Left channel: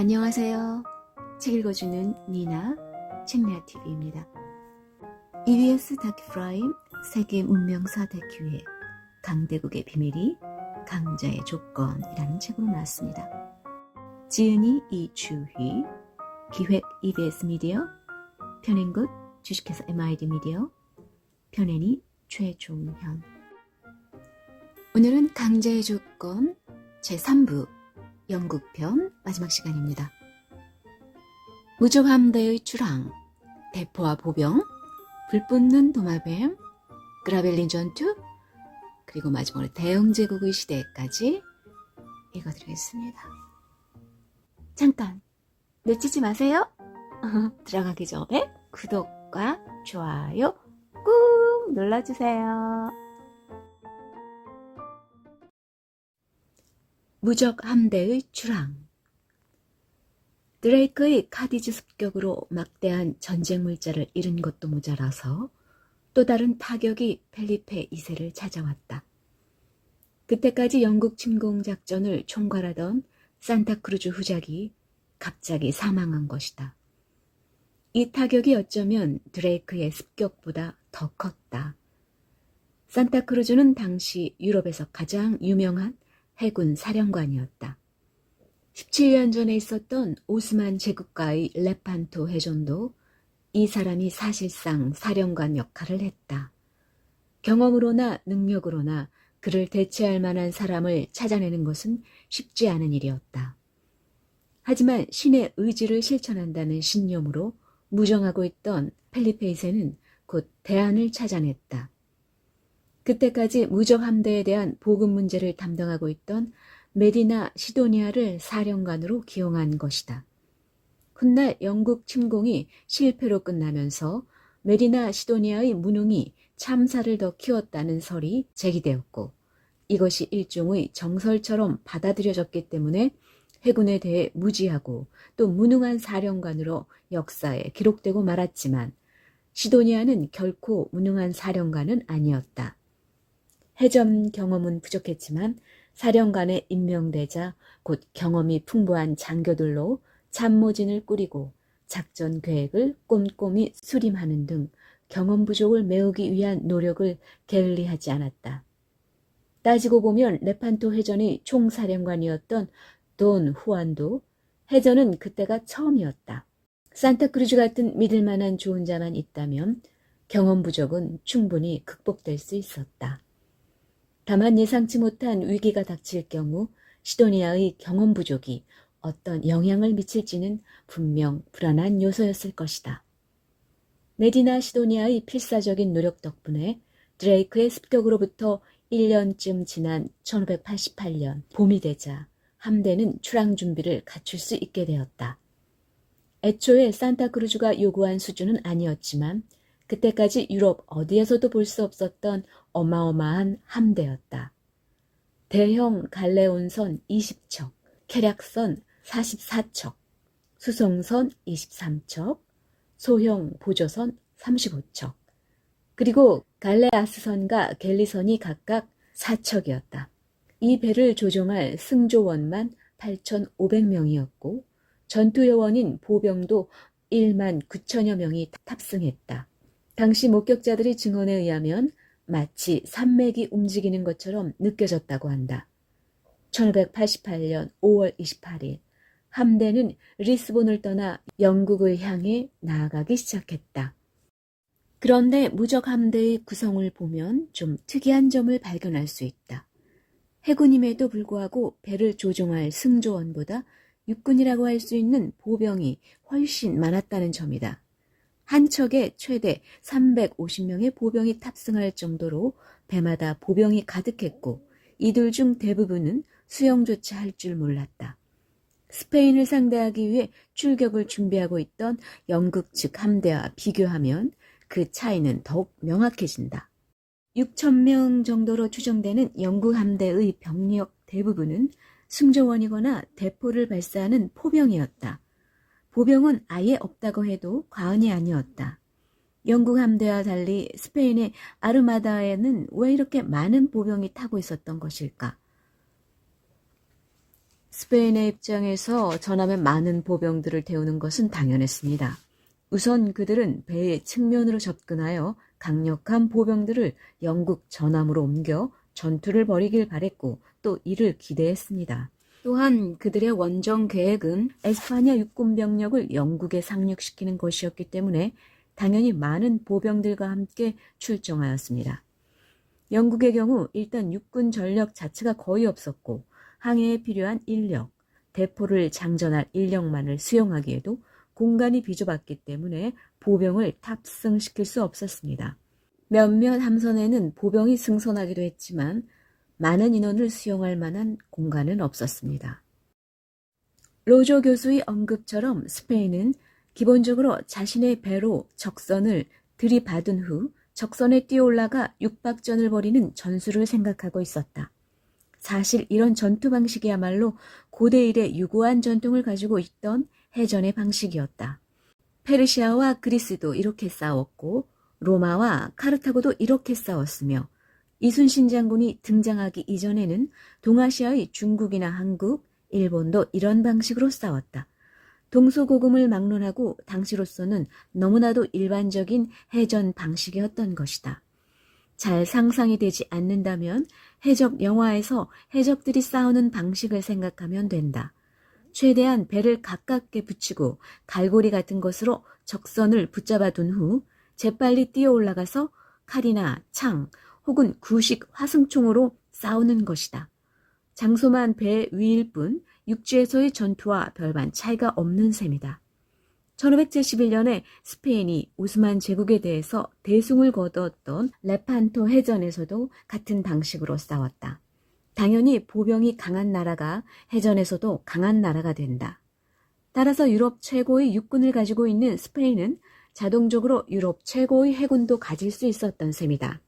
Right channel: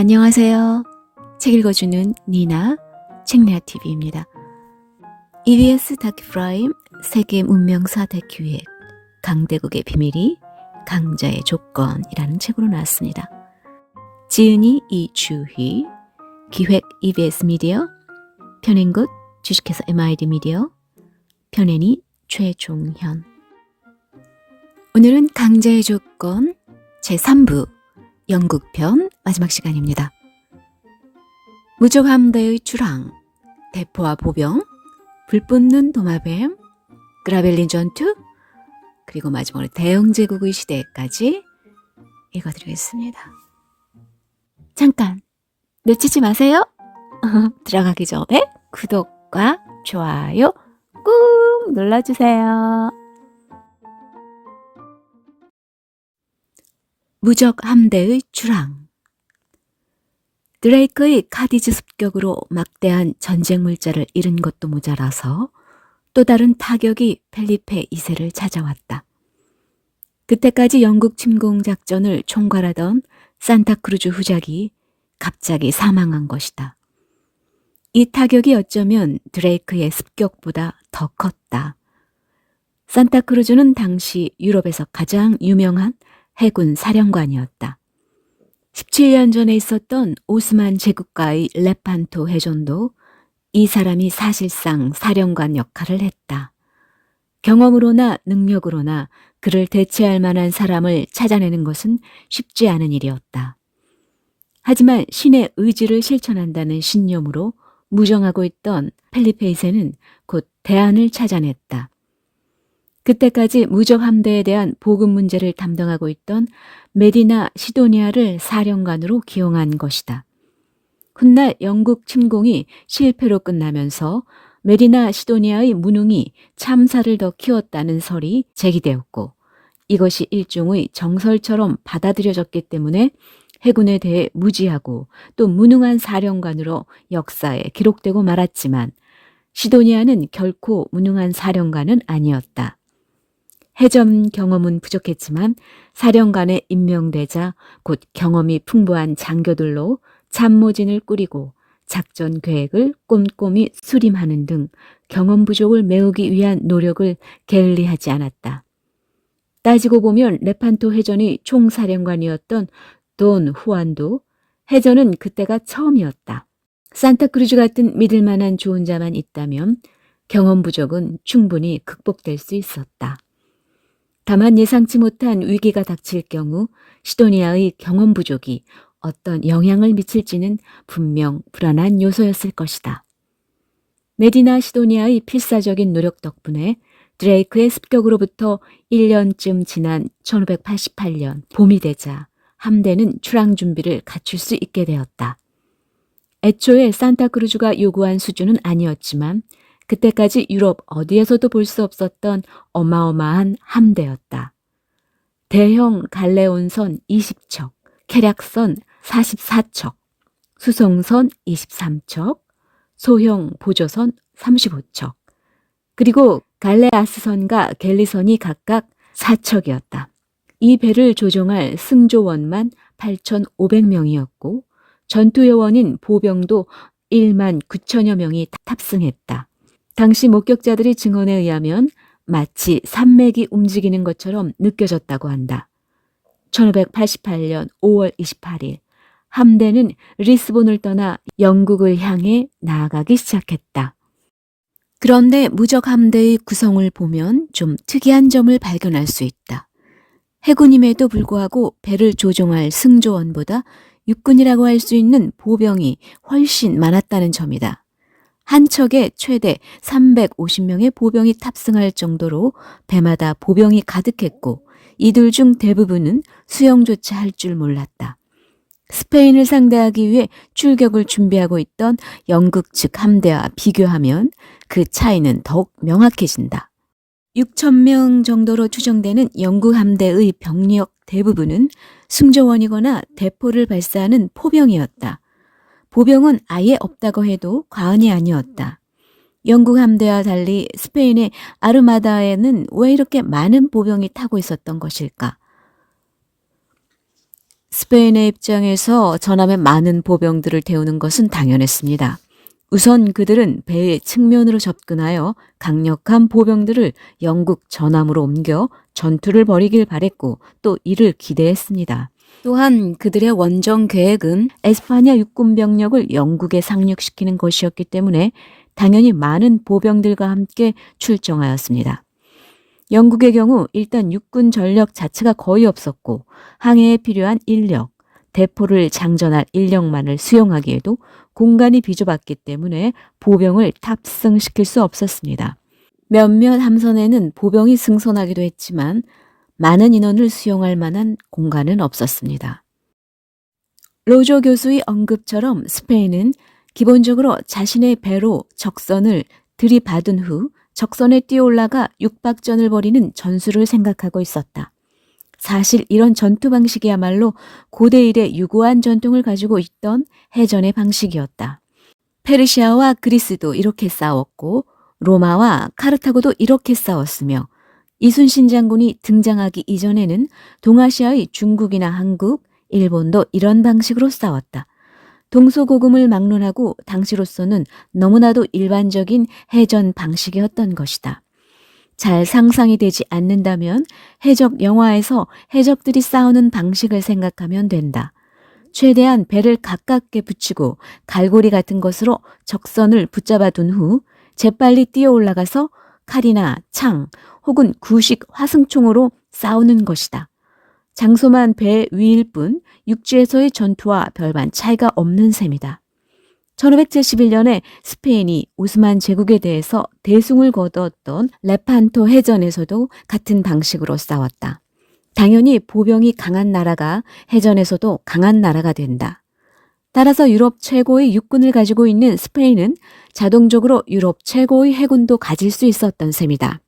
안녕하세요. 책 읽어주는 니나 책레아TV입니다. EBS 다큐프라임 세계 문명사 다큐의 강대국의 비밀이 강자의 조건이라는 책으로 나왔습니다. 지은이 이주희, 기획 EBS 미디어, 편행굿 주식회사 MID 미디어, 편애니 최종현. 오늘은 강자의 조건 제3부 영국편 마지막 시간입니다. 무적 함대의 출항, 대포와 보병, 불붙는 도마뱀, 그라벨린 전투, 그리고 마지막으로 대영 제국의 시대까지 읽어드리겠습니다. 잠깐 놓치지 마세요. 들어가기 전에 구독과 좋아요 꾹 눌러주세요. 무적 함대의 출항. 드레이크의 카디즈 습격으로 막대한 전쟁 물자를 잃은 것도 모자라서 또 다른 타격이 펠리페 2세를 찾아왔다. 그때까지 영국 침공 작전을 총괄하던 산타크루즈 후작이 갑자기 사망한 것이다. 이 타격이 어쩌면 드레이크의 습격보다 더 컸다. 산타크루즈는 당시 유럽에서 가장 유명한 해군 사령관이었다. 17년 전에 있었던 오스만 제국과의 레판토 해전도 이 사람이 사실상 사령관 역할을 했다. 경험으로나 능력으로나 그를 대체할 만한 사람을 찾아내는 것은 쉽지 않은 일이었다. 하지만 신의 의지를 실천한다는 신념으로 무정하고 있던 펠리페 2세는 곧 대안을 찾아냈다. 그때까지 무적 함대에 대한 보급 문제를 담당하고 있던 메디나 시도니아를 사령관으로 기용한 것이다. 훗날 영국 침공이 실패로 끝나면서 메디나 시도니아의 무능이 참사를 더 키웠다는 설이 제기되었고, 이것이 일종의 정설처럼 받아들여졌기 때문에 해군에 대해 무지하고 또 무능한 사령관으로 역사에 기록되고 말았지만, 시도니아는 결코 무능한 사령관은 아니었다. 해전 경험은 부족했지만 사령관에 임명되자 곧 경험이 풍부한 장교들로 참모진을 꾸리고 작전 계획을 꼼꼼히 수림하는 등 경험 부족을 메우기 위한 노력을 게을리하지 않았다. 따지고 보면 레판토 해전의 총사령관이었던 돈 후안도 해전은 그때가 처음이었다. 산타크루즈 같은 믿을 만한 좋은 자만 있다면 경험 부족은 충분히 극복될 수 있었다. 다만 예상치 못한 위기가 닥칠 경우 시도니아의 경험 부족이 어떤 영향을 미칠지는 분명 불안한 요소였을 것이다. 메디나 시도니아의 필사적인 노력 덕분에 드레이크의 습격으로부터 1년쯤 지난 1588년 봄이 되자 함대는 출항 준비를 갖출 수 있게 되었다. 애초에 산타크루즈가 요구한 수준은 아니었지만 그때까지 유럽 어디에서도 볼 수 없었던 어마어마한 함대였다. 대형 갈레온선 20척, 캐략선 44척, 수송선 23척, 소형 보조선 35척, 그리고 갈레아스선과 갤리선이 각각 4척이었다. 이 배를 조종할 승조원만 8,500명이었고 전투요원인 보병도 1만 9천여 명이 탑승했다. 당시 목격자들의 증언에 의하면 마치 산맥이 움직이는 것처럼 느껴졌다고 한다. 1588년 5월 28일 함대는 리스본을 떠나 영국을 향해 나아가기 시작했다. 그런데 무적 함대의 구성을 보면 좀 특이한 점을 발견할 수 있다. 해군임에도 불구하고 배를 조종할 승조원보다 육군이라고 할 수 있는 보병이 훨씬 많았다는 점이다. 한 척에 최대 350명의 보병이 탑승할 정도로 배마다 보병이 가득했고 이들 중 대부분은 수영조차 할 줄 몰랐다. 스페인을 상대하기 위해 출격을 준비하고 있던 영국 측 함대와 비교하면 그 차이는 더욱 명확해진다. 6,000명 정도로 추정되는 영국 함대의 병력 대부분은 승조원이거나 대포를 발사하는 포병이었다. 보병은 아예 없다고 해도 과언이 아니었다. 영국 함대와 달리 스페인의 아르마다에는 왜 이렇게 많은 보병이 타고 있었던 것일까? 스페인의 입장에서 전함에 많은 보병들을 태우는 것은 당연했습니다. 우선 그들은 배의 측면으로 접근하여 강력한 보병들을 영국 전함으로 옮겨 전투를 벌이길 바랬고 또 이를 기대했습니다. 또한 그들의 원정 계획은 에스파냐 육군 병력을 영국에 상륙시키는 것이었기 때문에 당연히 많은 보병들과 함께 출정하였습니다. 영국의 경우 일단 육군 전력 자체가 거의 없었고 항해에 필요한 인력, 대포를 장전할 인력만을 수용하기에도 공간이 비좁았기 때문에 보병을 탑승시킬 수 없었습니다. 몇몇 함선에는 보병이 승선하기도 했지만 많은 인원을 수용할 만한 공간은 없었습니다. 로조 교수의 언급처럼 스페인은 기본적으로 자신의 배로 적선을 들이받은 후 적선에 뛰어올라가 육박전을 벌이는 전술을 생각하고 있었다. 사실 이런 전투 방식이야말로 고대 이래 유구한 전통을 가지고 있던 해전의 방식이었다. 페르시아와 그리스도 이렇게 싸웠고 로마와 카르타고도 이렇게 싸웠으며 이순신 장군이 등장하기 이전에는 동아시아의 중국이나 한국, 일본도 이런 방식으로 싸웠다. 동서고금을 막론하고 당시로서는 너무나도 일반적인 해전 방식이었던 것이다. 잘 상상이 되지 않는다면 해적 영화에서 해적들이 싸우는 방식을 생각하면 된다. 최대한 배를 가깝게 붙이고 갈고리 같은 것으로 적선을 붙잡아 둔 후 재빨리 뛰어 올라가서 칼이나 창 혹은 구식 화승총으로 싸우는 것이다. 장소만 배 위일 뿐 육지에서의 전투와 별반 차이가 없는 셈이다. 1571년에 스페인이 오스만 제국에 대해서 대승을 거두었던 레판토 해전에서도 같은 방식으로 싸웠다. 당연히 보병이 강한 나라가 해전에서도 강한 나라가 된다. 따라서 유럽 최고의 육군을 가지고 있는 스페인은 자동적으로 유럽 최고의 해군도 가질 수 있었던 셈이다.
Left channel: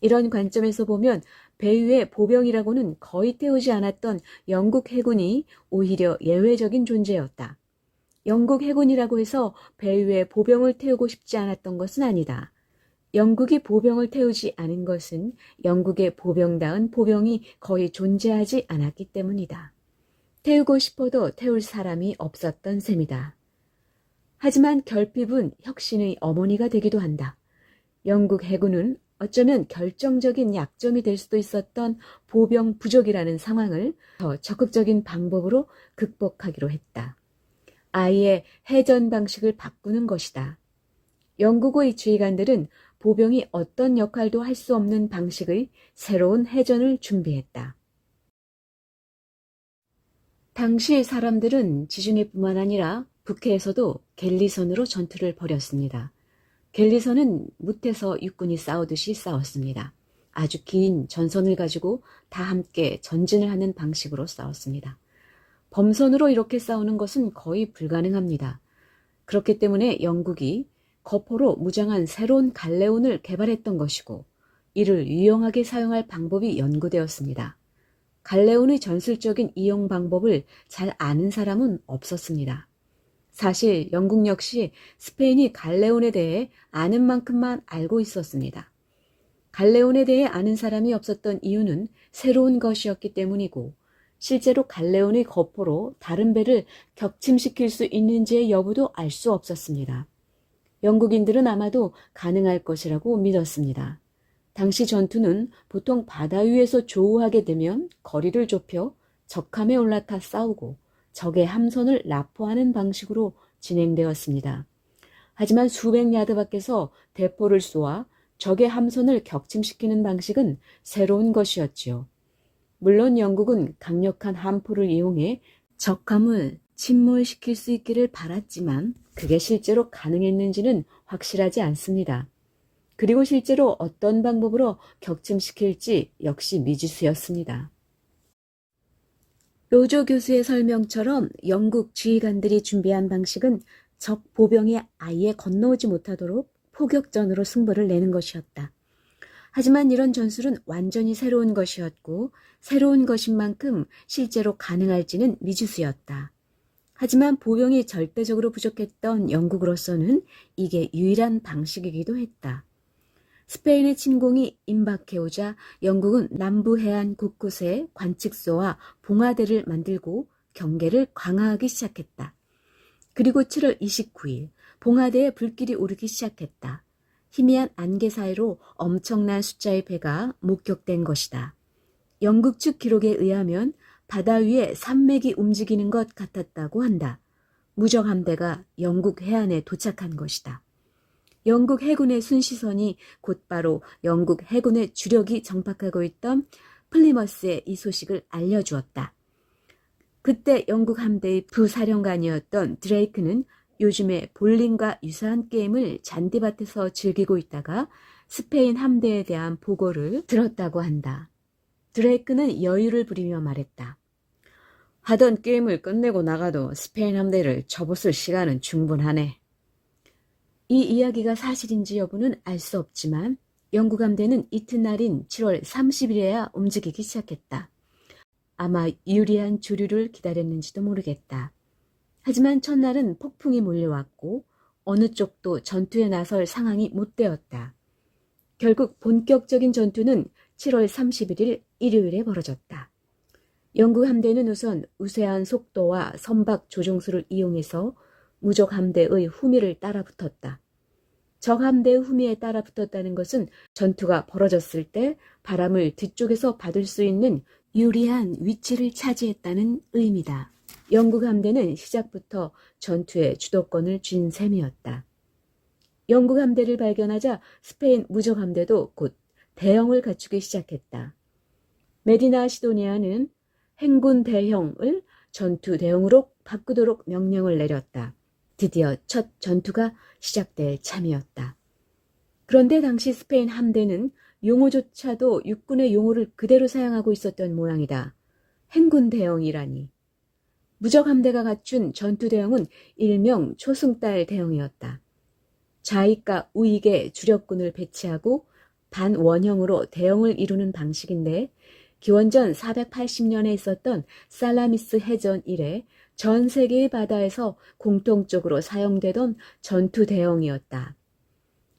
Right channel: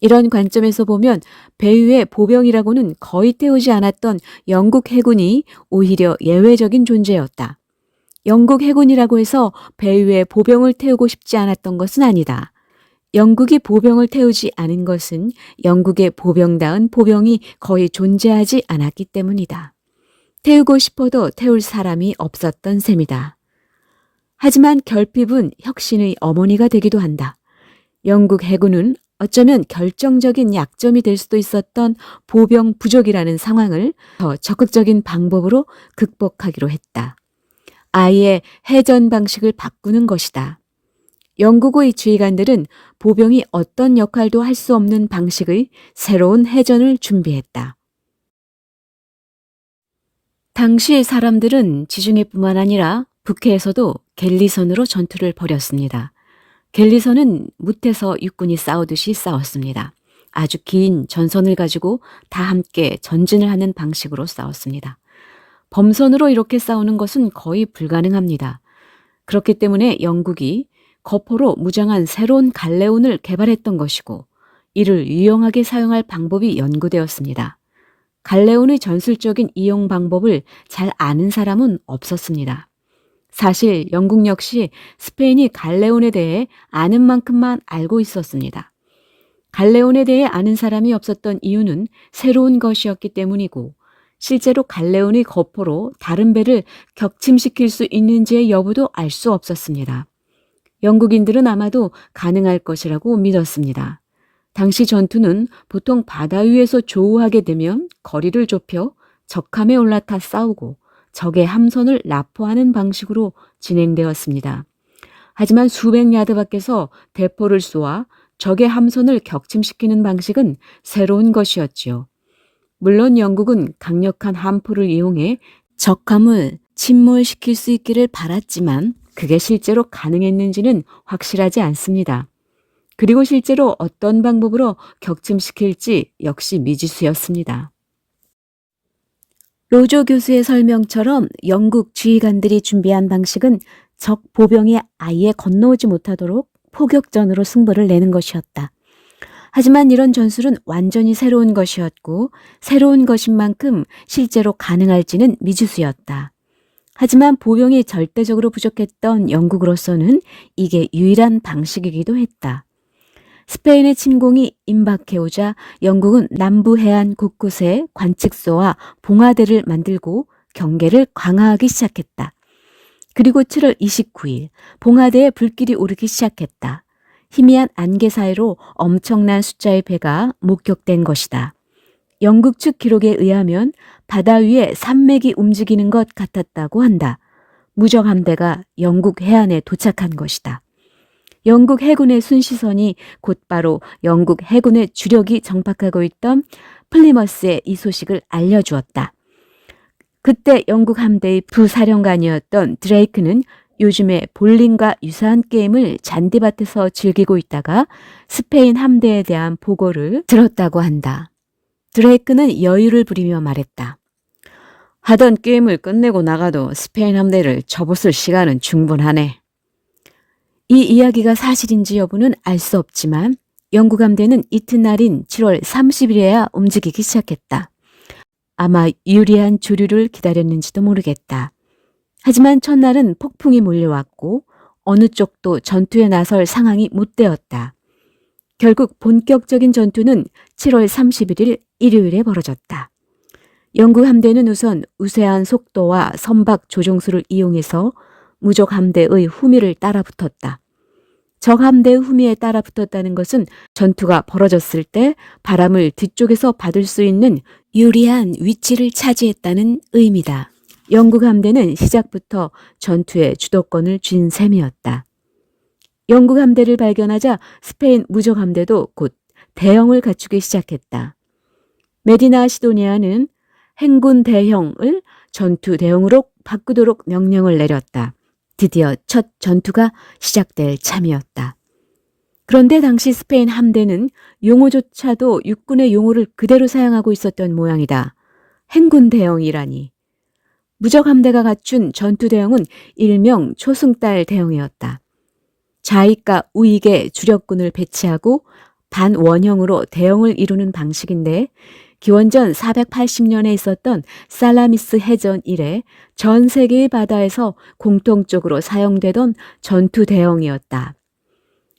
이런 관점에서 보면 배 위의 보병이라고는 거의 태우지 않았던 영국 해군이 오히려 예외적인 존재였다. 영국 해군이라고 해서 배 위에 보병을 태우고 싶지 않았던 것은 아니다. 영국이 보병을 태우지 않은 것은 영국의 보병다운 보병이 거의 존재하지 않았기 때문이다. 태우고 싶어도 태울 사람이 없었던 셈이다. 하지만 결핍은 혁신의 어머니가 되기도 한다. 영국 해군은 어쩌면 결정적인 약점이 될 수도 있었던 보병 부족이라는 상황을 더 적극적인 방법으로 극복하기로 했다. 아예 해전 방식을 바꾸는 것이다. 영국의 지휘관들은 보병이 어떤 역할도 할 수 없는 방식의 새로운 해전을 준비했다. 당시 사람들은 지중해뿐만 아니라 북해에서도 갤리선으로 전투를 벌였습니다. 갤리선은 무태서 육군이 싸우듯이 싸웠습니다. 아주 긴 전선을 가지고 다 함께 전진을 하는 방식으로 싸웠습니다. 범선으로 이렇게 싸우는 것은 거의 불가능합니다. 그렇기 때문에 영국이 거포로 무장한 새로운 갈레온을 개발했던 것이고 이를 유용하게 사용할 방법이 연구되었습니다. 갈레온의 전술적인 이용 방법을 잘 아는 사람은 없었습니다. 사실 영국 역시 스페인이 갈레온에 대해 아는 만큼만 알고 있었습니다. 갈레온에 대해 아는 사람이 없었던 이유는 새로운 것이었기 때문이고 실제로 갈레온의 거포로 다른 배를 격침시킬 수 있는지의 여부도 알 수 없었습니다. 영국인들은 아마도 가능할 것이라고 믿었습니다. 당시 전투는 보통 바다 위에서 조우하게 되면 거리를 좁혀 적함에 올라타 싸우고 적의 함선을 납포하는 방식으로 진행되었습니다. 하지만 수백 야드 밖에서 대포를 쏘아 적의 함선을 격침시키는 방식은 새로운 것이었지요. 물론 영국은 강력한 함포를 이용해 적함을 침몰시킬 수 있기를 바랐지만 그게 실제로 가능했는지는 확실하지 않습니다. 그리고 실제로 어떤 방법으로 격침시킬지 역시 미지수였습니다. 로조 교수의 설명처럼 영국 지휘관들이 준비한 방식은 적 보병이 아예 건너오지 못하도록 포격전으로 승부를 내는 것이었다. 하지만 이런 전술은 완전히 새로운 것이었고 새로운 것인 만큼 실제로 가능할지는 미지수였다. 하지만 보병이 절대적으로 부족했던 영국으로서는 이게 유일한 방식이기도 했다. 스페인의 침공이 임박해오자 영국은 남부 해안 곳곳에 관측소와 봉화대를 만들고 경계를 강화하기 시작했다. 그리고 7월 29일 봉화대에 불길이 오르기 시작했다. 희미한 안개 사이로 엄청난 숫자의 배가 목격된 것이다. 영국 측 기록에 의하면 바다 위에 산맥이 움직이는 것 같았다고 한다. 무적 함대가 영국 해안에 도착한 것이다. 영국 해군의 순시선이 곧바로 영국 해군의 주력이 정박하고 있던 플리머스에 이 소식을 알려주었다. 그때 영국 함대의 부사령관이었던 드레이크는 요즘에 볼링과 유사한 게임을 잔디밭에서 즐기고 있다가 스페인 함대에 대한 보고를 들었다고 한다. 드레이크는 여유를 부리며 말했다. 하던 게임을 끝내고 나가도 스페인 함대를 접었을 시간은 충분하네. 이 이야기가 사실인지 여부는 알 수 없지만 영국 함대는 이튿날인 7월 30일에야 움직이기 시작했다. 아마 유리한 조류를 기다렸는지도 모르겠다. 하지만 첫날은 폭풍이 몰려왔고 어느 쪽도 전투에 나설 상황이 못 되었다. 결국 본격적인 전투는 7월 31일 일요일에 벌어졌다. 영국 함대는 우선 우세한 속도와 선박 조종수를 이용해서 무적 함대의 후미를 따라붙었다. 적 함대의 후미에 따라붙었다는 것은 전투가 벌어졌을 때 바람을 뒤쪽에서 받을 수 있는 유리한 위치를 차지했다는 의미다. 영국 함대는 시작부터 전투의 주도권을 쥔 셈이었다. 영국 함대를 발견하자 스페인 무적 함대도 곧 대형을 갖추기 시작했다. 메디나 시도니아는 행군 대형을 전투 대형으로 바꾸도록 명령을 내렸다. 드디어 첫 전투가 시작될 참이었다. 그런데 당시 스페인 함대는 용어조차도 육군의 용어를 그대로 사용하고 있었던 모양이다. 행군 대형이라니. 무적 함대가 갖춘 전투 대형은 일명 초승달 대형이었다. 좌익과 우익에 주력군을 배치하고 반원형으로 대형을 이루는 방식인데 기원전 480년에 있었던 살라미스 해전 이래 전 세계의 바다에서 공통적으로 사용되던 전투 대형이었다.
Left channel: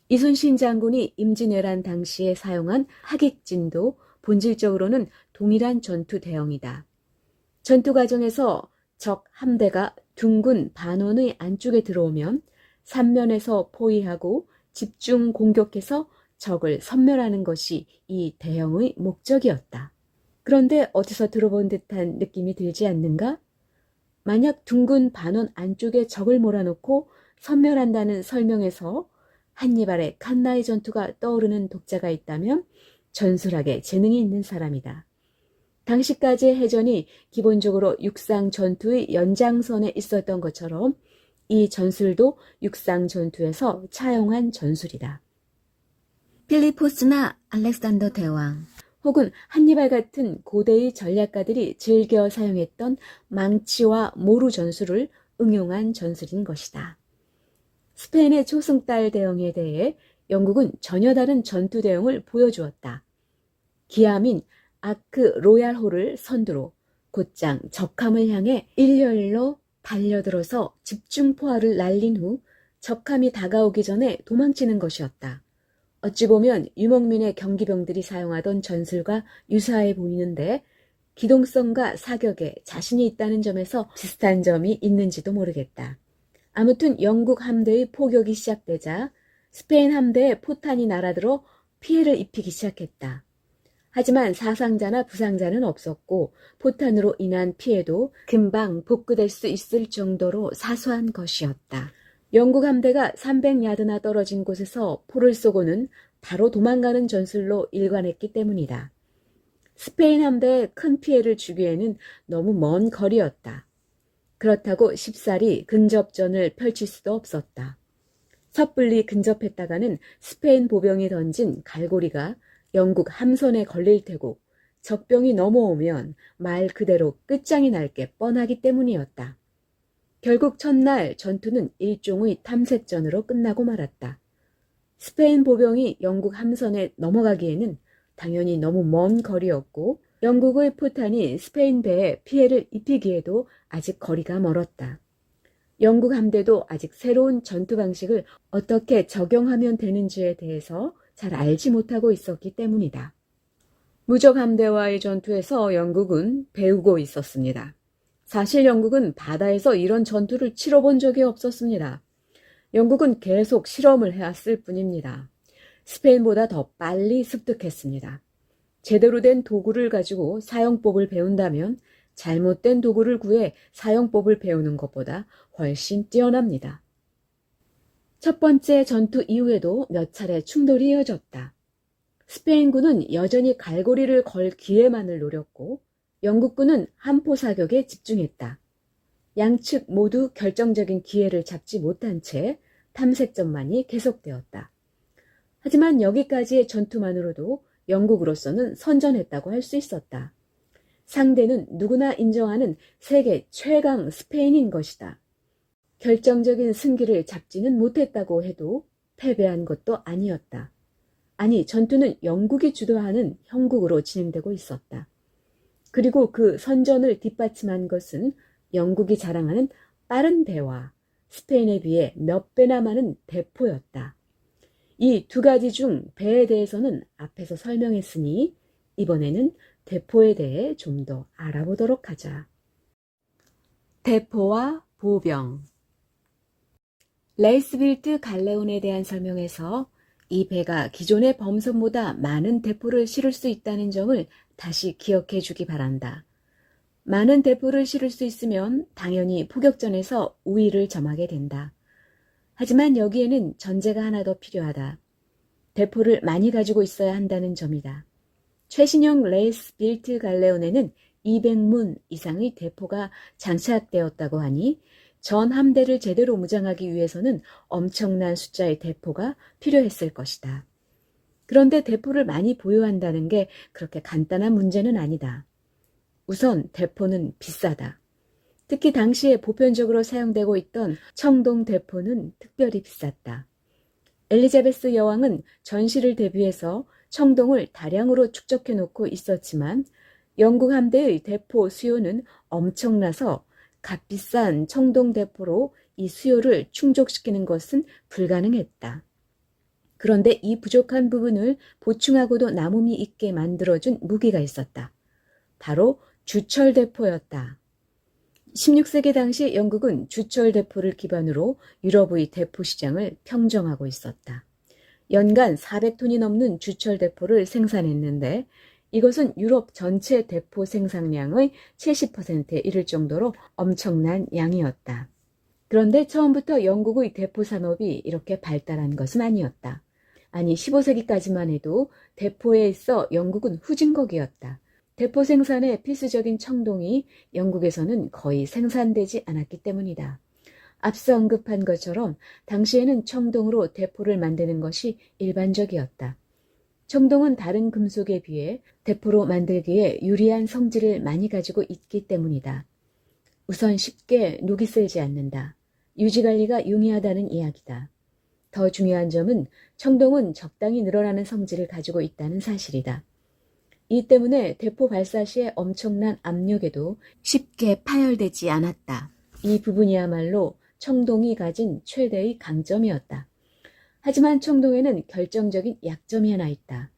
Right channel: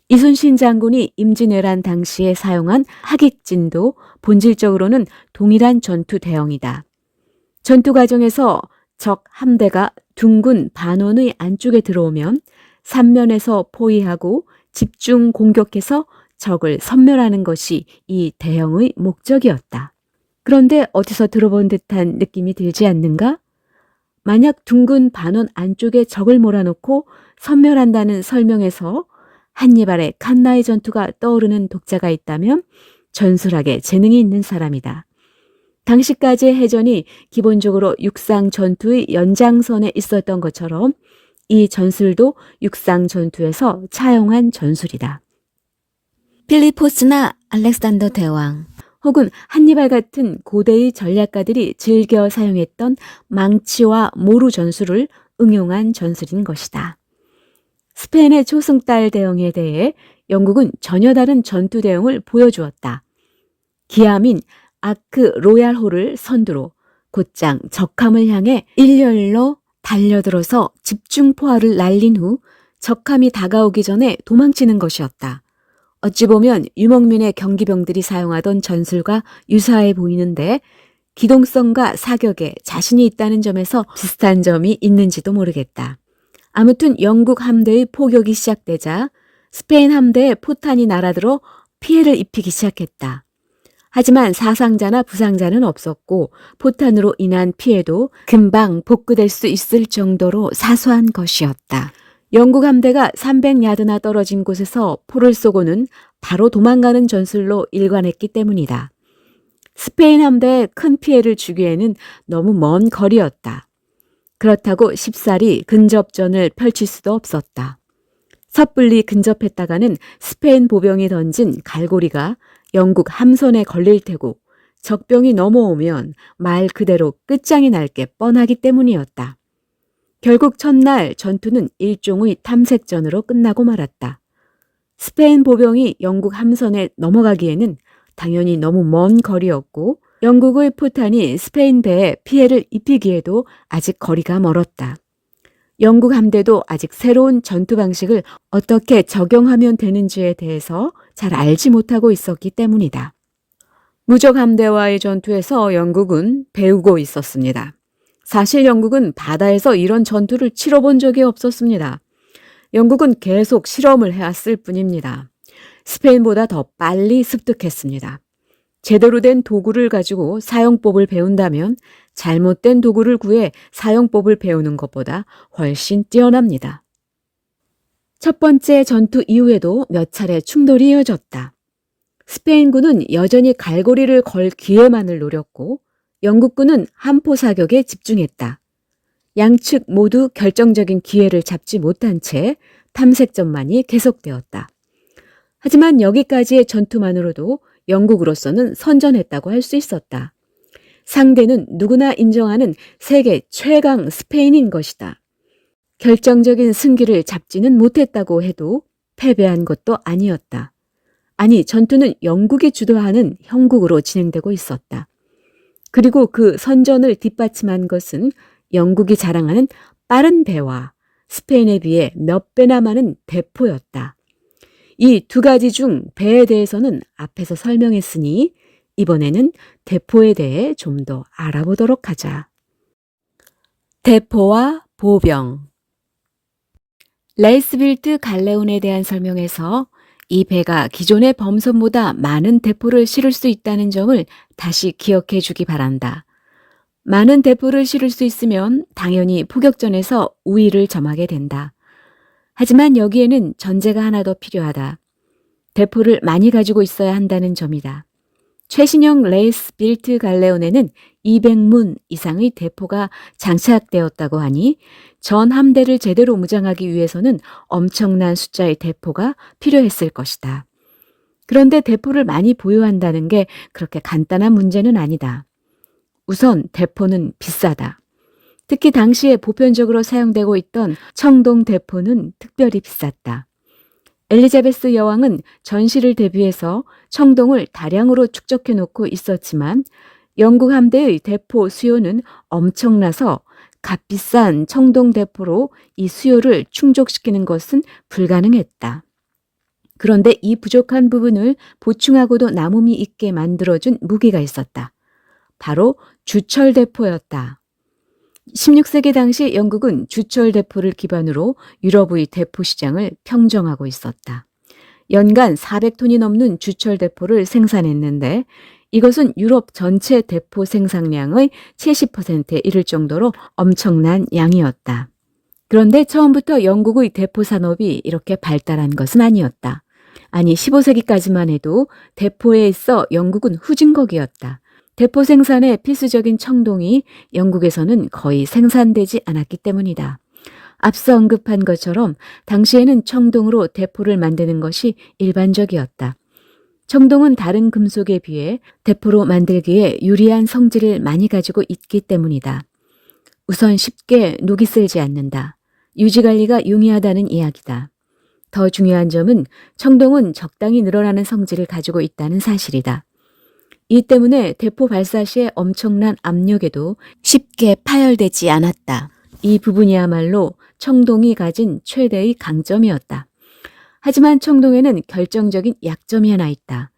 이순신 장군이 임진왜란 당시에 사용한 하객진도 본질적으로는 동일한 전투 대형이다. 전투 과정에서 적 함대가 둥근 반원의 안쪽에 들어오면 삼면에서 포위하고 집중 공격해서 적을 섬멸하는 것이 이 대형의 목적이었다. 그런데 어디서 들어본 듯한 느낌이 들지 않는가? 만약 둥근 반원 안쪽에 적을 몰아놓고 섬멸한다는 설명에서 한니발의 칸나의 전투가 떠오르는 독자가 있다면 전술학에 재능이 있는 사람이다. 당시까지의 해전이 기본적으로 육상 전투의 연장선에 있었던 것처럼 이 전술도 육상 전투에서 차용한 전술이다. 필리포스나 알렉산더 대왕 혹은 한니발 같은 고대의 전략가들이 즐겨 사용했던 망치와 모루 전술을 응용한 전술인 것이다. 스페인의 초승달 대형에 대해 영국은 전혀 다른 전투 대형을 보여주었다. 기암인 아크 로얄호를 선두로 곧장 적함을 향해 일렬로 달려들어서 집중포화를 날린 후 적함이 다가오기 전에 도망치는 것이었다. 어찌 보면 유목민의 경기병들이 사용하던 전술과 유사해 보이는데 기동성과 사격에 자신이 있다는 점에서 비슷한 점이 있는지도 모르겠다. 아무튼 영국 함대의 포격이 시작되자 스페인 함대에 포탄이 날아들어 피해를 입히기 시작했다. 하지만 사상자나 부상자는 없었고 포탄으로 인한 피해도 금방 복구될 수 있을 정도로 사소한 것이었다. 영국 함대가 300야드나 떨어진 곳에서 포를 쏘고는 바로 도망가는 전술로 일관했기 때문이다. 스페인 함대에 큰 피해를 주기에는 너무 먼 거리였다. 그렇다고 쉽사리 근접전을 펼칠 수도 없었다. 섣불리 근접했다가는 스페인 보병이 던진 갈고리가 영국 함선에 걸릴 테고 적병이 넘어오면 말 그대로 끝장이 날 게 뻔하기 때문이었다. 결국 첫날 전투는 일종의 탐색전으로 끝나고 말았다. 스페인 보병이 영국 함선에 넘어가기에는 당연히 너무 먼 거리였고 영국의 포탄이 스페인 배에 피해를 입히기에도 아직 거리가 멀었다. 영국 함대도 아직 새로운 전투 방식을 어떻게 적용하면 되는지에 대해서 잘 알지 못하고 있었기 때문이다. 무적 함대와의 전투에서 영국은 배우고 있었습니다. 사실 영국은 바다에서 이런 전투를 치러본 적이 없었습니다. 영국은 계속 실험을 해왔을 뿐입니다. 스페인보다 더 빨리 습득했습니다. 제대로 된 도구를 가지고 사용법을 배운다면 잘못된 도구를 구해 사용법을 배우는 것보다 훨씬 뛰어납니다. 첫 번째 전투 이후에도 몇 차례 충돌이 이어졌다. 스페인군은 여전히 갈고리를 걸 기회만을 노렸고 영국군은 함포 사격에 집중했다. 양측 모두 결정적인 기회를 잡지 못한 채 탐색전만이 계속되었다. 하지만 여기까지의 전투만으로도 영국으로서는 선전했다고 할 수 있었다. 상대는 누구나 인정하는 세계 최강 스페인인 것이다. 결정적인 승기를 잡지는 못했다고 해도 패배한 것도 아니었다. 아니, 전투는 영국이 주도하는 형국으로 진행되고 있었다. 그리고 그 선전을 뒷받침한 것은 영국이 자랑하는 빠른 배와 스페인에 비해 몇 배나 많은 대포였다. 이 두 가지 중 배에 대해서는 앞에서 설명했으니 이번에는 대포에 대해 좀 더 알아보도록 하자. 대포와 보병. 레이스빌트 갈레온에 대한 설명에서 이 배가 기존의 범선보다 많은 대포를 실을 수 있다는 점을 다시 기억해 주기 바란다. 많은 대포를 실을 수 있으면 당연히 포격전에서 우위를 점하게 된다. 하지만 여기에는 전제가 하나 더 필요하다. 대포를 많이 가지고 있어야 한다는 점이다. 최신형 레이스빌트 갈레온에는 200문 이상의 대포가 장착되었다고 하니 전 함대를 제대로 무장하기 위해서는 엄청난 숫자의 대포가 필요했을 것이다. 그런데 대포를 많이 보유한다는 게 그렇게 간단한 문제는 아니다. 우선 대포는 비싸다. 특히 당시에 보편적으로 사용되고 있던 청동 대포는 특별히 비쌌다. 엘리자베스 여왕은 전시를 대비해서 청동을 다량으로 축적해 놓고 있었지만 영국 함대의 대포 수요는 엄청나서 값비싼 청동 대포로 이 수요를 충족시키는 것은 불가능했다. 그런데 이 부족한 부분을 보충하고도 남음이 있게 만들어준 무기가 있었다. 바로 주철대포였다. 16세기 당시 영국은 주철대포를 기반으로 유럽의 대포 시장을 평정하고 있었다. 연간 400톤이 넘는 주철대포를 생산했는데 이것은 유럽 전체 대포 생산량의 70%에 이를 정도로 엄청난 양이었다. 그런데 처음부터 영국의 대포 산업이 이렇게 발달한 것은 아니었다. 아니, 15세기까지만 해도 대포에 있어 영국은 후진국이었다. 대포 생산에 필수적인 청동이 영국에서는 거의 생산되지 않았기 때문이다. 앞서 언급한 것처럼 당시에는 청동으로 대포를 만드는 것이 일반적이었다. 청동은 다른 금속에 비해 대포로 만들기에 유리한 성질을 많이 가지고 있기 때문이다. 우선 쉽게 녹이 슬지 않는다. 유지관리가 용이하다는 이야기다. 더 중요한 점은 청동은 적당히 늘어나는 성질을 가지고 있다는 사실이다. 이 때문에 대포 발사 시에 엄청난 압력에도 쉽게 파열되지 않았다. 이 부분이야말로 청동이 가진 최대의 강점이었다. 하지만 청동에는 결정적인 약점이 하나 있다.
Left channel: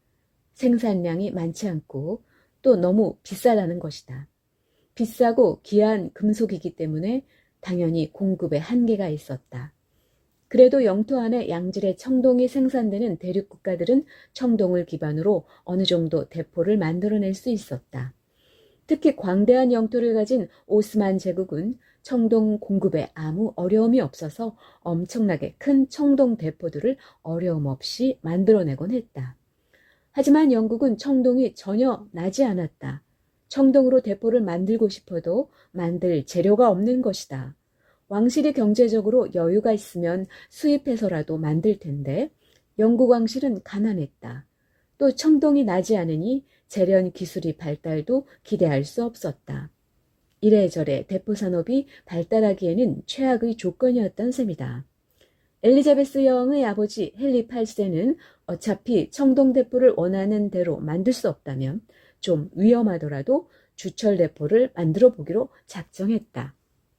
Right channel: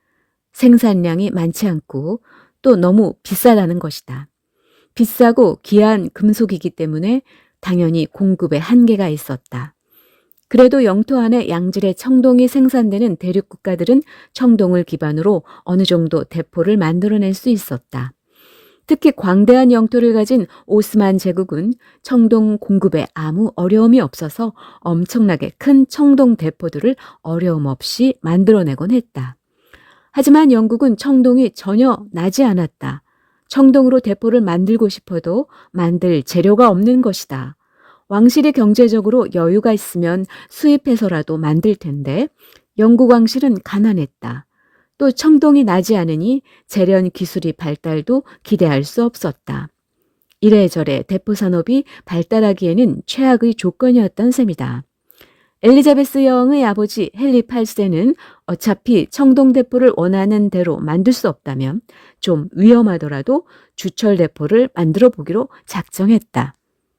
생산량이 많지 않고 또 너무 비싸다는 것이다. 비싸고 귀한 금속이기 때문에 당연히 공급에 한계가 있었다. 그래도 영토 안에 양질의 청동이 생산되는 대륙 국가들은 청동을 기반으로 어느 정도 대포를 만들어낼 수 있었다. 특히 광대한 영토를 가진 오스만 제국은 청동 공급에 아무 어려움이 없어서 엄청나게 큰 청동 대포들을 어려움 없이 만들어내곤 했다. 하지만 영국은 청동이 전혀 나지 않았다. 청동으로 대포를 만들고 싶어도 만들 재료가 없는 것이다. 왕실이 경제적으로 여유가 있으면 수입해서라도 만들 텐데 영국 왕실은 가난했다. 또 청동이 나지 않으니 재련 기술이 발달도 기대할 수 없었다. 이래저래 대포 산업이 발달하기에는 최악의 조건이었던 셈이다. 엘리자베스 여왕의 아버지 헨리 8세는 어차피 청동 대포를 원하는 대로 만들 수 없다면 좀 위험하더라도 주철 대포를 만들어 보기로 작정했다.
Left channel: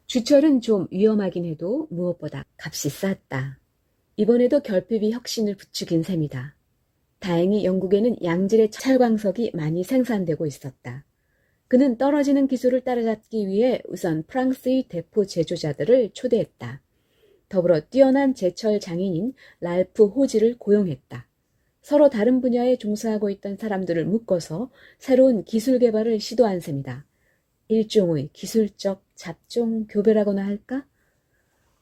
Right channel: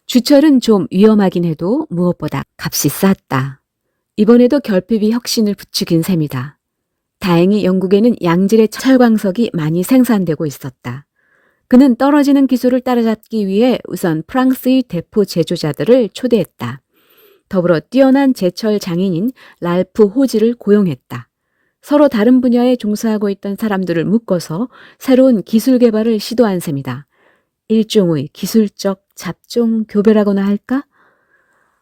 주철은 좀 위험하긴 해도 무엇보다 값이 쌌다. 이번에도 결핍이 혁신을 부추긴 셈이다. 다행히 영국에는 양질의 철광석이 많이 생산되고 있었다. 그는 떨어지는 기술을 따라잡기 위해 우선 프랑스의 대포 제조자들을 초대했다. 더불어 뛰어난 제철 장인인 랄프 호지를 고용했다. 서로 다른 분야에 종사하고 있던 사람들을 묶어서 새로운 기술 개발을 시도한 셈이다. 일종의 기술적 잡종 교배라고나 할까?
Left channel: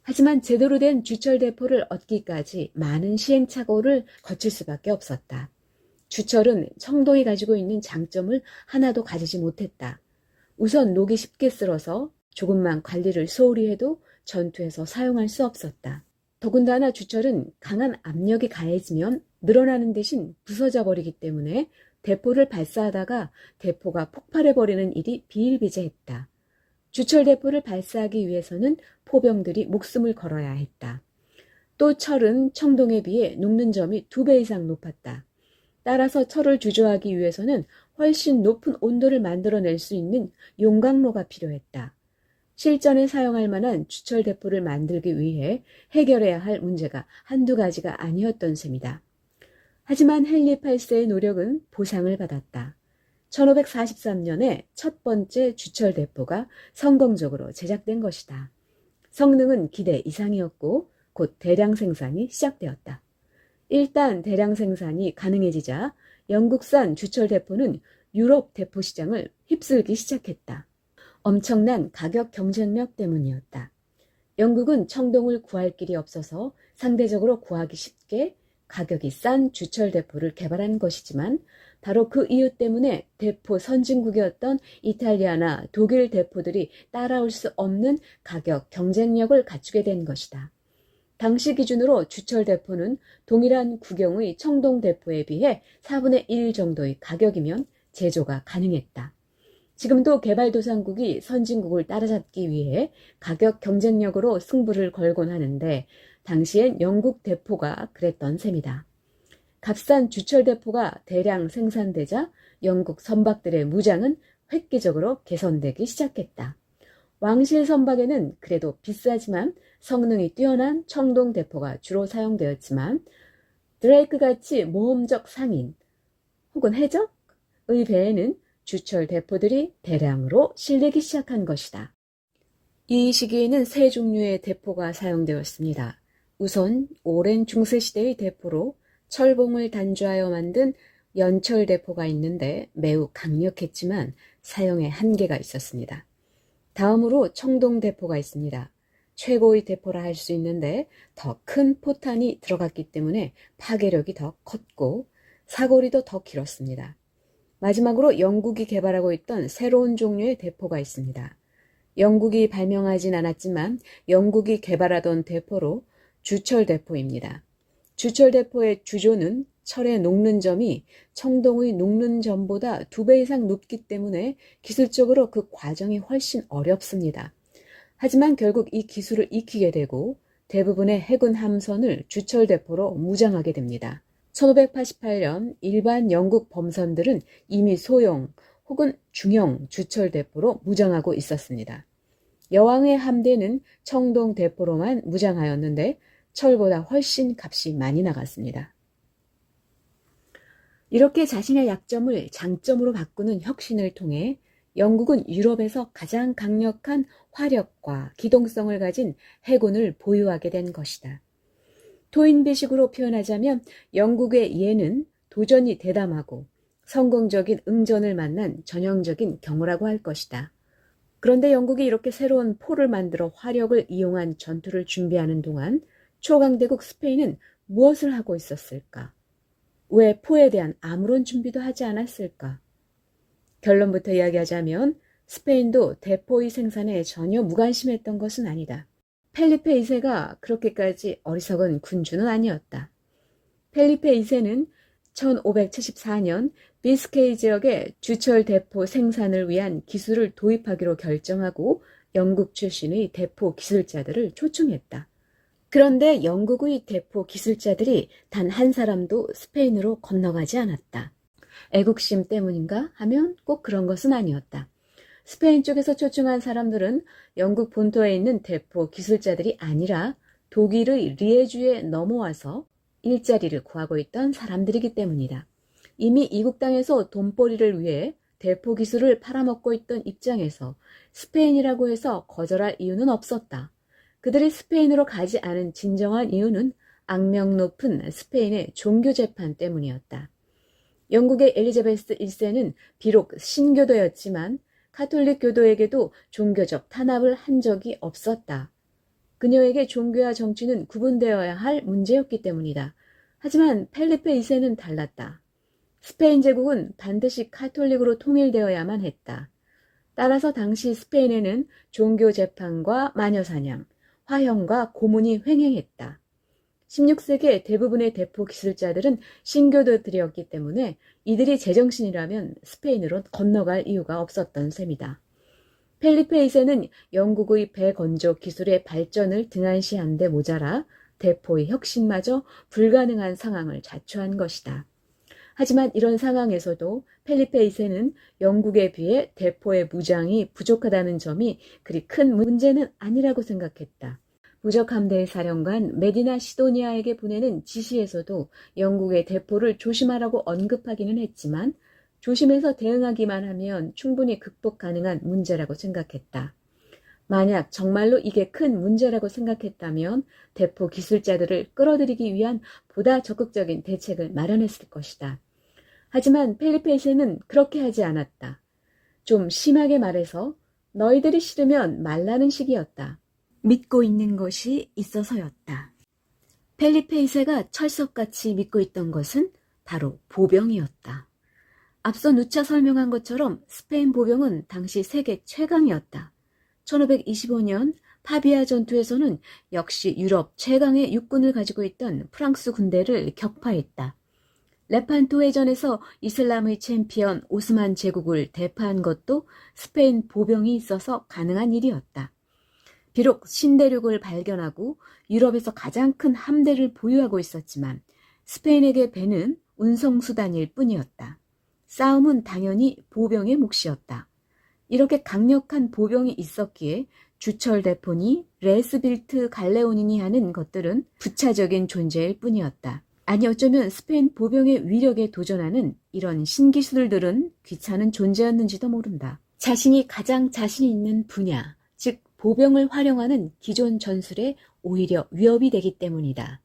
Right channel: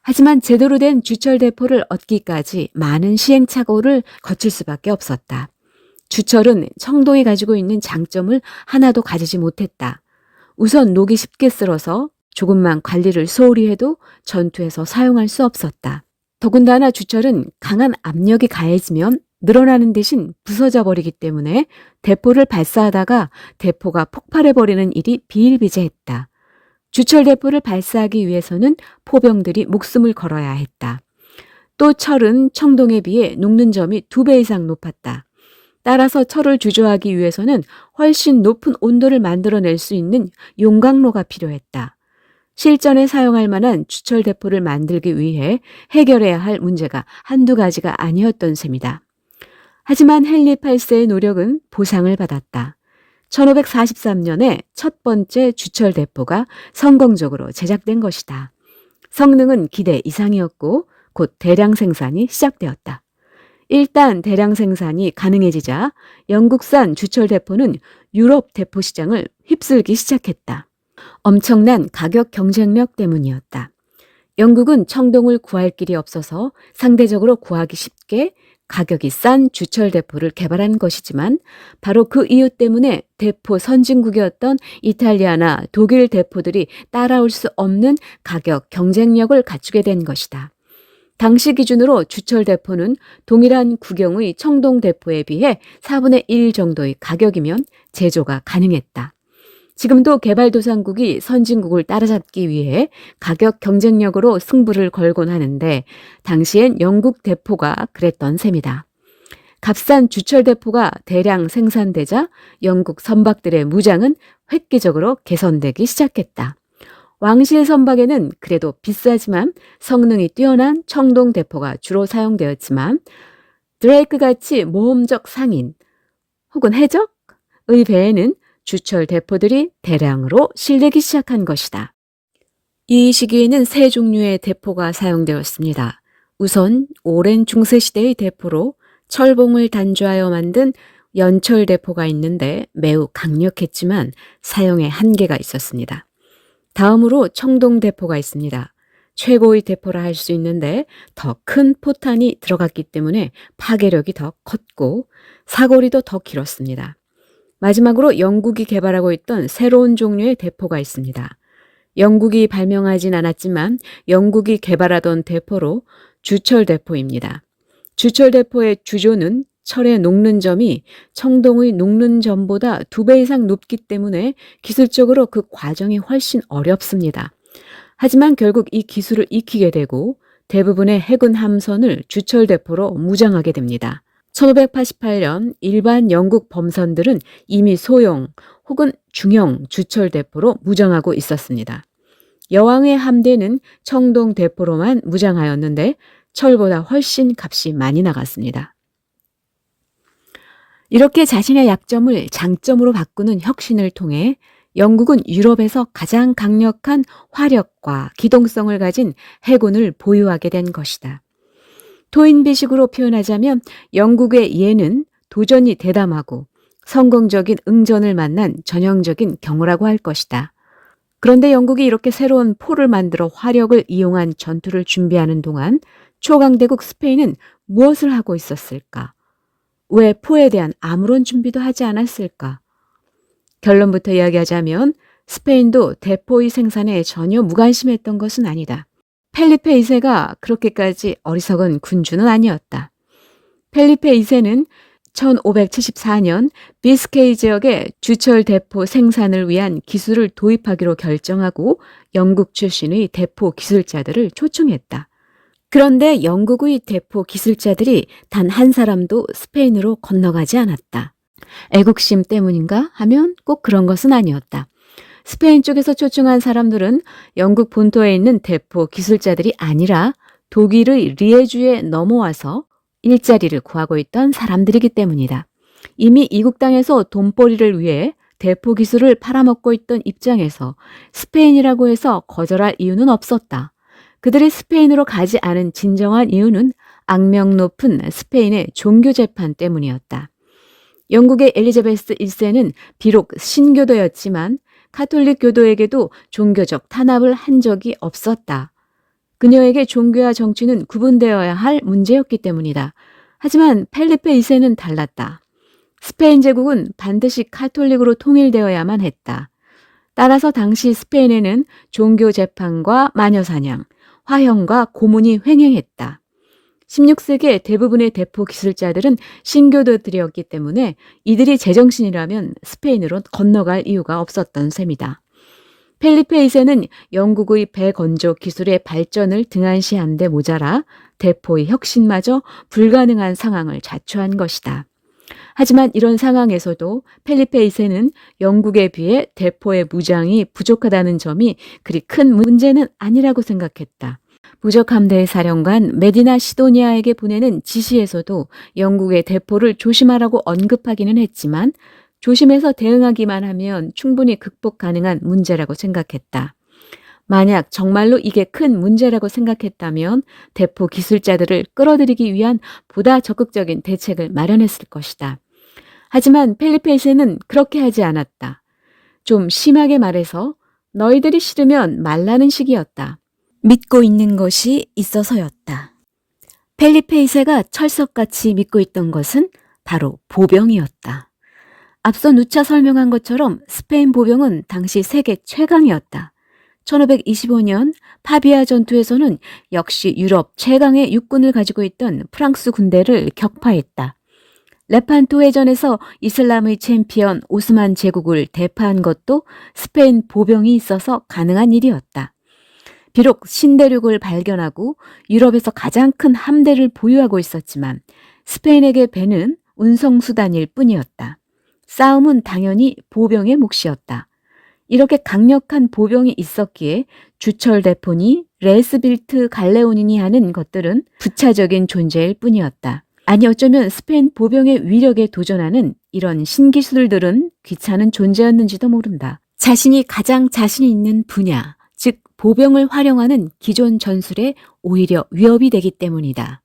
하지만 제대로 된 주철 대포를 얻기까지 많은 시행착오를 거칠 수밖에 없었다. 주철은 청동이 가지고 있는 장점을 하나도 가지지 못했다. 우선 녹이 쉽게 쓸어서 조금만 관리를 소홀히 해도 전투에서 사용할 수 없었다. 더군다나 주철은 강한 압력이 가해지면 늘어나는 대신 부서져 버리기 때문에 대포를 발사하다가 대포가 폭발해버리는 일이 비일비재했다. 주철 대포를 발사하기 위해서는 포병들이 목숨을 걸어야 했다. 또 철은 청동에 비해 녹는 점이 2배 이상 높았다. 따라서 철을 주조하기 위해서는 훨씬 높은 온도를 만들어낼 수 있는 용광로가 필요했다. 실전에 사용할 만한 주철 대포를 만들기 위해 해결해야 할 문제가 한두 가지가 아니었던 셈이다. 하지만 헨리 8세의 노력은 보상을 받았다. 1543년에 첫 번째 주철 대포가 성공적으로 제작된 것이다. 성능은 기대 이상이었고 곧 대량 생산이 시작되었다. 일단 대량 생산이 가능해지자 영국산 주철 대포는 유럽 대포 시장을 휩쓸기 시작했다. 엄청난 가격 경쟁력 때문이었다. 영국은 청동을 구할 길이 없어서 상대적으로 구하기 쉽게 가격이 싼 주철 대포를 개발한 것이지만 바로 그 이유 때문에 대포 선진국이었던 이탈리아나 독일 대포들이 따라올 수 없는 가격 경쟁력을 갖추게 된 것이다. 당시 기준으로 주철 대포는 동일한 구경의 청동 대포에 비해 4분의 1 정도의 가격이면 제조가 가능했다. 지금도 개발도상국이 선진국을 따라잡기 위해 가격 경쟁력으로 승부를 걸곤 하는데 당시엔 영국 대포가 그랬던 셈이다. 값싼 주철 대포가 대량 생산되자 영국 선박들의 무장은 획기적으로 개선되기 시작했다. 왕실 선박에는 그래도 비싸지만 성능이 뛰어난 청동 대포가 주로 사용되었지만 드레이크같이 모험적 상인 혹은 해적의 배에는 주철 대포들이 대량으로 실리기 시작한 것이다. 이 시기에는 세 종류의 대포가 사용되었습니다. 우선 오랜 중세시대의 대포로 철봉을 단조하여 만든 연철 대포가 있는데 매우 강력했지만 사용에 한계가 있었습니다. 다음으로 청동 대포가 있습니다. 최고의 대포라 할 수 있는데 더 큰 포탄이 들어갔기 때문에 파괴력이 더 컸고 사거리도 더 길었습니다. 마지막으로 영국이 개발하고 있던 새로운 종류의 대포가 있습니다. 영국이 발명하진 않았지만 영국이 개발하던 대포로 주철 대포입니다. 주철 대포의 주조는 철의 녹는 점이 청동의 녹는 점보다 2배 이상 높기 때문에 기술적으로 그 과정이 훨씬 어렵습니다. 하지만 결국 이 기술을 익히게 되고 대부분의 해군 함선을 주철 대포로 무장하게 됩니다. 1588년 일반 영국 범선들은 이미 소형 혹은 중형 주철 대포로 무장하고 있었습니다. 여왕의 함대는 청동 대포로만 무장하였는데 철보다 훨씬 값이 많이 나갔습니다. 이렇게 자신의 약점을 장점으로 바꾸는 혁신을 통해 영국은 유럽에서 가장 강력한 화력과 기동성을 가진 해군을 보유하게 된 것이다. 토인비식으로 표현하자면 영국의 예는 도전이 대담하고 성공적인 응전을 만난 전형적인 경우라고 할 것이다. 그런데 영국이 이렇게 새로운 포를 만들어 화력을 이용한 전투를 준비하는 동안 초강대국 스페인은 무엇을 하고 있었을까? 왜 포에 대한 아무런 준비도 하지 않았을까? 결론부터 이야기하자면 스페인도 대포의 생산에 전혀 무관심했던 것은 아니다. 펠리페 2세가 그렇게까지 어리석은 군주는 아니었다. 펠리페 2세는 1574년 비스케이 지역에 주철 대포 생산을 위한 기술을 도입하기로 결정하고 영국 출신의 대포 기술자들을 초청했다. 그런데 영국의 대포 기술자들이 단 한 사람도 스페인으로 건너가지 않았다. 애국심 때문인가 하면 꼭 그런 것은 아니었다. 스페인 쪽에서 초청한 사람들은 영국 본토에 있는 대포 기술자들이 아니라 독일의 리에주에 넘어와서 일자리를 구하고 있던 사람들이기 때문이다. 이미 이국 땅에서 돈벌이를 위해 대포 기술을 팔아먹고 있던 입장에서 스페인이라고 해서 거절할 이유는 없었다. 그들이 스페인으로 가지 않은 진정한 이유는 악명 높은 스페인의 종교 재판 때문이었다. 영국의 엘리자베스 1세는 비록 신교도였지만 카톨릭 교도에게도 종교적 탄압을 한 적이 없었다. 그녀에게 종교와 정치는 구분되어야 할 문제였기 때문이다. 하지만 펠리페 2세는 달랐다. 스페인 제국은 반드시 카톨릭으로 통일되어야만 했다. 따라서 당시 스페인에는 종교 재판과 마녀사냥, 화형과 고문이 횡행했다. 16세기의 대부분의 대포 기술자들은 신교도들이었기 때문에 이들이 제정신이라면 스페인으로 건너갈 이유가 없었던 셈이다. 펠리페 2세는 영국의 배건조 기술의 발전을 등한시한 데 모자라 대포의 혁신마저 불가능한 상황을 자초한 것이다. 하지만 이런 상황에서도 펠리페 2세는 영국에 비해 대포의 무장이 부족하다는 점이 그리 큰 문제는 아니라고 생각했다. 무적 함대의 사령관 메디나 시도니아에게 보내는 지시에서도 영국의 대포를 조심하라고 언급하기는 했지만 조심해서 대응하기만 하면 충분히 극복 가능한 문제라고 생각했다. 만약 정말로 이게 큰 문제라고 생각했다면 대포 기술자들을 끌어들이기 위한 보다 적극적인 대책을 마련했을 것이다. 하지만 펠리페 2세는 그렇게 하지 않았다. 좀 심하게 말해서 너희들이 싫으면 말라는 식이었다. 믿고 있는 것이 있어서였다. 펠리페 2세가 철석같이 믿고 있던 것은 바로 보병이었다. 앞서 누차 설명한 것처럼 스페인 보병은 당시 세계 최강이었다. 1525년 파비아 전투에서는 역시 유럽 최강의 육군을 가지고 있던 프랑스 군대를 격파했다. 레판토 해전에서 이슬람의 챔피언 오스만 제국을 대파한 것도 스페인 보병이 있어서 가능한 일이었다. 비록 신대륙을 발견하고 유럽에서 가장 큰 함대를 보유하고 있었지만 스페인에게 배는 운송수단일 뿐이었다. 싸움은 당연히 보병의 몫이었다. 이렇게 강력한 보병이 있었기에 주철 대포니 레스빌트 갈레오니니 하는 것들은 부차적인 존재일 뿐이었다. 아니 어쩌면 스페인 보병의 위력에 도전하는 이런 신기술들은 귀찮은 존재였는지도 모른다. 자신이 가장 자신 있는 분야, 즉 보병을 활용하는 기존 전술에 오히려 위협이 되기 때문이다.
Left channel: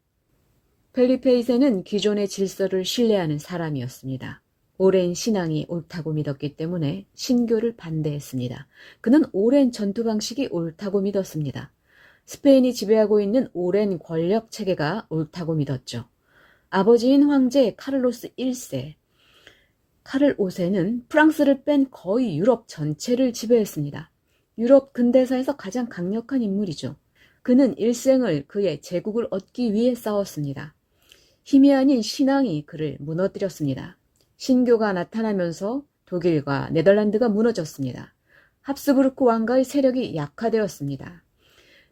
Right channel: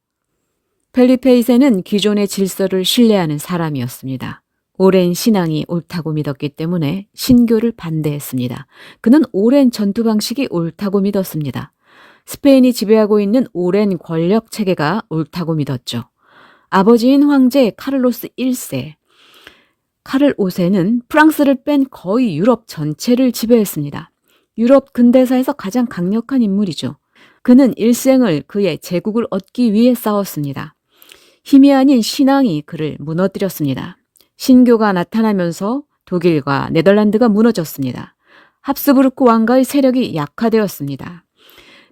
펠리페 2세는 기존의 질서를 신뢰하는 사람이었습니다. 오랜 신앙이 옳다고 믿었기 때문에 신교를 반대했습니다. 그는 오랜 전투 방식이 옳다고 믿었습니다. 스페인이 지배하고 있는 오랜 권력 체계가 옳다고 믿었죠. 아버지인 황제 카를로스 1세, 카를 5세는 프랑스를 뺀 거의 유럽 전체를 지배했습니다. 유럽 근대사에서 가장 강력한 인물이죠. 그는 일생을 그의 제국을 얻기 위해 싸웠습니다. 힘이 아닌 신앙이 그를 무너뜨렸습니다. 신교가 나타나면서 독일과 네덜란드가 무너졌습니다. 합스부르크 왕가의 세력이 약화되었습니다.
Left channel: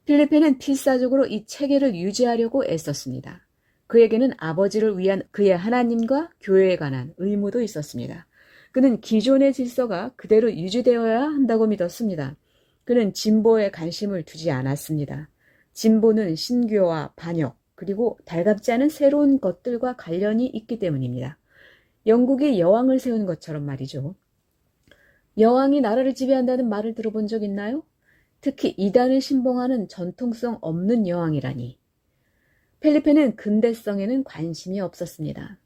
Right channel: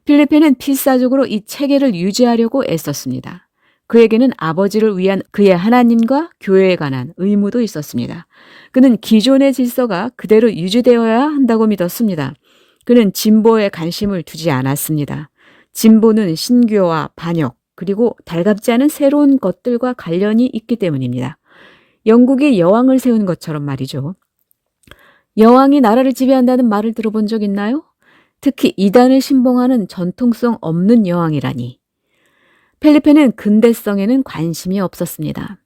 필리페는 필사적으로 이 체계를 유지하려고 애썼습니다. 그에게는 아버지를 위한 그의 하나님과 교회에 관한 의무도 있었습니다. 그는 기존의 질서가 그대로 유지되어야 한다고 믿었습니다. 그는 진보에 관심을 두지 않았습니다. 진보는 신교와 반역, 그리고 달갑지 않은 새로운 것들과 관련이 있기 때문입니다. 영국이 여왕을 세운 것처럼 말이죠. 여왕이 나라를 지배한다는 말을 들어본 적 있나요? 특히 이단을 신봉하는 전통성 없는 여왕이라니. 펠리페는 근대성에는 관심이 없었습니다.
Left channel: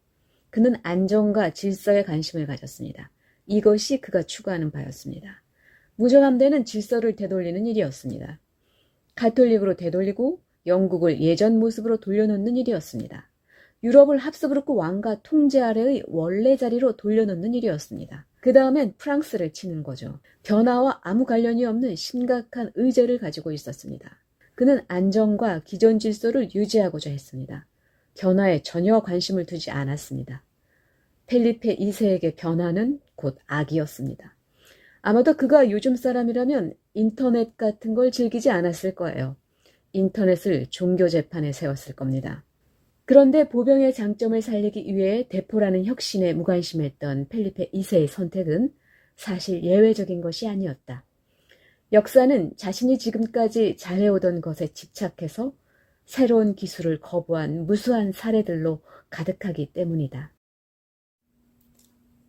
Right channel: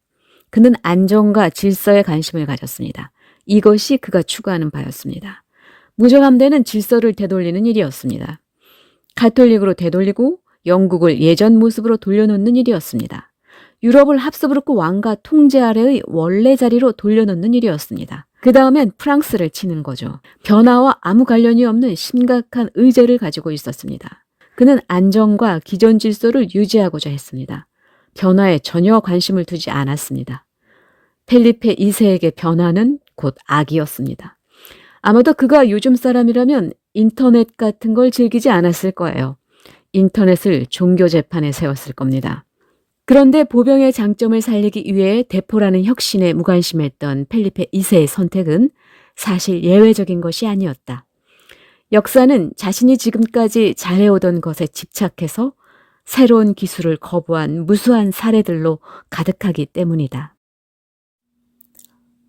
그는 안정과 질서에 관심을 가졌습니다. 이것이 그가 추구하는 바였습니다. 무적함대는 질서를 되돌리는 일이었습니다. 가톨릭으로 되돌리고 영국을 예전 모습으로 돌려놓는 일이었습니다. 유럽을 합스부르크 왕가 통제 아래의 원래 자리로 돌려놓는 일이었습니다. 그 다음엔 프랑스를 치는 거죠. 변화와 아무 관련이 없는 심각한 의제를 가지고 있었습니다. 그는 안정과 기존 질서를 유지하고자 했습니다. 변화에 전혀 관심을 두지 않았습니다. 펠리페 2세에게 변화는 곧 악이었습니다. 아마도 그가 요즘 사람이라면 인터넷 같은 걸 즐기지 않았을 거예요. 인터넷을 종교 재판에 세웠을 겁니다. 그런데 보병의 장점을 살리기 위해 대포라는 혁신에 무관심했던 펠리페 2세의 선택은 사실 예외적인 것이 아니었다. 역사는 자신이 지금까지 잘해오던 것에 집착해서 새로운 기술을 거부한 무수한 사례들로 가득하기 때문이다.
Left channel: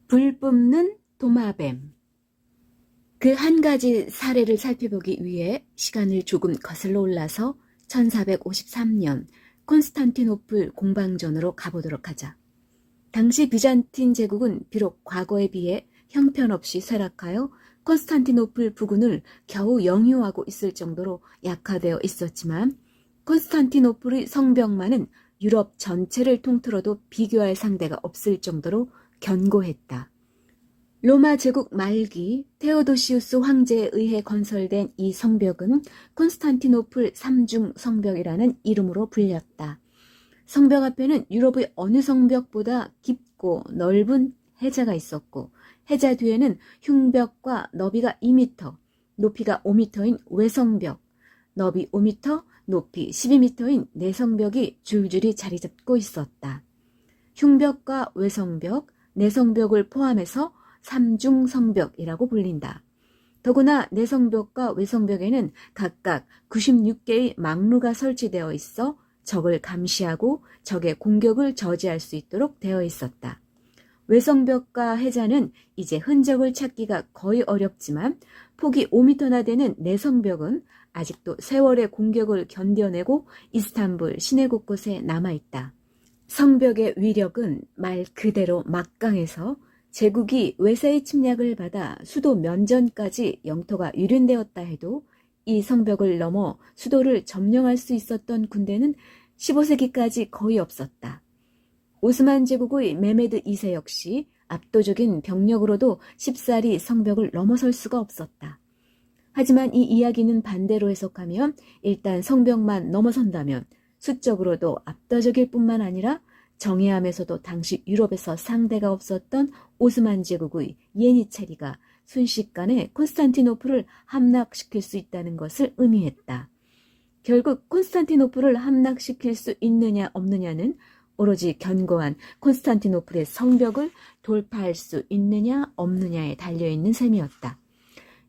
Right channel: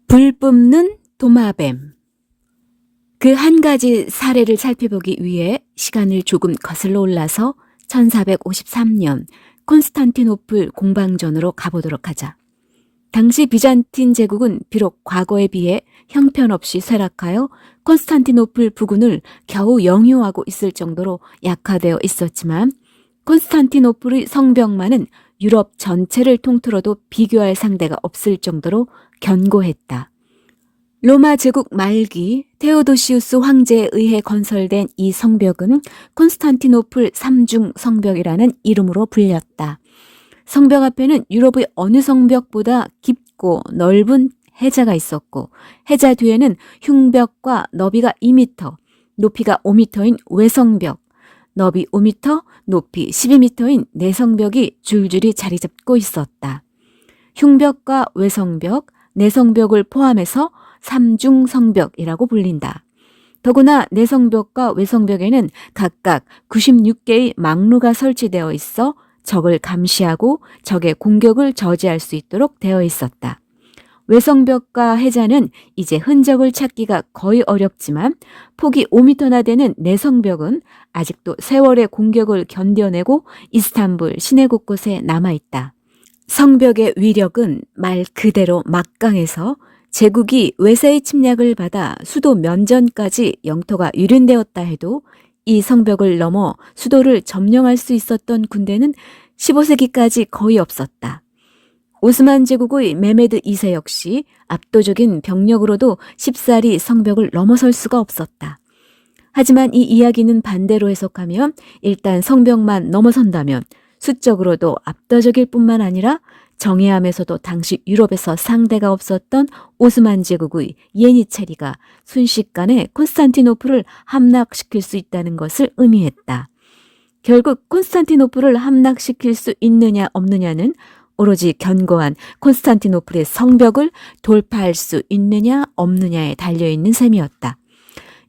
불 뿜는 도마뱀. 그 한 가지 사례를 살펴보기 위해 시간을 조금 거슬러 올라서 1453년 콘스탄티노플 공방전으로 가보도록 하자. 당시 비잔틴 제국은 비록 과거에 비해 형편없이 쇠락하여 콘스탄티노플 부군을 겨우 영유하고 있을 정도로 약화되어 있었지만 콘스탄티노플의 성벽만은 유럽 전체를 통틀어도 비교할 상대가 없을 정도로 견고했다. 로마 제국 말기 테오도시우스 황제에 의해 건설된 이 성벽은 콘스탄티노플 삼중 성벽이라는 이름으로 불렸다. 성벽 앞에는 유럽의 어느 성벽보다 깊고 넓은 해자가 있었고 해자 뒤에는 흉벽과 너비가 2m, 높이가 5m인 외성벽, 너비 5m, 높이 12m인 내성벽이 줄줄이 자리 잡고 있었다. 흉벽과 외성벽, 내성벽을 포함해서 삼중성벽이라고 불린다. 더구나 내성벽과 외성벽에는 각각 96개의 망루가 설치되어 있어 적을 감시하고 적의 공격을 저지할 수 있도록 되어 있었다. 외성벽과 해자는 이제 흔적을 찾기가 거의 어렵지만 폭이 5m나 되는 내성벽은 아직도 세월의 공격을 견뎌내고 이스탄불 시내 곳곳에 남아있다. 성벽의 위력은 말 그대로 막강해서 제국이 외세의 침략을 받아 수도 면전까지 영토가 유린되었다 해도 이 성벽을 넘어 수도를 점령할 수 있었던 군대는 15세기까지 거의 없었다. 오스만 제국의 메메드 2세 역시 압도적인 병력으로도 쉽사리 성벽을 넘어설 수가 없었다. 하지만 이 이야기는 반대로 해석하면 일단 성벽만 넘어선다면 수적으로도 압도적일 뿐만 아니라 정예함에서도 당시 유럽에서 상대가 없었던 오스만 제국의 예니체리가 순식간에 콘스탄티노플을 함락시킬 수 있다는 것을 의미했다. 결국 콘스탄티노플을 함락시킬 수 있느냐 없느냐는 오로지 견고한 콘스탄티노플의 성벽을 돌파할 수 있느냐 없느냐에 달려있는 셈이었다.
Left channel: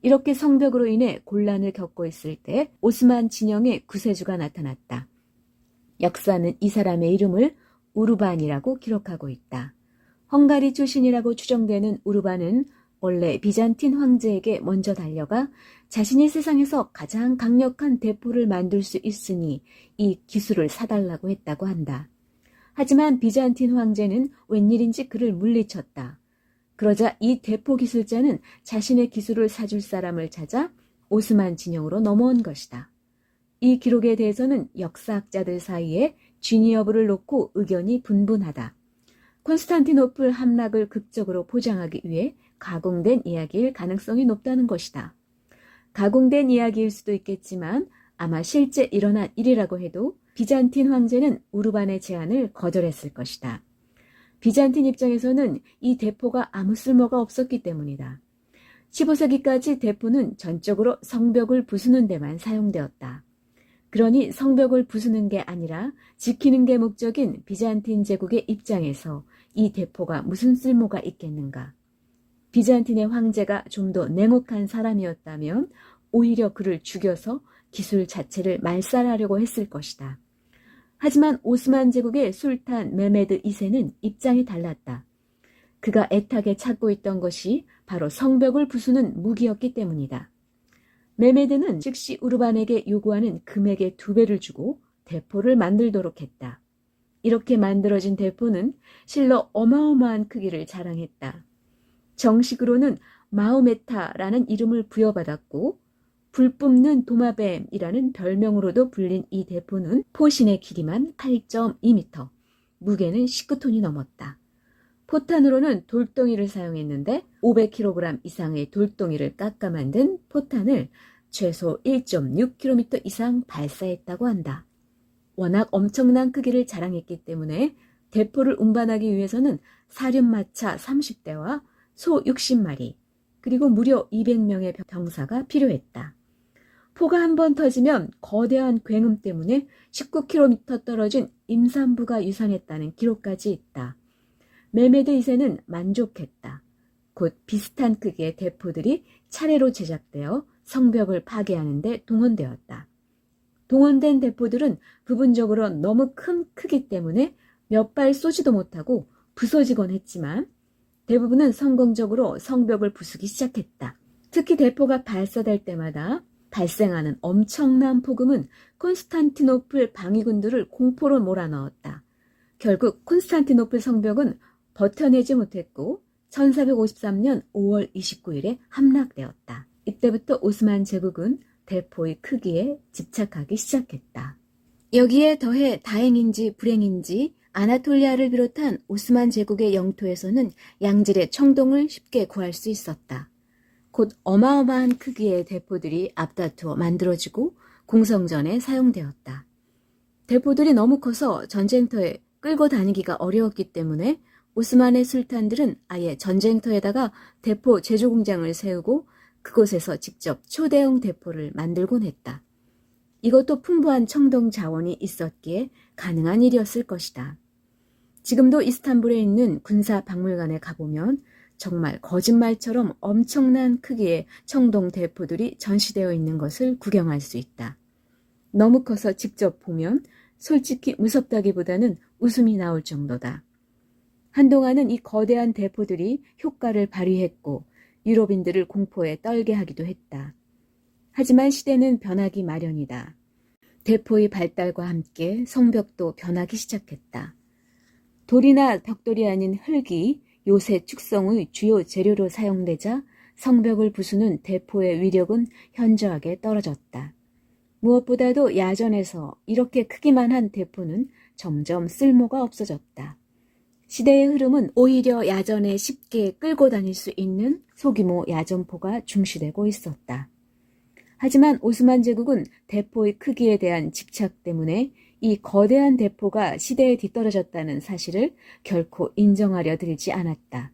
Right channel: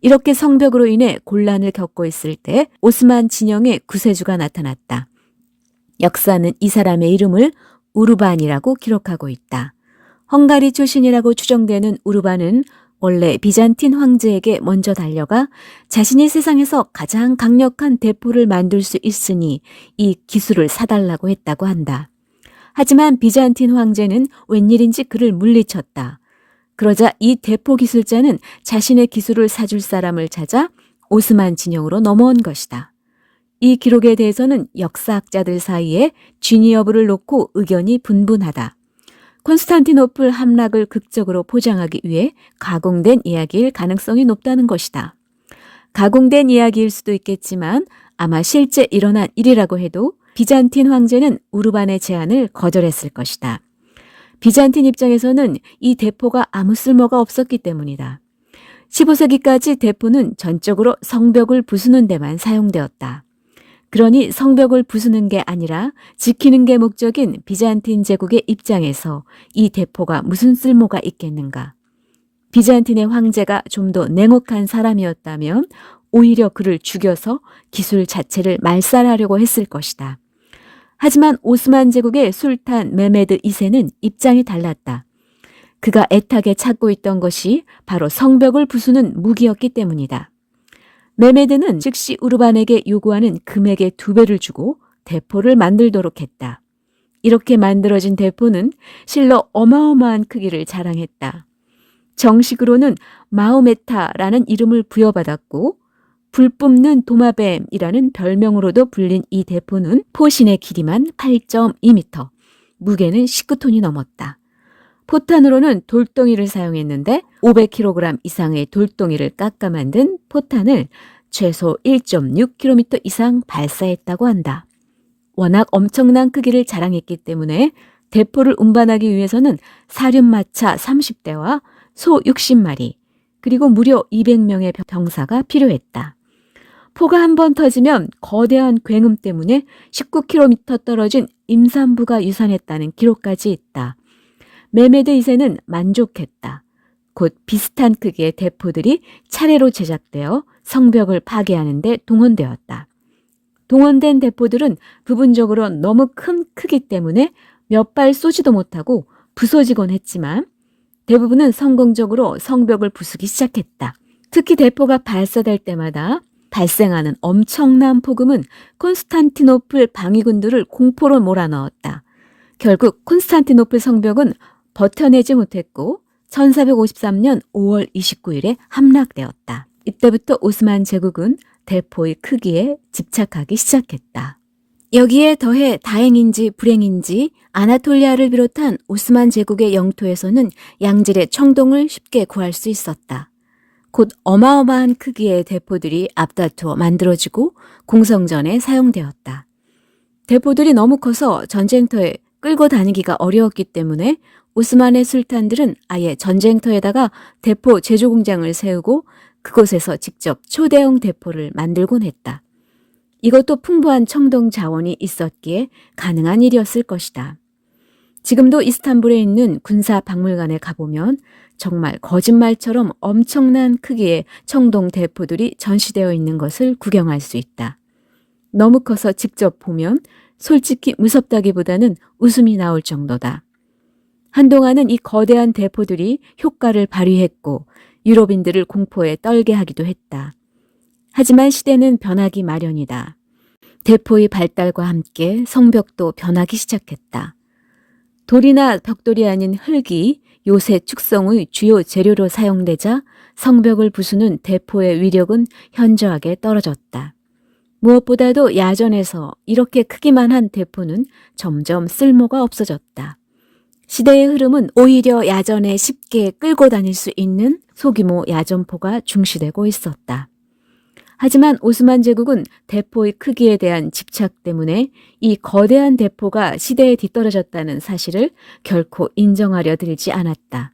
이렇게 성벽으로 인해 곤란을 겪고 있을 때 오스만 진영의 구세주가 나타났다. 역사는 이 사람의 이름을 우르반이라고 기록하고 있다. 헝가리 출신이라고 추정되는 우르반은 원래 비잔틴 황제에게 먼저 달려가 자신이 세상에서 가장 강력한 대포를 만들 수 있으니 이 기술을 사달라고 했다고 한다. 하지만 비잔틴 황제는 웬일인지 그를 물리쳤다. 그러자 이 대포 기술자는 자신의 기술을 사줄 사람을 찾아 오스만 진영으로 넘어온 것이다. 이 기록에 대해서는 역사학자들 사이에 진위 여부를 놓고 의견이 분분하다. 콘스탄티노플 함락을 극적으로 포장하기 위해 가공된 이야기일 가능성이 높다는 것이다. 가공된 이야기일 수도 있겠지만 아마 실제 일어난 일이라고 해도 비잔틴 황제는 우르반의 제안을 거절했을 것이다. 비잔틴 입장에서는 이 대포가 아무 쓸모가 없었기 때문이다. 15세기까지 대포는 전적으로 성벽을 부수는 데만 사용되었다. 그러니 성벽을 부수는 게 아니라 지키는 게 목적인 비잔틴 제국의 입장에서 이 대포가 무슨 쓸모가 있겠는가. 비잔틴의 황제가 좀 더 냉혹한 사람이었다면 오히려 그를 죽여서 기술 자체를 말살하려고 했을 것이다. 하지만 오스만 제국의 술탄 메메드 2세는 입장이 달랐다. 그가 애타게 찾고 있던 것이 바로 성벽을 부수는 무기였기 때문이다. 메메드는 즉시 우르반에게 요구하는 금액의 2배를 주고 대포를 만들도록 했다. 이렇게 만들어진 대포는 실로 어마어마한 크기를 자랑했다. 정식으로는 마호메타라는 이름을 부여받았고 불 뿜는 도마뱀이라는 별명으로도 불린 이 대포는 포신의 길이만 8.2m, 무게는 19톤이 넘었다. 포탄으로는 돌덩이를 사용했는데 500kg 이상의 돌덩이를 깎아 만든 포탄을 최소 1.6km 이상 발사했다고 한다. 워낙 엄청난 크기를 자랑했기 때문에 대포를 운반하기 위해서는 사륜마차 30대와 소 60마리, 그리고 무려 200명의 병사가 필요했다. 포가 한 번 터지면 거대한 굉음 때문에 19km 떨어진 임산부가 유산했다는 기록까지 있다. 메메드 2세는 만족했다. 곧 비슷한 크기의 대포들이 차례로 제작되어 성벽을 파괴하는 데 동원되었다. 동원된 대포들은 부분적으로 너무 큰 크기 때문에 몇 발 쏘지도 못하고 부서지곤 했지만 대부분은 성공적으로 성벽을 부수기 시작했다. 특히 대포가 발사될 때마다 발생하는 엄청난 폭음은 콘스탄티노플 방위군들을 공포로 몰아넣었다. 결국 콘스탄티노플 성벽은 버텨내지 못했고 1453년 5월 29일에 함락되었다. 이때부터 오스만 제국은 대포의 크기에 집착하기 시작했다. 여기에 더해 다행인지 불행인지 아나톨리아를 비롯한 오스만 제국의 영토에서는 양질의 청동을 쉽게 구할 수 있었다. 곧 어마어마한 크기의 대포들이 앞다투어 만들어지고 공성전에 사용되었다. 대포들이 너무 커서 전쟁터에 끌고 다니기가 어려웠기 때문에 오스만의 술탄들은 아예 전쟁터에다가 대포 제조 공장을 세우고 그곳에서 직접 초대형 대포를 만들곤 했다. 이것도 풍부한 청동 자원이 있었기에 가능한 일이었을 것이다. 지금도 이스탄불에 있는 군사박물관에 가보면 정말 거짓말처럼 엄청난 크기의 청동 대포들이 전시되어 있는 것을 구경할 수 있다. 너무 커서 직접 보면 솔직히 무섭다기보다는 웃음이 나올 정도다. 한동안은 이 거대한 대포들이 효과를 발휘했고 유럽인들을 공포에 떨게 하기도 했다. 하지만 시대는 변하기 마련이다. 대포의 발달과 함께 성벽도 변하기 시작했다. 돌이나 벽돌이 아닌 흙이 요새 축성의 주요 재료로 사용되자 성벽을 부수는 대포의 위력은 현저하게 떨어졌다. 무엇보다도 야전에서 이렇게 크기만 한 대포는 점점 쓸모가 없어졌다. 시대의 흐름은 오히려 야전에 쉽게 끌고 다닐 수 있는 소규모 야전포가 중시되고 있었다. 하지만 오스만 제국은 대포의 크기에 대한 집착 때문에 이 거대한 대포가 시대에 뒤떨어졌다는 사실을 결코 인정하려 들지 않았다.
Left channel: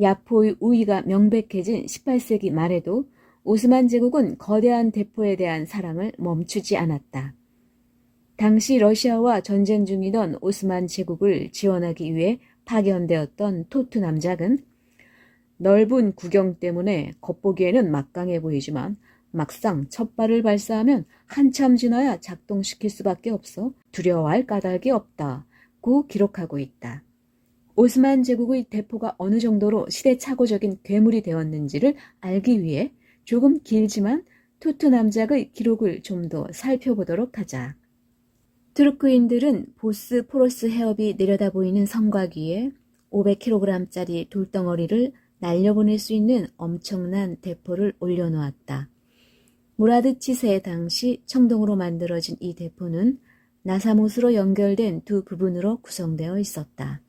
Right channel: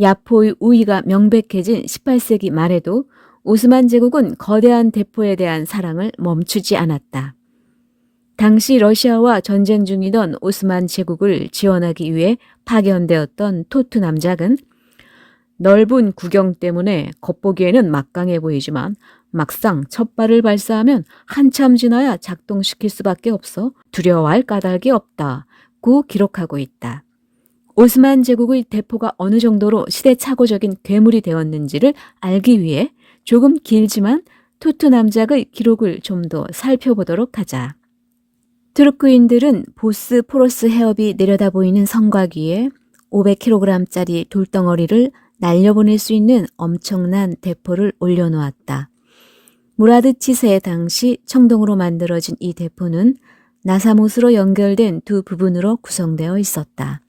야포의 우위가 명백해진 18세기 말에도 오스만 제국은 거대한 대포에 대한 사랑을 멈추지 않았다. 당시 러시아와 전쟁 중이던 오스만 제국을 지원하기 위해 파견되었던 토트 남작은 넓은 구경 때문에 겉보기에는 막강해 보이지만 막상 첫 발을 발사하면 한참 지나야 작동시킬 수밖에 없어 두려워할 까닭이 없다고 기록하고 있다. 오스만 제국의 대포가 어느 정도로 시대착오적인 괴물이 되었는지를 알기 위해 조금 길지만 토트 남작의 기록을 좀 더 살펴보도록 하자. 투르크인들은 보스포러스 해협이 내려다 보이는 성곽 위에 500kg짜리 돌덩어리를 날려보낼 수 있는 엄청난 대포를 올려놓았다. 무라드 치세 당시 청동으로 만들어진 이 대포는 나사못으로 연결된 두 부분으로 구성되어 있었다.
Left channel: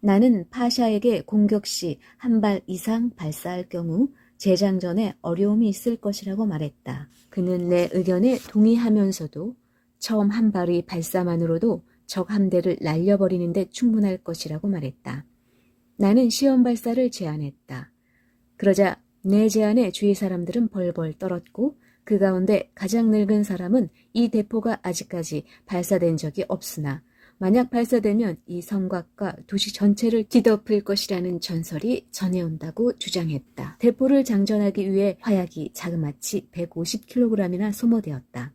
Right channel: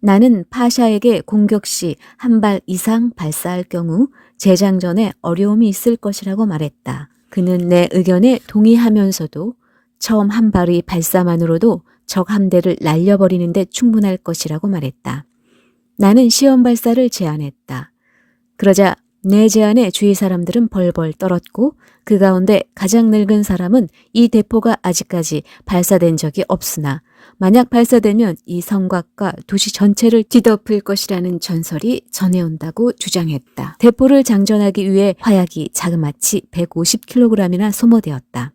나는 파샤에게 공격 시 한 발 이상 발사할 경우 재장전에 어려움이 있을 것이라고 말했다. 그는 내 의견에 동의하면서도 처음 한 발의 발사만으로도 적 함대를 날려버리는 데 충분할 것이라고 말했다. 나는 시험 발사를 제안했다. 그러자 내 제안에 주위 사람들은 벌벌 떨었고 그 가운데 가장 늙은 사람은 이 대포가 아직까지 발사된 적이 없으나 만약 발사되면 이 성곽과 도시 전체를 뒤덮을 것이라는 전설이 전해온다고 주장했다. 대포를 장전하기 위해 화약이 자그마치 150kg이나 소모되었다.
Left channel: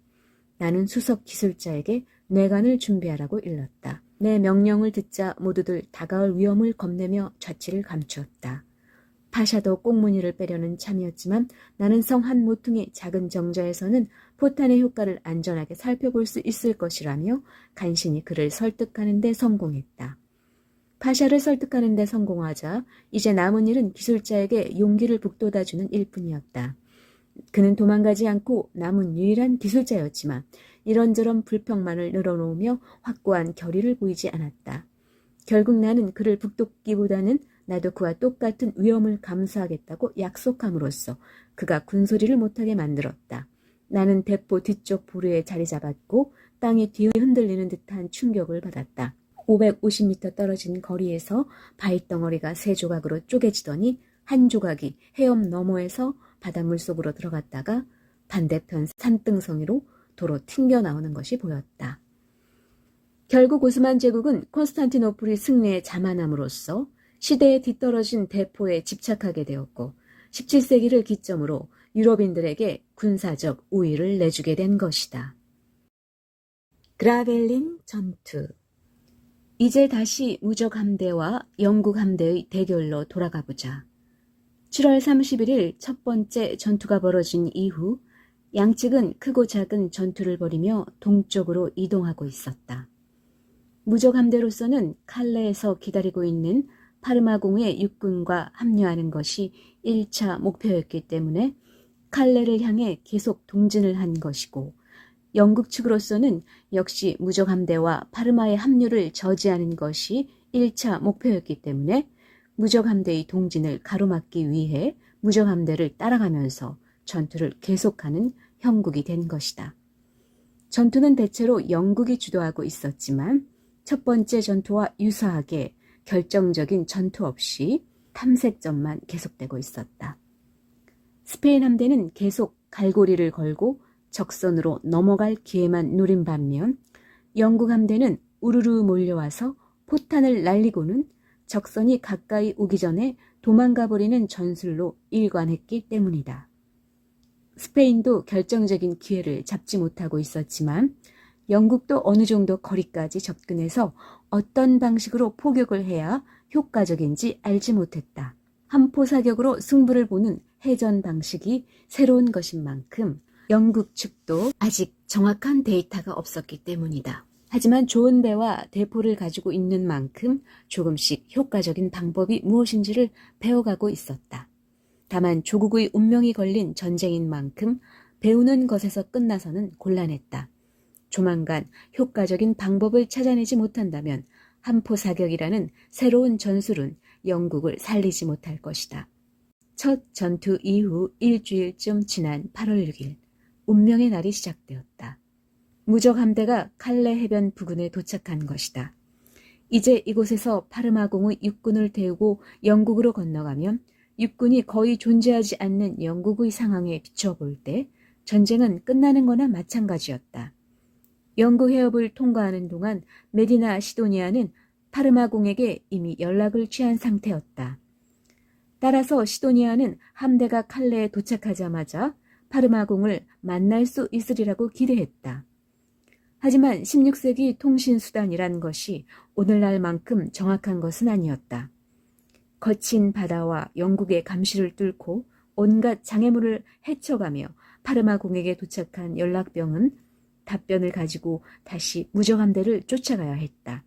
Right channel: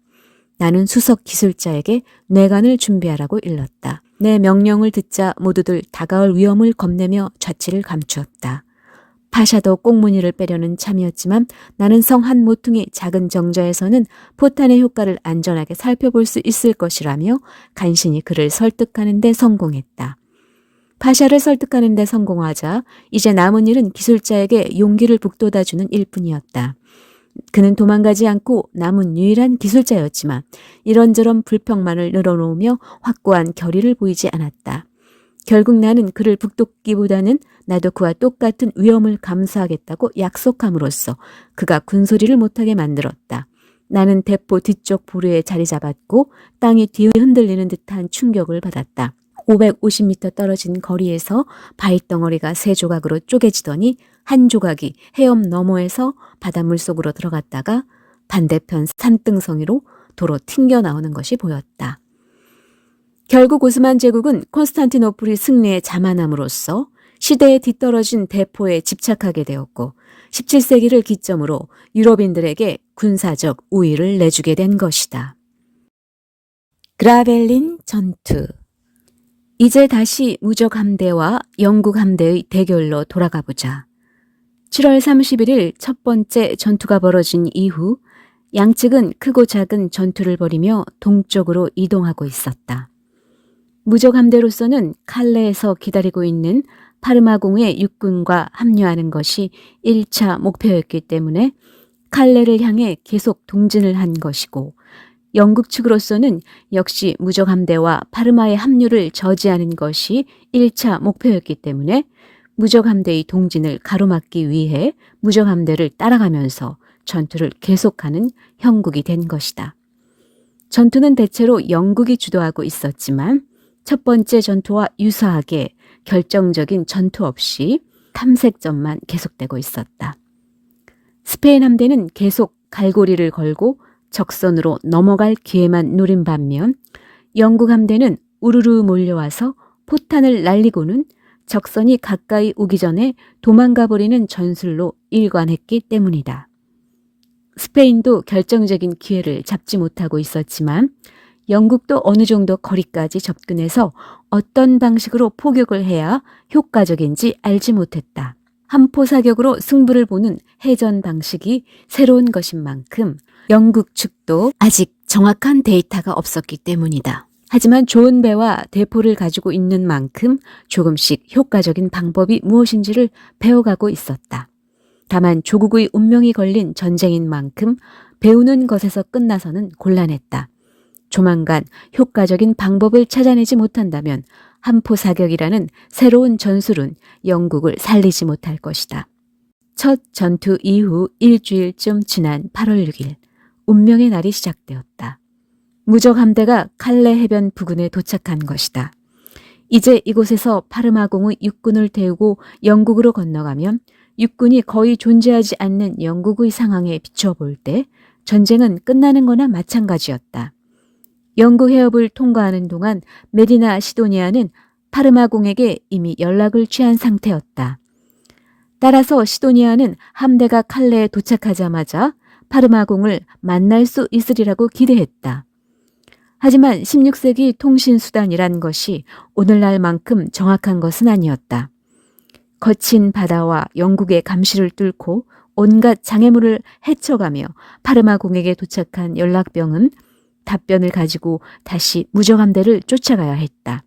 나는 수석 기술자에게 뇌관을 준비하라고 일렀다. 내 명령을 듣자 모두들 다가올 위험을 겁내며 좌치를 감추었다. 파샤도 꽁무니를 빼려는 참이었지만 나는 성 한 모퉁이 작은 정자에서는 포탄의 효과를 안전하게 살펴볼 수 있을 것이라며 간신히 그를 설득하는 데 성공했다. 파샤를 설득하는 데 성공하자 이제 남은 일은 기술자에게 용기를 북돋아주는 일뿐이었다. 그는 도망가지 않고 남은 유일한 기술자였지만 이런저런 불평만을 늘어놓으며 확고한 결의를 보이지 않았다. 결국 나는 그를 북돋기보다는 나도 그와 똑같은 위험을 감수하겠다고 약속함으로써 그가 군소리를 못하게 만들었다. 나는 대포 뒤쪽 보루에 자리 잡았고 땅이 뒤에 흔들리는 듯한 충격을 받았다. 550m 떨어진 거리에서 바위덩어리가 세 조각으로 쪼개지더니 한 조각이 해협 너머에서 바닷물 속으로 들어갔다가 반대편 산등성이로 도로 튕겨나오는 것이 보였다. 결국 오스만 제국은 콘스탄티노플이 승리에 자만함으로써 시대에 뒤떨어진 대포에 집착하게 되었고 17세기를 기점으로 유럽인들에게 군사적 우위를 내주게 된 것이다. 그라벨린 전투. 이제 다시 무적 함대와 영국 함대의 대결로 돌아가 보자. 7월 31일 첫 번째 전투가 벌어진 이후 양측은 크고 작은 전투를 벌이며 동쪽으로 이동하고 있었다. 무적 함대로서는 칼레에서 기다리고 있는 파르마공의 육군과 합류하는 것이 1차 목표였기 때문에 칼레를 향해 계속 동진을 한 것이고, 영국 측으로서는 역시 무적 함대와 파르마의 합류를 저지하는 것이 1차 목표였기 때문에 무적 함대의 동진을 가로막기 위해 무적 함대를 따라가면서 전투를 계속하는 형국이 된 것이다. 전투는 대체로 영국이 주도하고 있었지만 첫 번째 전투와 유사하게 결정적인 전투 없이 탐색전만 계속되고 있었다. 스페인 함대는 계속 갈고리를 걸고 적선으로 넘어갈 기회만 노린 반면 영국 함대는 우르르 몰려와서 포탄을 날리고는 적선이 가까이 오기 전에 도망가 버리는 전술로 일관했기 때문이다. 스페인도 결정적인 기회를 잡지 못하고 있었지만 영국도 어느 정도 거리까지 접근해서 어떤 방식으로 포격을 해야 효과적인지 알지 못했다. 함포 사격으로 승부를 보는 해전 방식이 새로운 것인 만큼 영국 측도 아직 정확한 데이터가 없었기 때문이다. 하지만 좋은 배와 대포를 가지고 있는 만큼 조금씩 효과적인 방법이 무엇인지를 배워가고 있었다. 다만 조국의 운명이 걸린 전쟁인 만큼 배우는 것에서 끝나서는 곤란했다. 조만간 효과적인 방법을 찾아내지 못한다면 함포 사격이라는 새로운 전술은 영국을 살리지 못할 것이다. 첫 전투 이후 일주일쯤 지난 8월 6일, 운명의 날이 시작되었다. 무적 함대가 칼레 해변 부근에 도착한 것이다. 이제 이곳에서 파르마공의 육군을 태우고 영국으로 건너가면 육군이 거의 존재하지 않는 영국의 상황에 비춰볼 때 전쟁은 끝나는 거나 마찬가지였다. 영국 해협을 통과하는 동안 메디나 시도니아는 파르마공에게 이미 연락을 취한 상태였다. 따라서 시도니아는 함대가 칼레에 도착하자마자 파르마공을 만날 수 있으리라고 기대했다. 하지만 16세기 통신수단이란 것이 오늘날만큼 정확한 것은 아니었다. 거친 바다와 영국의 감시를 뚫고 온갖 장애물을 헤쳐가며 파르마공에게 도착한 연락병은 답변을 가지고 다시 무적함대를 쫓아가야 했다.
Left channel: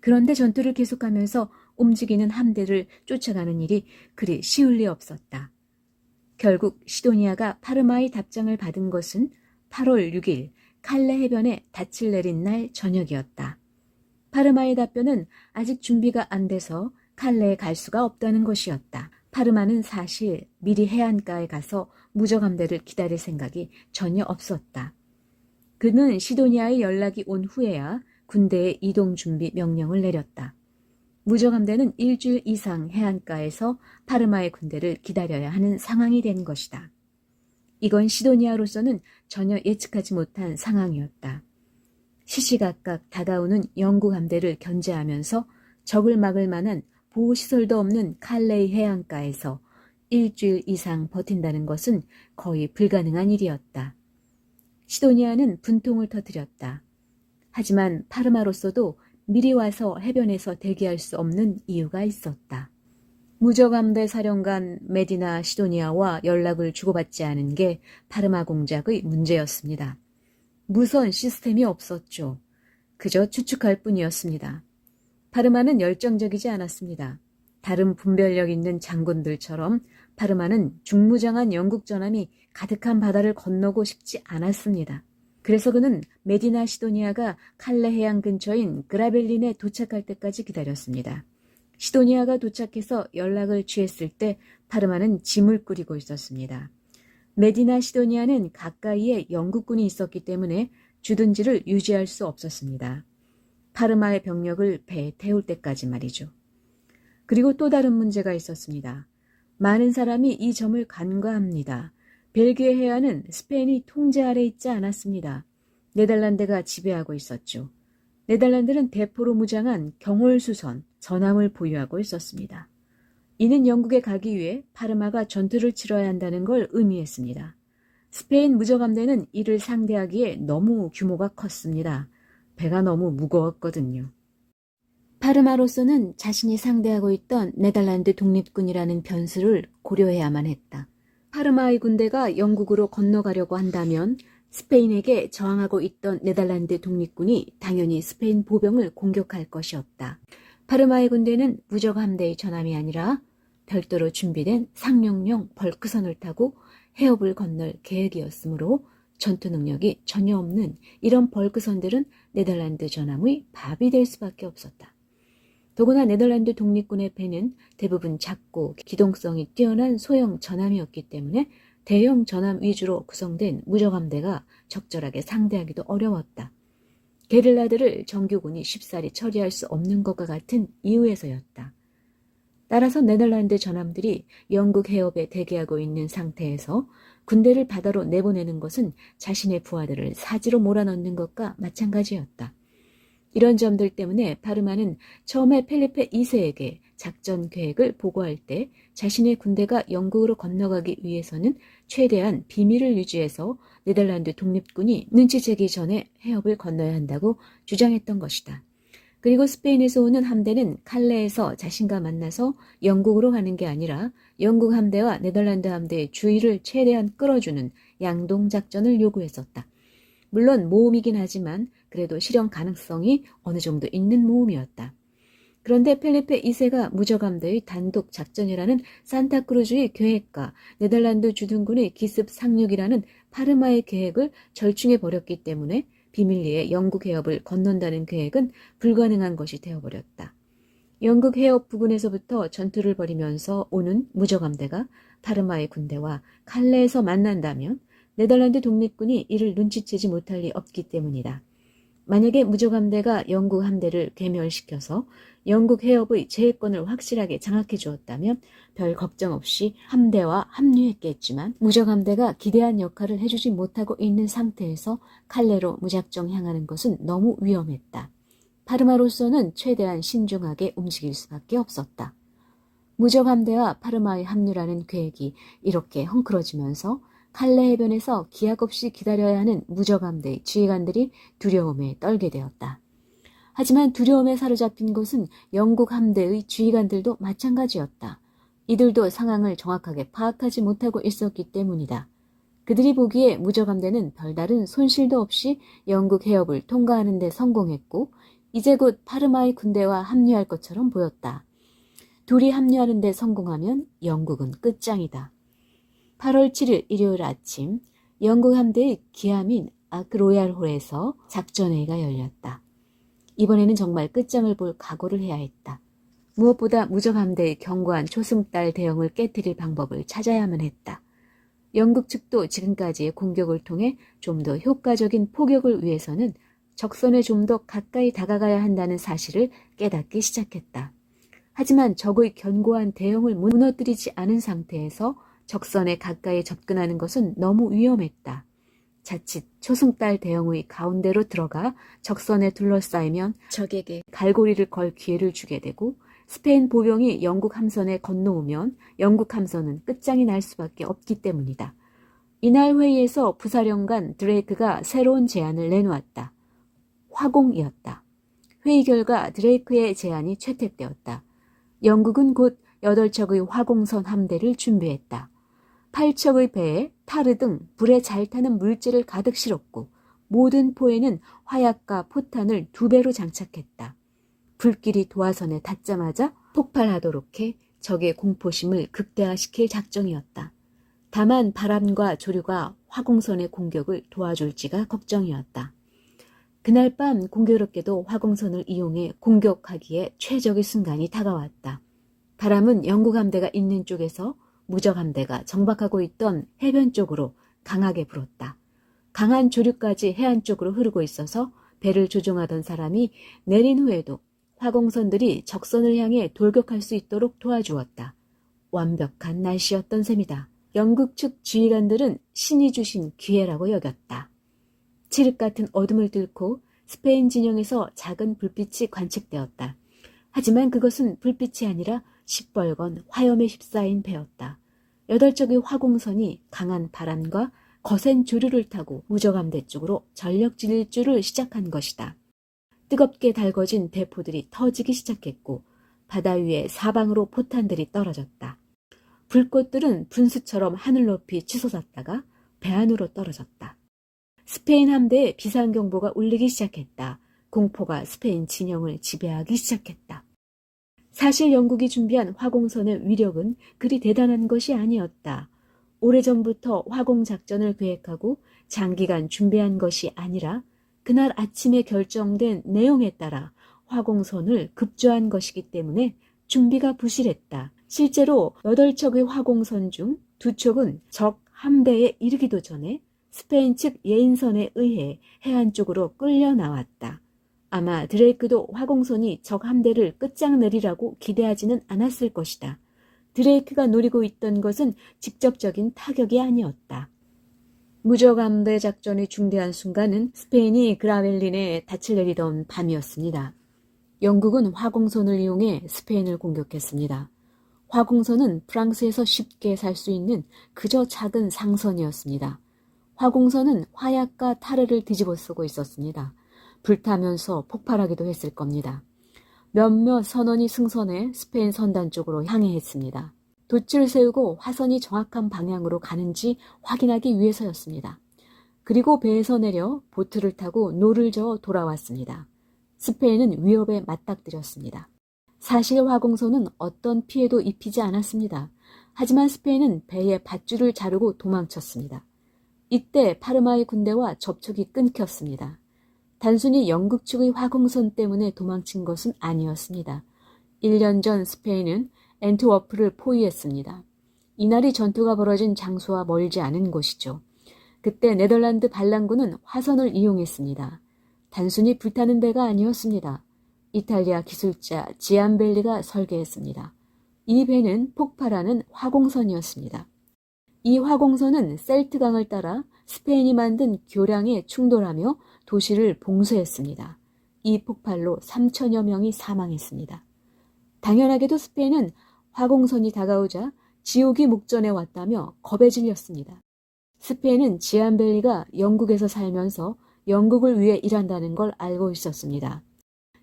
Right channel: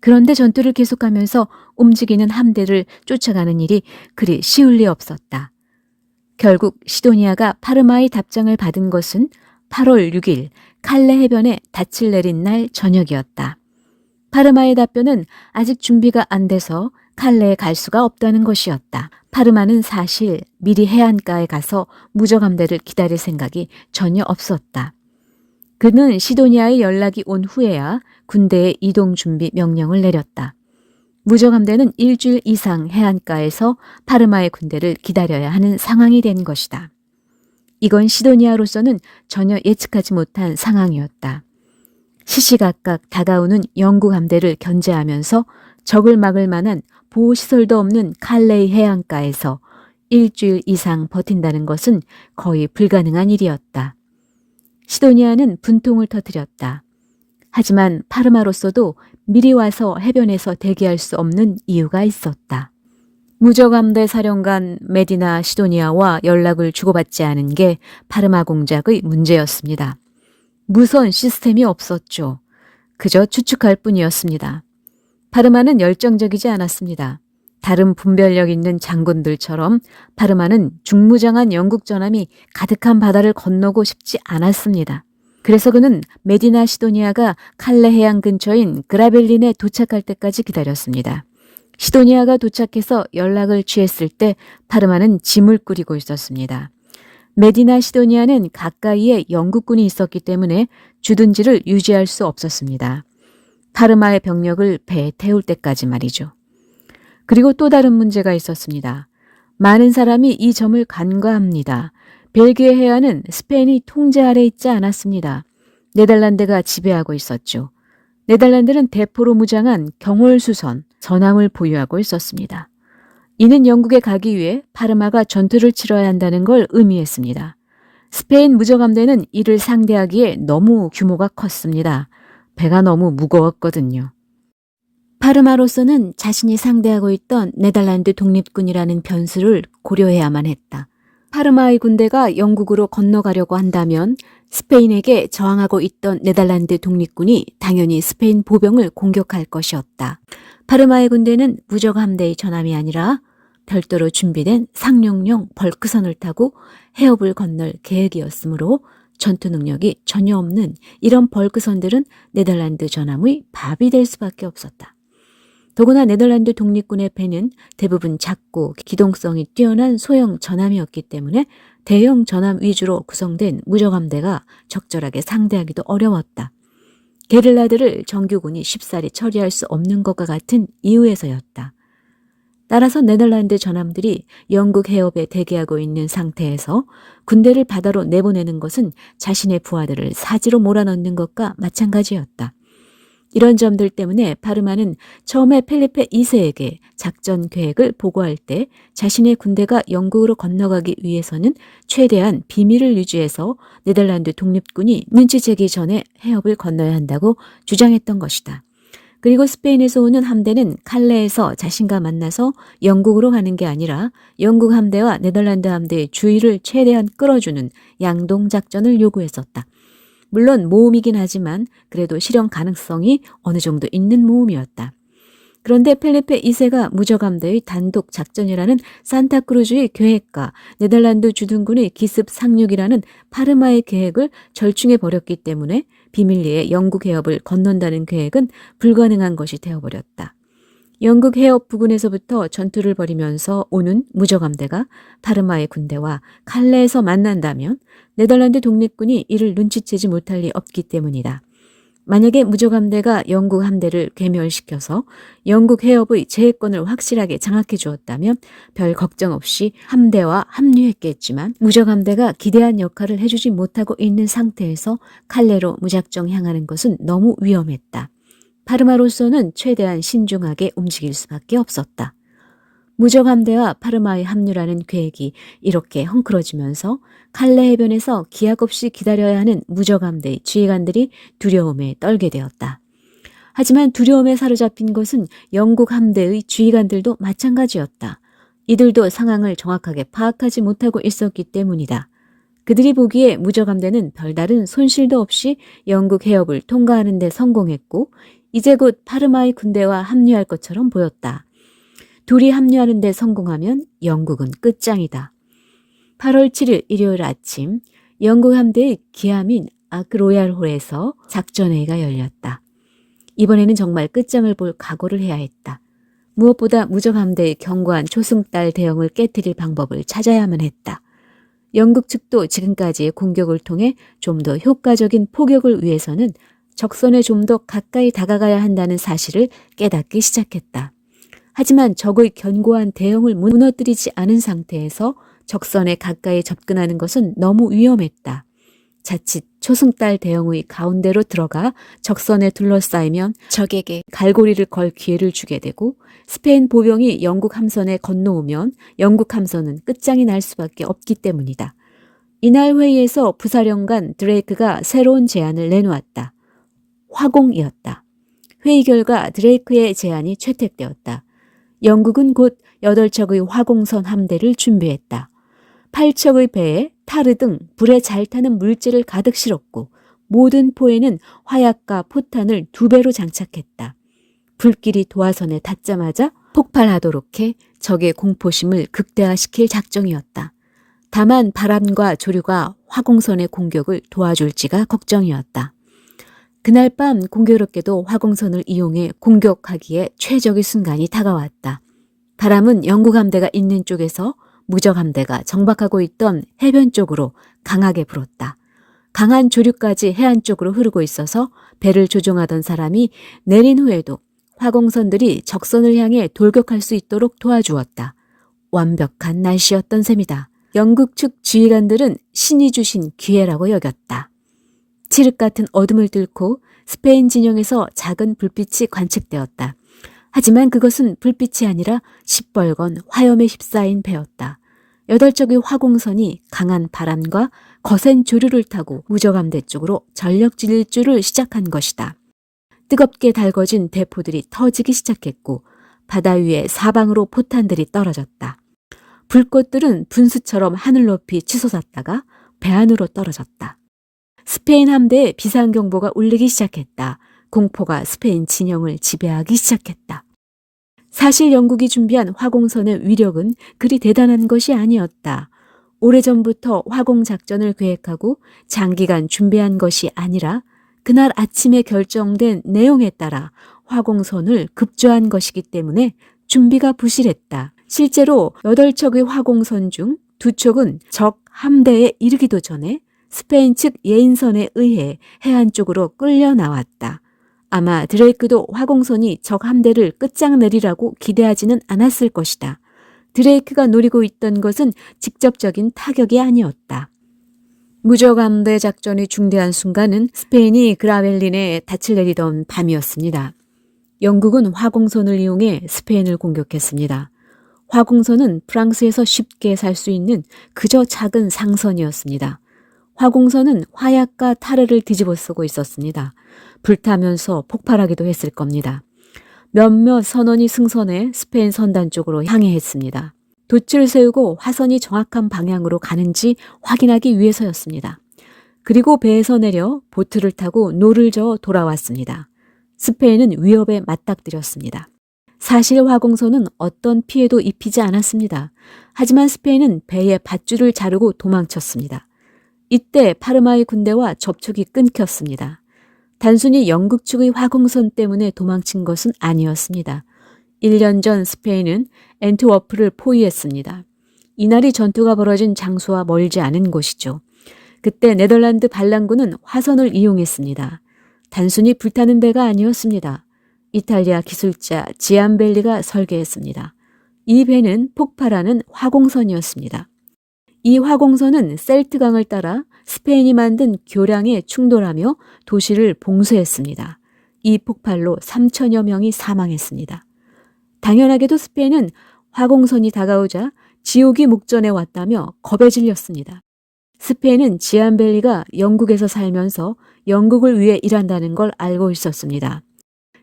그런데 전투를 계속하면서 움직이는 함대를 쫓아가는 일이 그리 쉬울 리 없었다. 결국 시도니아가 파르마의 답장을 받은 것은 8월 6일 칼레 해변에 닻을 내린 날 저녁이었다. 파르마의 답변은 아직 준비가 안 돼서 칼레에 갈 수가 없다는 것이었다. 파르마는 사실 미리 해안가에 가서 무적함대를 기다릴 생각이 전혀 없었다. 그는 시도니아의 연락이 온 후에야 군대의 이동 준비 명령을 내렸다. 무적함대는 일주일 이상 해안가에서 파르마의 군대를 기다려야 하는 상황이 된 것이다. 이건 시도니아로서는 전혀 예측하지 못한 상황이었다. 시시각각 다가오는 영국 함대를 견제하면서 적을 막을 만한 보호시설도 없는 칼레이 해안가에서 일주일 이상 버틴다는 것은 거의 불가능한 일이었다. 시도니아는 분통을 터뜨렸다. 하지만 파르마로서도 미리 와서 해변에서 대기할 수 없는 이유가 있었다. 무적함대 사령관 메디나 시도니아와 연락을 주고받지 않은 게 파르마 공작의 문제였습니다. 무선 시스템이 없었죠. 그저 추측할 뿐이었습니다. 파르마는 열정적이지 않았습니다. 다른 분별력 있는 장군들처럼 파르마는 중무장한 영국 전함이 가득한 바다를 건너고 싶지 않았습니다. 그래서 그는 메디나 시도니아가 칼레 해안 근처인 그라벨린에 도착할 때까지 기다렸습니다. 시도니아가 도착해서 연락을 취했을 때 파르마는 짐을 꾸리고 있었습니다. 메디나 시도니아는 가까이에 영국군이 있었기 때문에 주둔지를 유지할 수 없었습니다. 파르마의 병력을 배에 태울 때까지 말이죠. 그리고 또 다른 문제가 있었습니다. 많은 사람이 이 점을 간과합니다. 벨기에 해안은 스페인이 통제 아래 있지 않았습니다. 네덜란드가 지배하고 있었죠. 네덜란드는 대포로 무장한 경홀수선, 전함을 보유하고 있었습니다. 이는 영국에 가기 위해 파르마가 전투를 치러야 한다는 걸 의미했습니다. 스페인 무적함대는 이를 상대하기에 너무 규모가 컸습니다. 배가 너무 무거웠거든요. 파르마로서는 자신이 상대하고 있던 네덜란드 독립군이라는 변수를 고려해야만 했다. 파르마의 군대가 영국으로 건너가려고 한다면 스페인에게 저항하고 있던 네덜란드 독립군이 당연히 스페인 보병을 공격할 것이었다. 파르마의 군대는 무적 함대의 전함이 아니라 별도로 준비된 상륙용 벌크선을 타고 해협을 건널 계획이었으므로 전투 능력이 전혀 없는 이런 벌크선들은 네덜란드 전함의 밥이 될 수밖에 없었다. 더구나 네덜란드 독립군의 배는 대부분 작고 기동성이 뛰어난 소형 전함이었기 때문에 대형 전함 위주로 구성된 무적함대가 적절하게 상대하기도 어려웠다. 게릴라들을 정규군이 쉽사리 처리할 수 없는 것과 같은 이유에서였다. 따라서 네덜란드 전함들이 영국 해협에 대기하고 있는 상태에서 군대를 바다로 내보내는 것은 자신의 부하들을 사지로 몰아넣는 것과 마찬가지였다. 이런 점들 때문에 파르마는 처음에 펠리페 2세에게 작전 계획을 보고할 때 자신의 군대가 영국으로 건너가기 위해서는 최대한 비밀을 유지해서 네덜란드 독립군이 눈치채기 전에 해협을 건너야 한다고 주장했던 것이다. 그리고 스페인에서 오는 함대는 칼레에서 자신과 만나서 영국으로 가는 게 아니라 영국 함대와 네덜란드 함대의 주의를 최대한 끌어주는 양동작전을 요구했었다. 물론 모험이긴 하지만 그래도 실현 가능성이 어느 정도 있는 모험이었다. 그런데 펠리페 2세가 무적함대의 단독 작전이라는 산타크루즈의 계획과 네덜란드 주둔군의 기습 상륙이라는 파르마의 계획을 절충해버렸기 때문에 비밀리에 영국 해협을 건넌다는 계획은 불가능한 것이 되어버렸다. 영국 해협 부근에서부터 전투를 벌이면서 오는 무적함대가 파르마의 군대와 칼레에서 만난다면 네덜란드 독립군이 이를 눈치채지 못할 리 없기 때문이다. 만약에 무적함대가 영국 함대를 괴멸시켜서 영국 해협의 제해권을 확실하게 장악해 주었다면 별 걱정 없이 함대와 합류했겠지만 무적함대가 기대한 역할을 해주지 못하고 있는 상태에서 칼레로 무작정 향하는 것은 너무 위험했다. 파르마로서는 최대한 신중하게 움직일 수밖에 없었다. 무적함대와 파르마의 합류라는 계획이 이렇게 헝클어지면서 칼레 해변에서 기약 없이 기다려야 하는 무적함대의 지휘관들이 두려움에 떨게 되었다. 하지만 두려움에 사로잡힌 것은 영국 함대의 지휘관들도 마찬가지였다. 이들도 상황을 정확하게 파악하지 못하고 있었기 때문이다. 그들이 보기에 무적함대는 별다른 손실도 없이 영국 해협을 통과하는 데 성공했고 이제 곧 파르마의 군대와 합류할 것처럼 보였다. 둘이 합류하는 데 성공하면 영국은 끝장이다. 8월 7일 일요일 아침 영국 함대의 기함인 아크로얄홀에서 작전회의가 열렸다. 이번에는 정말 끝장을 볼 각오를 해야 했다. 무엇보다 무적함대의 견고한 초승달 대형을 깨뜨릴 방법을 찾아야만 했다. 영국 측도 지금까지의 공격을 통해 좀 더 효과적인 포격을 위해서는 적선에 좀 더 가까이 다가가야 한다는 사실을 깨닫기 시작했다. 하지만 적의 견고한 대형을 무너뜨리지 않은 상태에서 적선에 가까이 접근하는 것은 너무 위험했다. 자칫 초승달 대형의 가운데로 들어가 적선에 둘러싸이면 적에게 갈고리를 걸 기회를 주게 되고 스페인 보병이 영국 함선에 건너오면 영국 함선은 끝장이 날 수밖에 없기 때문이다. 이날 회의에서 부사령관 드레이크가 새로운 제안을 내놓았다. 화공이었다. 회의 결과 드레이크의 제안이 채택되었다. 영국은 곧 8척의 화공선 함대를 준비했다. 8척의 배에 타르 등 불에 잘 타는 물질을 가득 실었고 모든 포에는 화약과 포탄을 2배로 장착했다. 불길이 도화선에 닿자마자 폭발하도록 해 적의 공포심을 극대화시킬 작정이었다. 다만 바람과 조류가 화공선의 공격을 도와줄지가 걱정이었다. 그날 밤 공교롭게도 화공선을 이용해 공격하기에 최적의 순간이 다가왔다. 바람은 영국 함대가 있는 쪽에서 무적 함대가 정박하고 있던 해변 쪽으로 강하게 불었다. 강한 조류까지 해안 쪽으로 흐르고 있어서 배를 조종하던 사람이 내린 후에도 화공선들이 적선을 향해 돌격할 수 있도록 도와주었다. 완벽한 날씨였던 셈이다. 영국 측 지휘관들은 신이 주신 기회라고 여겼다. 칠흑 같은 어둠을 뚫고 스페인 진영에서 작은 불빛이 관측되었다. 하지만 그것은 불빛이 아니라 시뻘건 화염에 휩싸인 배였다. 8척의 화공선이 강한 바람과 거센 조류를 타고 무적함대 쪽으로 전력 질주를 시작한 것이다. 뜨겁게 달궈진 대포들이 터지기 시작했고 바다 위에 사방으로 포탄들이 떨어졌다. 불꽃들은 분수처럼 하늘 높이 치솟았다가 배 안으로 떨어졌다. 스페인 함대에 비상경보가 울리기 시작했다. 공포가 스페인 진영을 지배하기 시작했다. 사실 영국이 준비한 화공선의 위력은 그리 대단한 것이 아니었다. 오래전부터 화공작전을 계획하고 장기간 준비한 것이 아니라 그날 아침에 결정된 내용에 따라 화공선을 급조한 것이기 때문에 준비가 부실했다. 실제로 8척의 화공선 중 2척은 적 함대에 이르기도 전에 스페인 측 예인선에 의해 해안 쪽으로 끌려 나왔다. 아마 드레이크도 화공선이 적 함대를 끝장내리라고 기대하지는 않았을 것이다. 드레이크가 노리고 있던 것은 직접적인 타격이 아니었다. 무적함대 작전이 중대한 순간은 스페인이 그라벨린에 닻을 내리던 밤이었습니다. 영국은 화공선을 이용해 스페인을 공격했습니다. 화공선은 프랑스에서 쉽게 살 수 있는 그저 작은 상선이었습니다. 화공선은 화약과 타르를 뒤집어 쓰고 있었습니다. 불타면서 폭발하기도 했을 겁니다. 몇몇 선원이 승선해 스페인 선단 쪽으로 향해 했습니다. 돛을 세우고 화선이 정확한 방향으로 가는지 확인하기 위해서였습니다. 그리고 배에서 내려 보트를 타고 노를 저어 돌아왔습니다. 스페인은 위협에 맞닥뜨렸습니다. 사실 화공선은 어떤 피해도 입히지 않았습니다. 하지만 스페인은 배의 밧줄을 자르고 도망쳤습니다. 이때 파르마의 군대와 접촉이 끊겼습니다. 단순히 영국 측의 화공선 때문에 도망친 것은 아니었습니다. 1년 전 스페인은 앤트워프를 포위했습니다. 이날이 전투가 벌어진 장소와 멀지 않은 곳이죠. 그때 네덜란드 반란군은 화선을 이용했습니다. 단순히 불타는 배가 아니었습니다. 이탈리아 기술자 지암벨리가 설계했습니다. 이 배는 폭발하는 화공선이었습니다. 이 화공선은 셀트강을 따라 스페인이 만든 교량에 충돌하며 도시를 봉쇄했습니다. 이 폭발로 3천여 명이 사망했습니다. 당연하게도 스페인은 화공선이 다가오자 지옥이 목전에 왔다며 겁에 질렸습니다. 스페인은 지암벨리가 영국에서 살면서 영국을 위해 일한다는 걸 알고 있었습니다.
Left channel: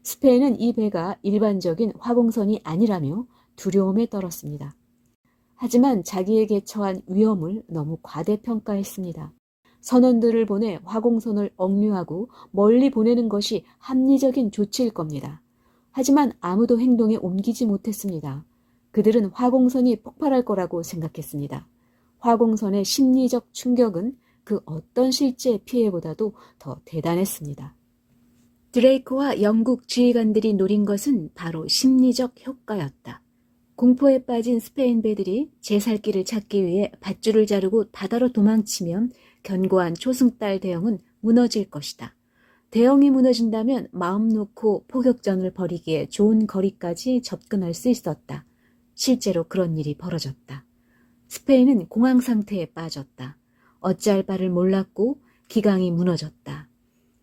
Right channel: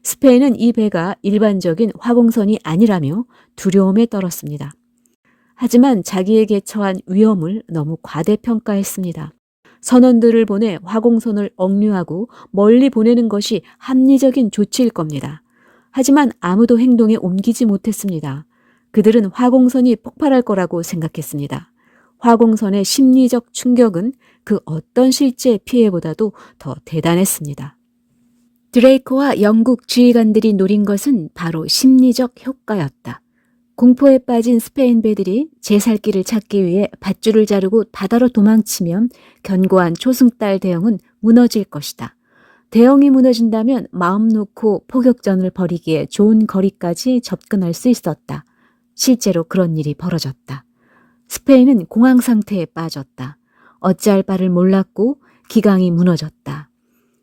스페인은 이 배가 일반적인 화공선이 아니라며 두려움에 떨었습니다. 하지만 자기에게 처한 위험을 너무 과대평가했습니다. 선원들을 보내 화공선을 억류하고 멀리 보내는 것이 합리적인 조치일 겁니다. 하지만 아무도 행동에 옮기지 못했습니다. 그들은 화공선이 폭발할 거라고 생각했습니다. 화공선의 심리적 충격은 그 어떤 실제 피해보다도 더 대단했습니다. 드레이크와 영국 지휘관들이 노린 것은 바로 심리적 효과였다. 공포에 빠진 스페인 배들이 제살길을 찾기 위해 밧줄을 자르고 바다로 도망치면 견고한 초승달 대형은 무너질 것이다. 대형이 무너진다면 마음 놓고 포격전을 벌이기에 좋은 거리까지 접근할 수 있었다. 실제로 그런 일이 벌어졌다. 스페인은 공황 상태에 빠졌다. 어찌할 바를 몰랐고 기강이 무너졌다.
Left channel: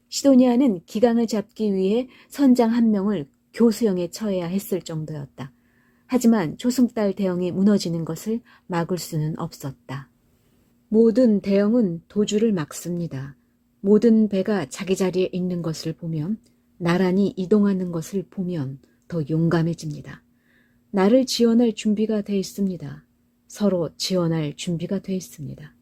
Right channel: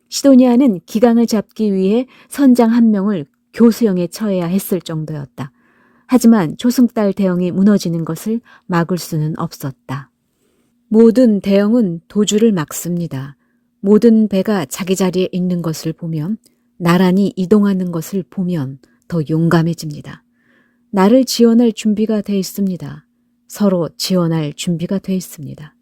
시도니아는 기강을 잡기 위해 선장 한 명을 교수형에 처해야 했을 정도였다. 하지만 초승달 대형이 무너지는 것을 막을 수는 없었다. 모든 대형은 도주를 막습니다. 모든 배가 자기 자리에 있는 것을 보면, 나란히 이동하는 것을 보면 더 용감해집니다. 나를 지원할 준비가 돼 있습니다. 서로 지원할 준비가 돼 있습니다.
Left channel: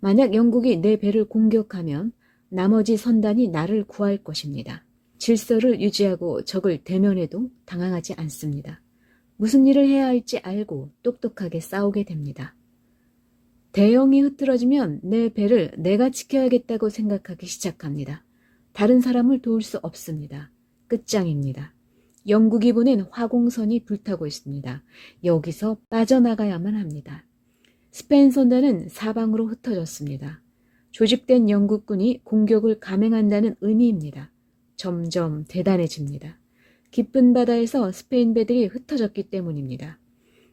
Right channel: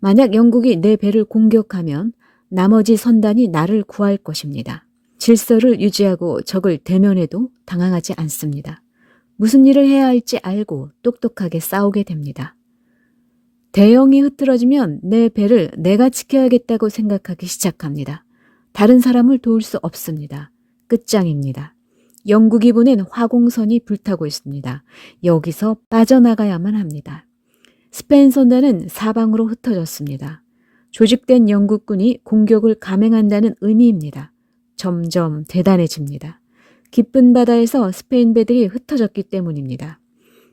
만약 영국이 내 배를 공격하면 나머지 선단이 나를 구할 것입니다. 질서를 유지하고 적을 대면해도 당황하지 않습니다. 무슨 일을 해야 할지 알고 똑똑하게 싸우게 됩니다. 대형이 흐트러지면 내 배를 내가 지켜야겠다고 생각하기 시작합니다. 다른 사람을 도울 수 없습니다. 끝장입니다. 영국이 보낸 화공선이 불타고 있습니다. 여기서 빠져나가야만 합니다. 스페인 선단은 사방으로 흩어졌습니다. 조직된 영국군이 공격을 감행한다는 의미입니다. 점점 대단해집니다. 깊은 바다에서 스페인 배들이 흩어졌기 때문입니다.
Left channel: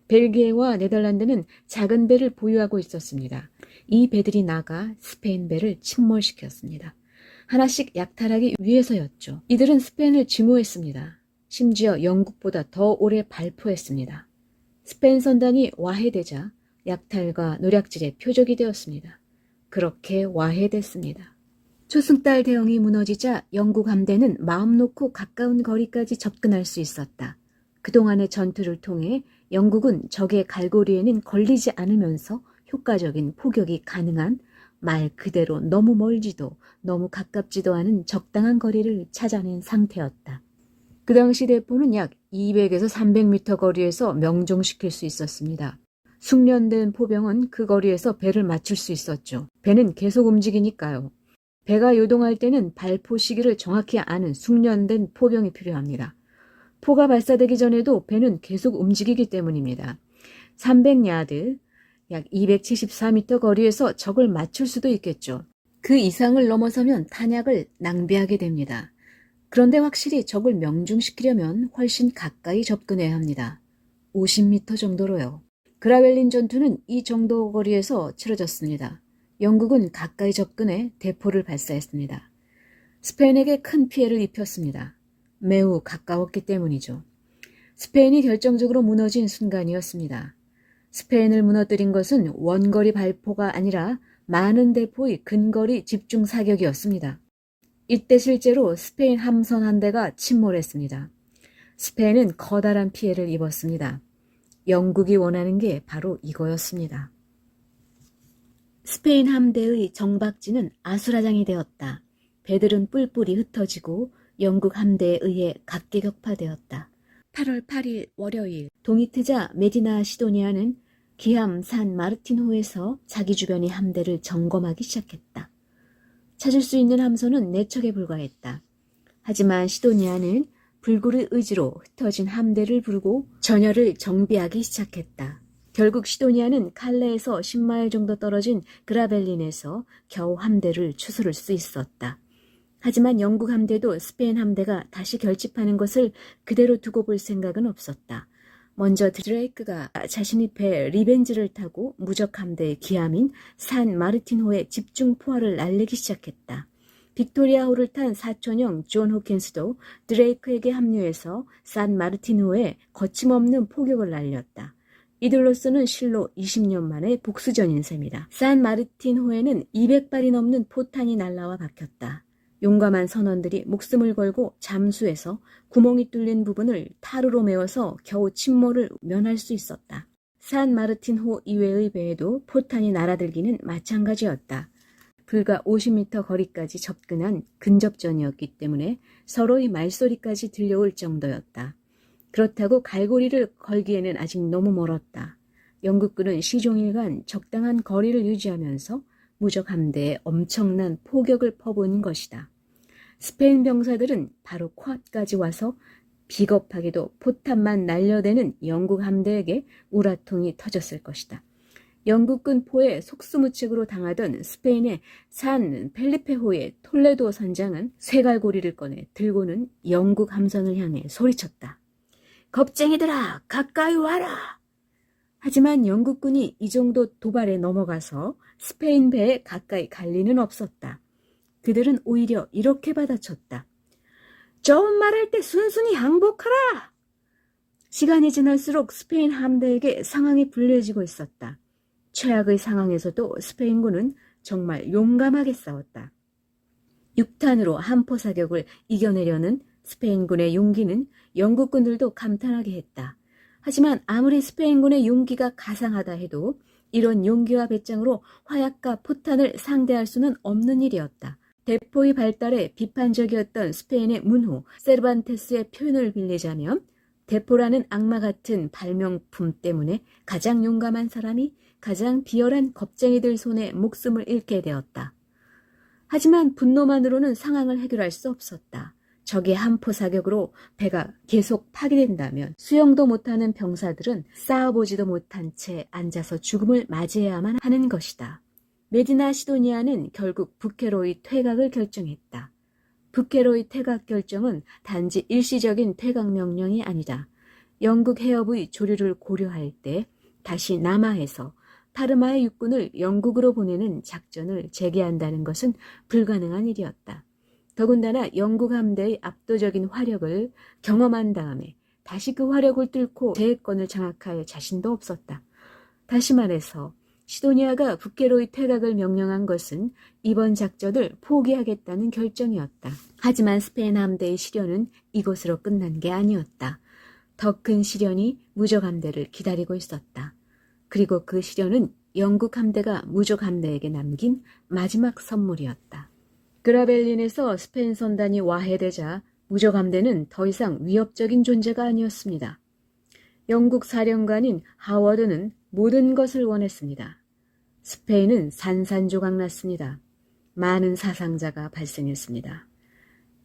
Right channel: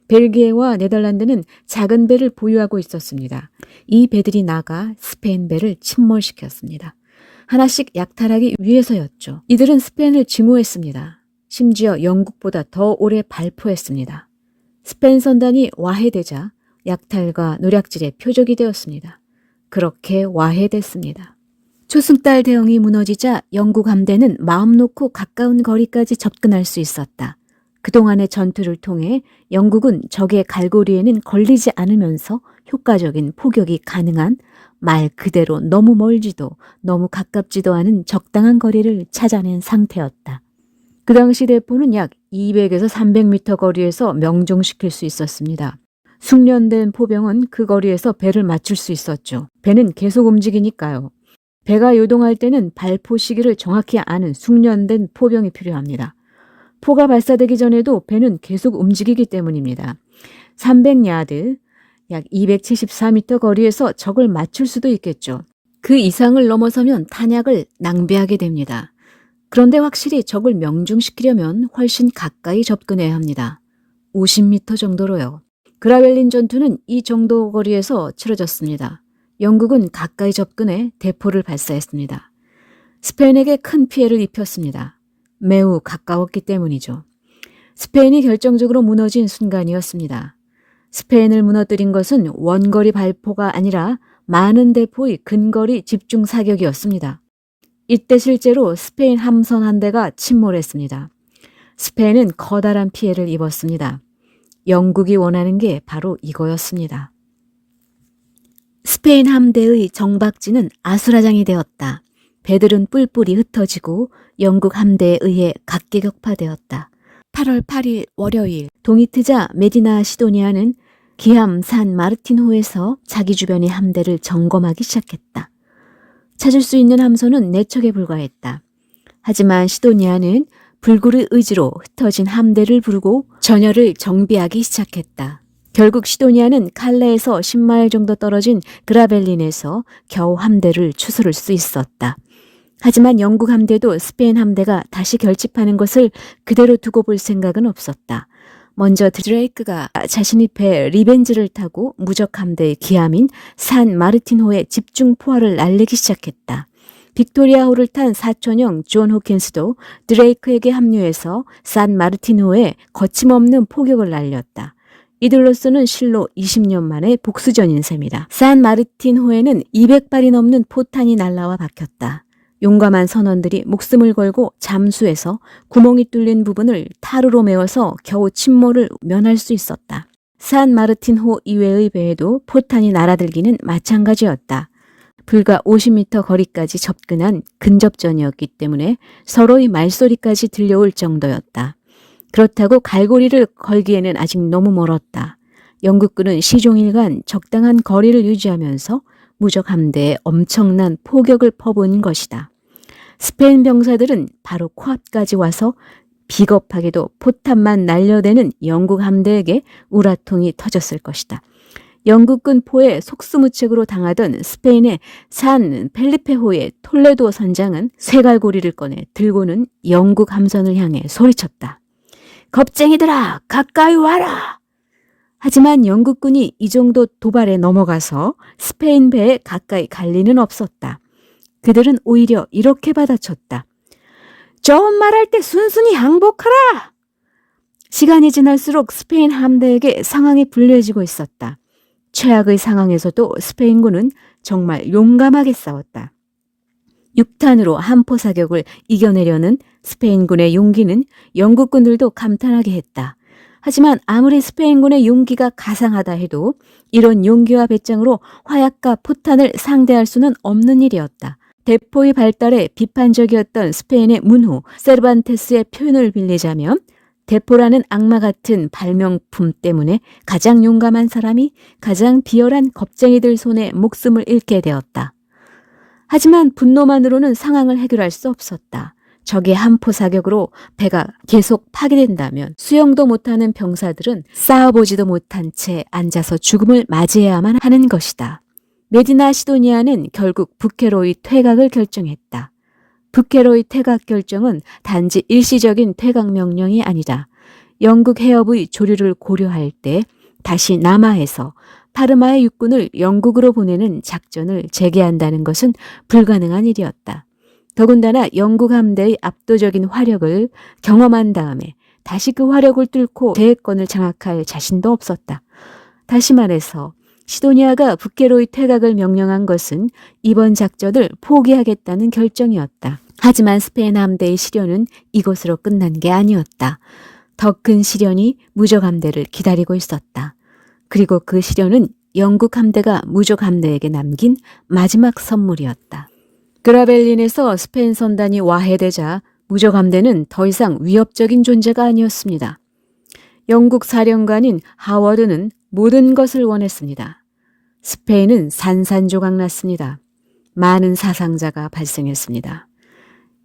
벨기에와 네덜란드는 작은 배를 보유하고 있었습니다. 이 배들이 나가 스페인 배를 침몰시켰습니다. 하나씩 약탈하기 위해서였죠. 이들은 스페인을 증오했습니다. 심지어 영국보다 더 오래 발포했습니다. 스페인 선단이 와해되자 약탈과 노략질의 표적이 되었습니다. 그렇게 와해됐습니다. 초승달 대응이 무너지자 영국 함대는 마음 놓고 가까운 거리까지 접근할 수 있었다. 그동안의 전투를 통해 영국은 적의 갈고리에는 걸리지 않으면서 효과적인 포격이 가능한 말 그대로 너무 멀지도 너무 가깝지도 않은 적당한 거리를 찾아낸 상태였다. 그 당시 대포는 약 200에서 300m 거리에서 명중시킬 수 있었습니다. 숙련된 포병은 그 거리에서 배를 맞출 수 있었죠. 배는 계속 움직이니까요. 배가 요동할 때는 발포 시기를 정확히 아는 숙련된 포병이 필요합니다. 포가 발사되기 전에도 배는 계속 움직이기 때문입니다. 300야드, 약 274m 거리에서 적을 맞출 수도 있겠죠. 그 이상을 넘어서면 탄약을 낭비하게 됩니다. 그런데 확실히 적을 명중시키려면 훨씬 가까이 접근해야 합니다. 50m 정도로요. 그라벨린 전투는 이 정도 거리에서 치러졌습니다. 영국은 가까이 접근해 대포를 발사했습니다. 스페인에게 큰 피해를 입혔습니다. 매우 가까웠기 때문이죠. 스페인이 결정적으로 무너진 순간이었습니다. 스페인을 무너뜨린 것은 원거리 발포가 아니라 많은 대포의 근거리 집중 사격이었습니다. 이때 실제로 스페인 함선 한 대가 침몰했습니다. 스페인은 커다란 피해를 입었습니다. 영국이 원하는 게 바로 이거였습니다. 스페인 함대의 정박지는 아수라장이 되었다. 배들은 뿔뿔이 흩어지고 영국 함대에 의해 각계격파되었다. 8월 8일 월요일 동이 트자 메디나 시도니아는 기함 산 마르틴호에서 자기 주변의 함대를 점검하기 시작했다. 찾을 수 있는 함선은 4척에 불과했다. 하지만 시도니아는 불굴의 의지로 흩어진 함대를 부르고 전열을 정비하기 시작했다. 결국 시도니아는 칼레에서 10마일 정도 떨어진 그라벨린에서 겨우 함대를 추스를 수 있었다. 하지만 영국 함대도 스페인 함대가 다시 결집하는 것을 그대로 두고 볼 생각은 없었다. 먼저 드레이크가 자신의 배 리벤지를 타고 무적 함대의 기함인 산 마르틴호에 집중 포화를 날리기 시작했다. 빅토리아호를 탄 사촌형 존 호킨스도 드레이크에게 합류해서 산 마르틴호에 거침없는 포격을 날렸다. 이들로서는 실로 20년 만에 복수전인 셈이다. 산 마르틴호에는 200발이 넘는 포탄이 날라와 박혔다. 용감한 선원들이 목숨을 걸고 잠수해서 구멍이 뚫린 부분을 타르로 메워서 겨우 침몰을 면할 수 있었다. 산 마르틴호 이외의 배에도 포탄이 날아들기는 마찬가지였다. 불과 50m 거리까지 접근한 근접전이었기 때문에 서로의 말소리까지 들려올 정도였다. 그렇다고 갈고리를 걸기에는 아직 너무 멀었다. 영국군은 시종일관 적당한 거리를 유지하면서 무적 함대에 엄청난 포격을 퍼부은 것이다. 스페인 병사들은 바로 코앞까지 와서 비겁하게도 포탄만 날려대는 영국 함대에게 우라통이 터졌을 것이다. 영국군 포에 속수무책으로 당하던 스페인의 산 펠리페호의 톨레도 선장은 쇠갈고리를 꺼내 들고는 영국 함선을 향해 소리쳤다. 겁쟁이들아, 가까이 와라! 하지만 영국군이 이 정도 도발에 넘어가서 스페인 배에 가까이 갈 리는 없었다. 그들은 오히려 이렇게 받아쳤다. 좋은 말할 때 순순히 항복하라! 시간이 지날수록 스페인 함대에게 상황이 불리해지고 있었다. 최악의 상황에서도 스페인군은 정말 용감하게 싸웠다. 6탄으로 함포 사격을 이겨내려는 스페인군의 용기는 영국군들도 감탄하게 했다. 하지만 아무리 스페인군의 용기가 가상하다 해도 이런 용기와 배짱으로 화약과 포탄을 상대할 수는 없는 일이었다. 대포의 발달에 비판적이었던 스페인의 문호 세르반테스의 표현을 빌리자면 대포라는 악마 같은 발명품 때문에 가장 용감한 사람이 가장 비열한 겁쟁이들 손에 목숨을 잃게 되었다. 하지만 분노만으로는 상황을 해결할 수 없었다. 적의 함포 사격으로 배가 계속 파괴된다면 수영도 못하는 병사들은 싸워보지도 못한 채 앉아서 죽음을 맞이해야만 하는 것이다. 메디나 시도니아는 결국 부케로의 퇴각을 결정했다. 부케로의 퇴각 결정은 단지 일시적인 퇴각 명령이 아니다. 영국 해협의 조류를 고려할 때 다시 남하에서 파르마의 육군을 영국으로 보내는 작전을 재개한다는 것은 불가능한 일이었다. 더군다나 영국 함대의 압도적인 화력을 경험한 다음에 다시 그 화력을 뚫고 대해권을 장악할 자신도 없었다. 다시 말해서 시도니아가 북해로의 퇴각을 명령한 것은 이번 작전을 포기하겠다는 결정이었다. 하지만 스페인 함대의 시련은 이것으로 끝난 게 아니었다. 더 큰 시련이 무적 함대를 기다리고 있었다. 그리고 그 시련은 영국 함대가 무적 함대에게 남긴 마지막 선물이었다. 그라벨린에서 스페인 선단이 와해되자 무적 함대는 더 이상 위협적인 존재가 아니었습니다. 영국 사령관인 하워드는 모든 것을 원했습니다. 스페인은 산산조각 났습니다. 많은 사상자가 발생했습니다.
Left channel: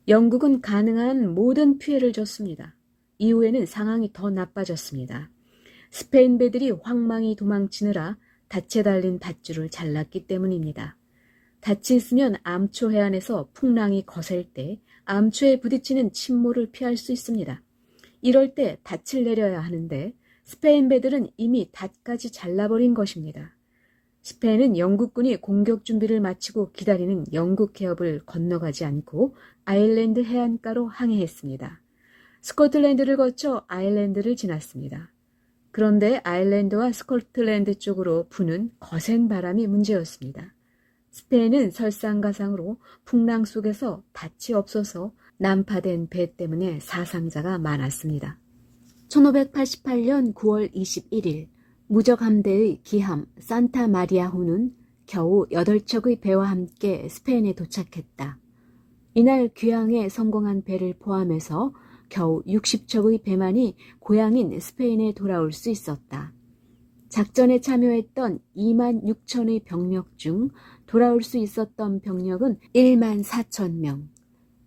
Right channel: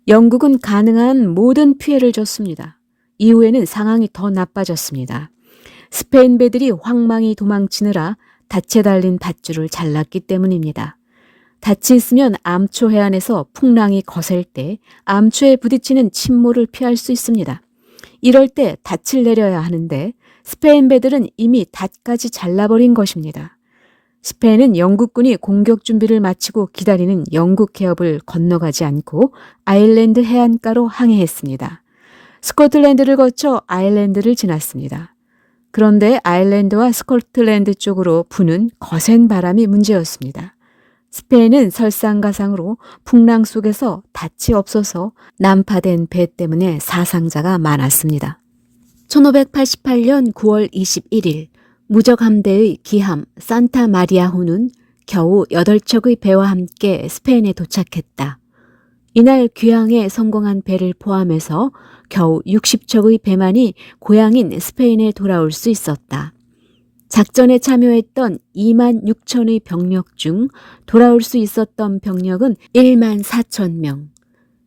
영국은 가능한 모든 피해를 줬습니다. 이후에는 상황이 더 나빠졌습니다. 스페인 배들이 황망히 도망치느라 닻에 달린 밧줄을 잘랐기 때문입니다. 닻이 있으면 암초 해안에서 풍랑이 거셀 때 암초에 부딪히는 침몰을 피할 수 있습니다. 이럴 때 닻을 내려야 하는데 스페인 배들은 이미 닻까지 잘라버린 것입니다. 스페인은 영국군이 공격 준비를 마치고 기다리는 영국 해협을 건너가지 않고 아일랜드 해안가로 항해했습니다. 스코틀랜드를 거쳐 아일랜드를 지났습니다. 그런데 아일랜드와 스코틀랜드 쪽으로 부는 거센 바람이 문제였습니다. 스페인은 설상가상으로 풍랑 속에서 닻이 없어서 난파된 배 때문에 사상자가 많았습니다. 1588년 9월 21일 무적 함대의 기함 산타 마리아호는 겨우 8척의 배와 함께 스페인에 도착했다. 이날 귀향에 성공한 배를 포함해서 겨우 60척의 배만이 고향인 스페인에 돌아올 수 있었다. 작전에 참여했던 2만 6천의 병력 중 돌아올 수 있었던 병력은 1만 4천 명.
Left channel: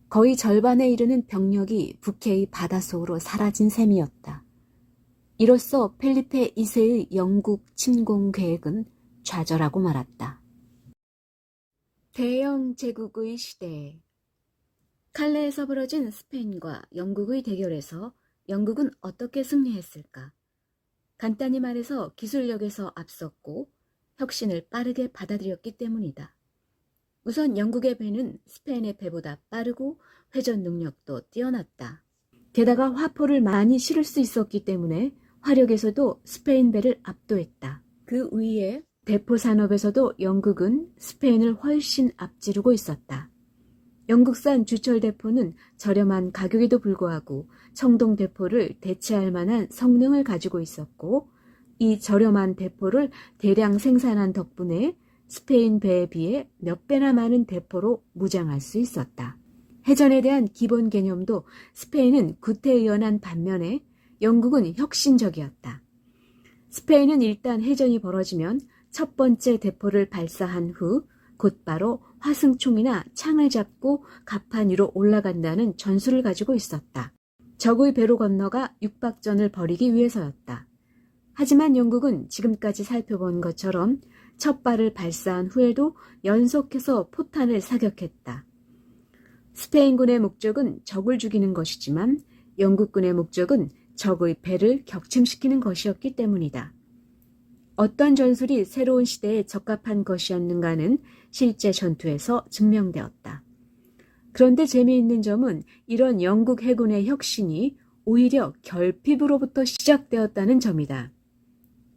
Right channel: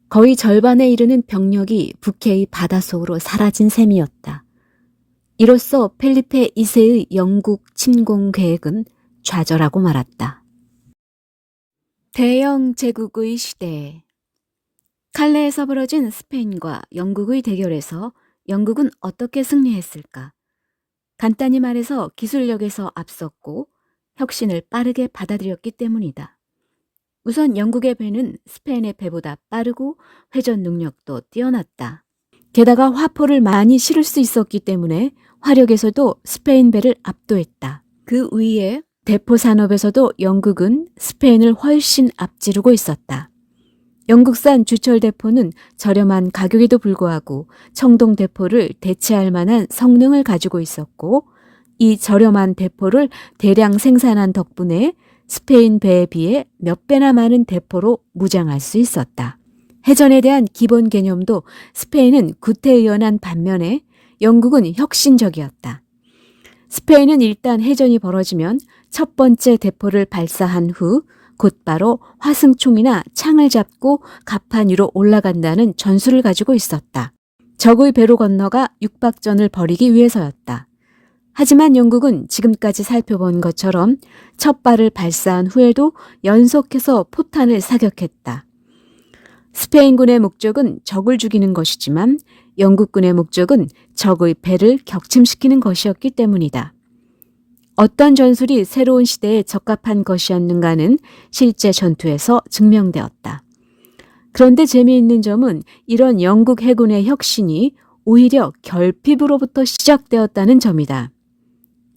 거의 절반에 이르는 병력이 북해의 바닷속으로 사라진 셈이었다. 이로써 펠리페 2세의 영국 침공 계획은 좌절하고 말았다. 대영 제국의 시대. 칼레에서 벌어진 스페인과 영국의 대결에서 영국은 어떻게 승리했을까? 간단히 말해서 기술력에서 앞섰고 혁신을 빠르게 받아들였기 때문이다. 우선 영국의 배는 스페인의 배보다 빠르고 회전 능력도 뛰어났다. 게다가 화포를 많이 실을 수 있었기 때문에 화력에서도 스페인 배를 압도했다. 그 위에 대포 산업에서도 영국은 스페인을 훨씬 앞지르고 있었다. 영국산 주철 대포는 저렴한 가격에도 불구하고 청동 대포를 대체할 만한 성능을 가지고 있었고 이 저렴한 대포를 대량 생산한 덕분에 스페인 배에 비해 몇 배나 많은 대포로 무장할 수 있었다. 해전에 대한 기본 개념도 스페인은 구태의연한 반면에 영국은 혁신적이었다. 스페인은 일단 해전이 벌어지면 첫 번째 대포를 발사한 후 곧바로 화승총이나 창을 잡고 갑판 위로 올라간다는 전술을 가지고 있었다. 적의 배로 건너가 육박전을 벌이기 위해서였다. 하지만 영국은 지금까지 살펴본 것처럼 첫 발을 발사한 후에도 연속해서 포탄을 사격했다. 스페인군의 목적은 적을 죽이는 것이지만 영국군의 목적은 적의 배를 격침시키는 것이었기 때문이다. 어떤 전술이 새로운 시대에 적합한 것이었는가는 실제 전투에서 증명되었다. 그런데 재미있는 점은 이런 영국 해군의 혁신이 오히려 결핍으로부터 시작되었다는 점이다.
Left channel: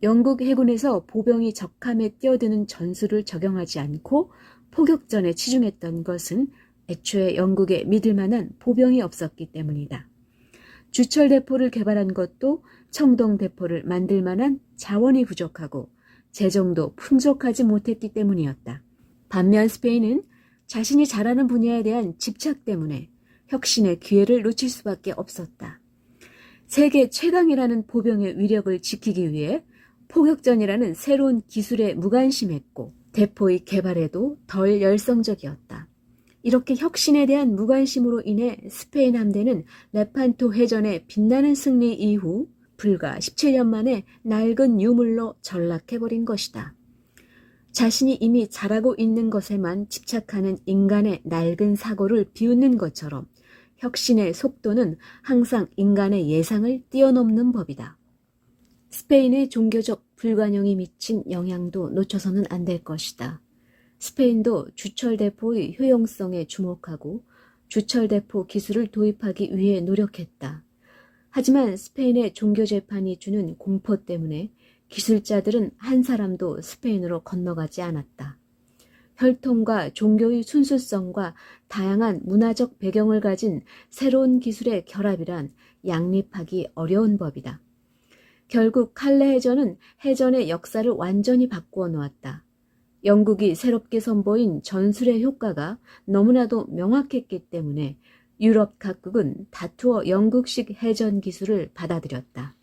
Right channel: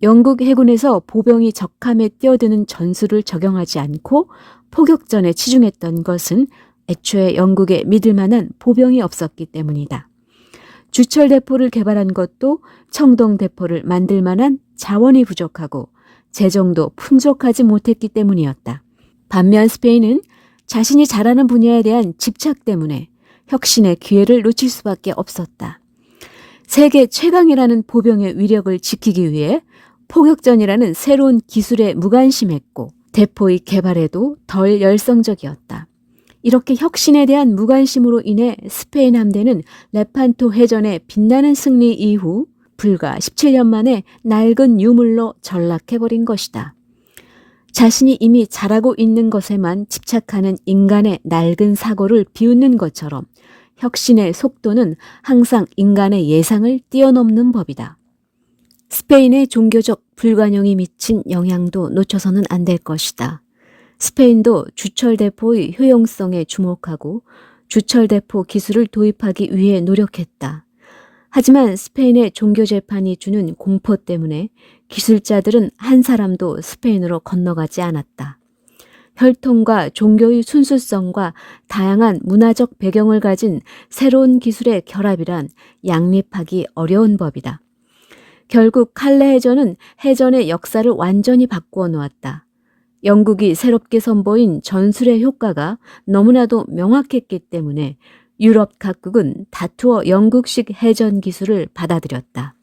영국 해군에서 보병이 적함에 뛰어드는 전술을 적용하지 않고 포격전에 치중했던 것은 애초에 영국에 믿을 만한 보병이 없었기 때문이다. 주철 대포를 개발한 것도 청동 대포를 만들 만한 자원이 부족하고 재정도 풍족하지 못했기 때문이었다. 반면 스페인은 자신이 잘하는 분야에 대한 집착 때문에 혁신의 기회를 놓칠 수밖에 없었다. 세계 최강이라는 보병의 위력을 지키기 위해 포격전이라는 새로운 기술에 무관심했고 대포의 개발에도 덜 열성적이었다. 이렇게 혁신에 대한 무관심으로 인해 스페인 함대는 레판토 해전의 빛나는 승리 이후 불과 17년 만에 낡은 유물로 전락해버린 것이다. 자신이 이미 잘하고 있는 것에만 집착하는 인간의 낡은 사고를 비웃는 것처럼 혁신의 속도는 항상 인간의 예상을 뛰어넘는 법이다. 스페인의 종교적 불관용이 미친 영향도 놓쳐서는 안 될 것이다. 스페인도 주철대포의 효용성에 주목하고 주철대포 기술을 도입하기 위해 노력했다. 하지만 스페인의 종교재판이 주는 공포 때문에 기술자들은 한 사람도 스페인으로 건너가지 않았다. 혈통과 종교의 순수성과 다양한 문화적 배경을 가진 새로운 기술의 결합이란 양립하기 어려운 법이다. 결국 칼레 해전은 해전의 역사를 완전히 바꾸어 놓았다. 영국이 새롭게 선보인 전술의 효과가 너무나도 명확했기 때문에 유럽 각국은 다투어 영국식 해전 기술을 받아들였다.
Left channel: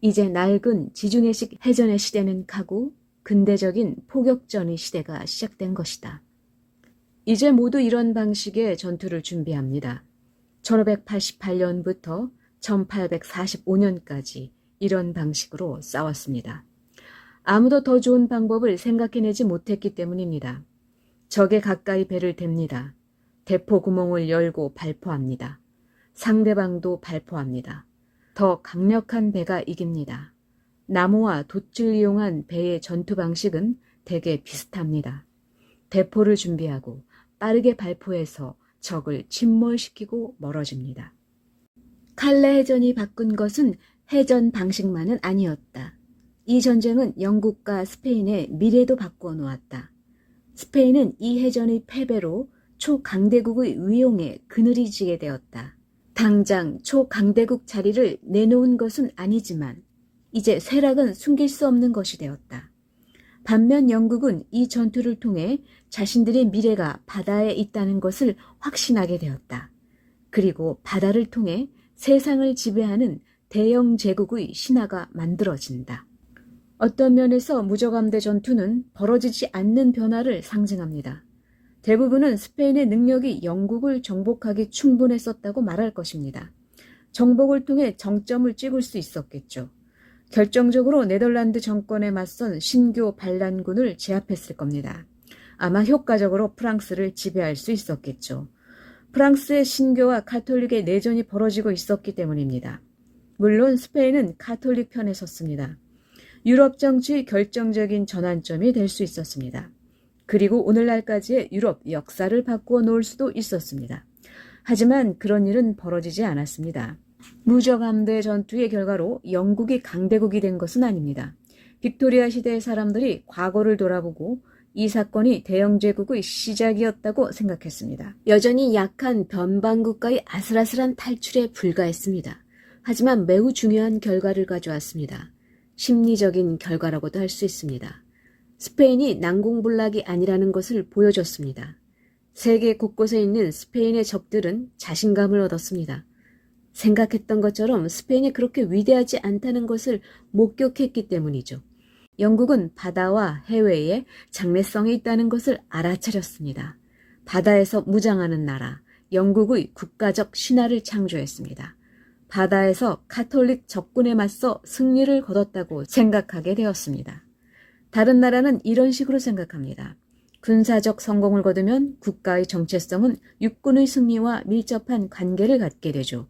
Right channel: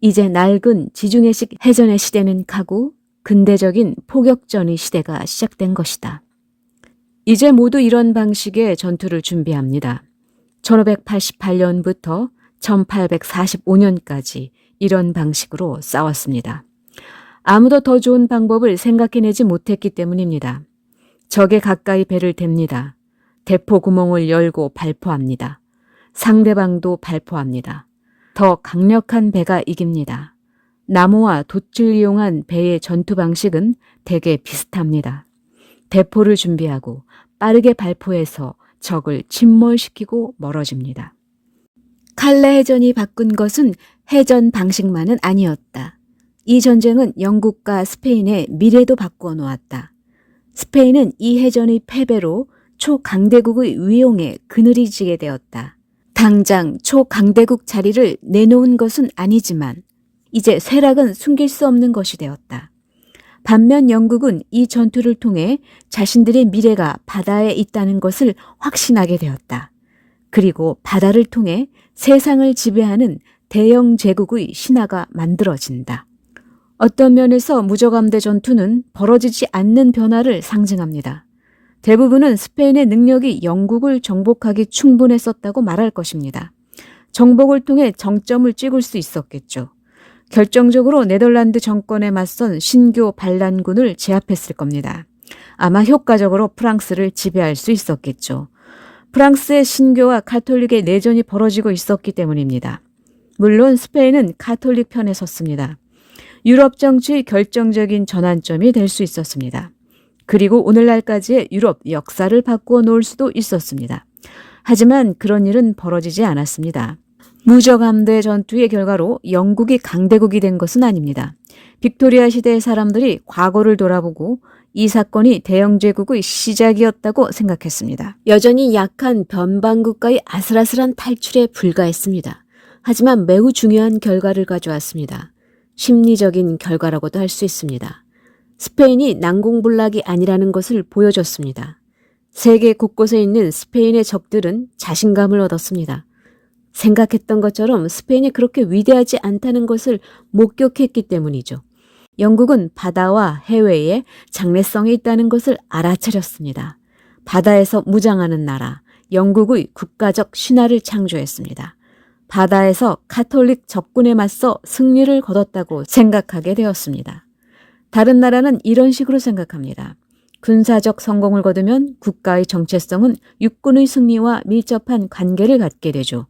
이제 낡은 지중해식 해전의 시대는 가고 근대적인 포격전의 시대가 시작된 것이다. 이제 모두 이런 방식의 전투를 준비합니다. 1588년부터 1845년까지 이런 방식으로 싸웠습니다. 아무도 더 좋은 방법을 생각해내지 못했기 때문입니다. 적에 가까이 배를 댑니다. 대포 구멍을 열고 발포합니다. 상대방도 발포합니다. 더 강력한 배가 이깁니다. 나무와 돛을 이용한 배의 전투 방식은 대개 비슷합니다. 대포를 준비하고 빠르게 발포해서 적을 침몰시키고 멀어집니다. 칼레 해전이 바꾼 것은 해전 방식만은 아니었다. 이 전쟁은 영국과 스페인의 미래도 바꾸어 놓았다. 스페인은 이 해전의 패배로 초강대국의 위용에 그늘이 지게 되었다. 당장 초강대국 자리를 내놓은 것은 아니지만 이제 쇠락은 숨길 수 없는 것이 되었다. 반면 영국은 이 전투를 통해 자신들의 미래가 바다에 있다는 것을 확신하게 되었다. 그리고 바다를 통해 세상을 지배하는 대영 제국의 신화가 만들어진다. 어떤 면에서 무적함대 전투는 벌어지지 않는 변화를 상징합니다. 대부분은 스페인의 능력이 영국을 정복하기 충분했었다고 말할 것입니다. 정복을 통해 정점을 찍을 수 있었겠죠. 결정적으로 네덜란드 정권에 맞선 신교 반란군을 제압했을 겁니다. 아마 효과적으로 프랑스를 지배할 수 있었겠죠. 프랑스의 신교와 가톨릭의 내전이 벌어지고 있었기 때문입니다. 물론 스페인은 가톨릭 편에 섰습니다. 유럽 정치의 결정적인 전환점이 될 수 있었습니다. 그리고 오늘날까지의 유럽 역사를 바꾸어 놓을 수도 있었습니다. 하지만 그런 일은 벌어지지 않았습니다. 무적함대 전투의 결과로 영국이 강대국이 된 것은 아닙니다. 빅토리아 시대의 사람들이 과거를 돌아보고 이 사건이 대영제국의 시작이었다고 생각했습니다. 여전히 약한 변방국가의 아슬아슬한 탈출에 불과했습니다. 하지만 매우 중요한 결과를 가져왔습니다. 심리적인 결과라고도 할 수 있습니다. 스페인이 난공불락이 아니라는 것을 보여줬습니다. 세계 곳곳에 있는 스페인의 적들은 자신감을 얻었습니다. 생각했던 것처럼 스페인이 그렇게 위대하지 않다는 것을 목격했기 때문이죠. 영국은 바다와 해외에 장래성이 있다는 것을 알아차렸습니다. 바다에서 무장하는 나라, 영국의 국가적 신화를 창조했습니다. 바다에서 가톨릭 적군에 맞서 승리를 거뒀다고 생각하게 되었습니다. 다른 나라는 이런 식으로 생각합니다. 군사적 성공을 거두면 국가의 정체성은 육군의 승리와 밀접한 관계를 갖게 되죠.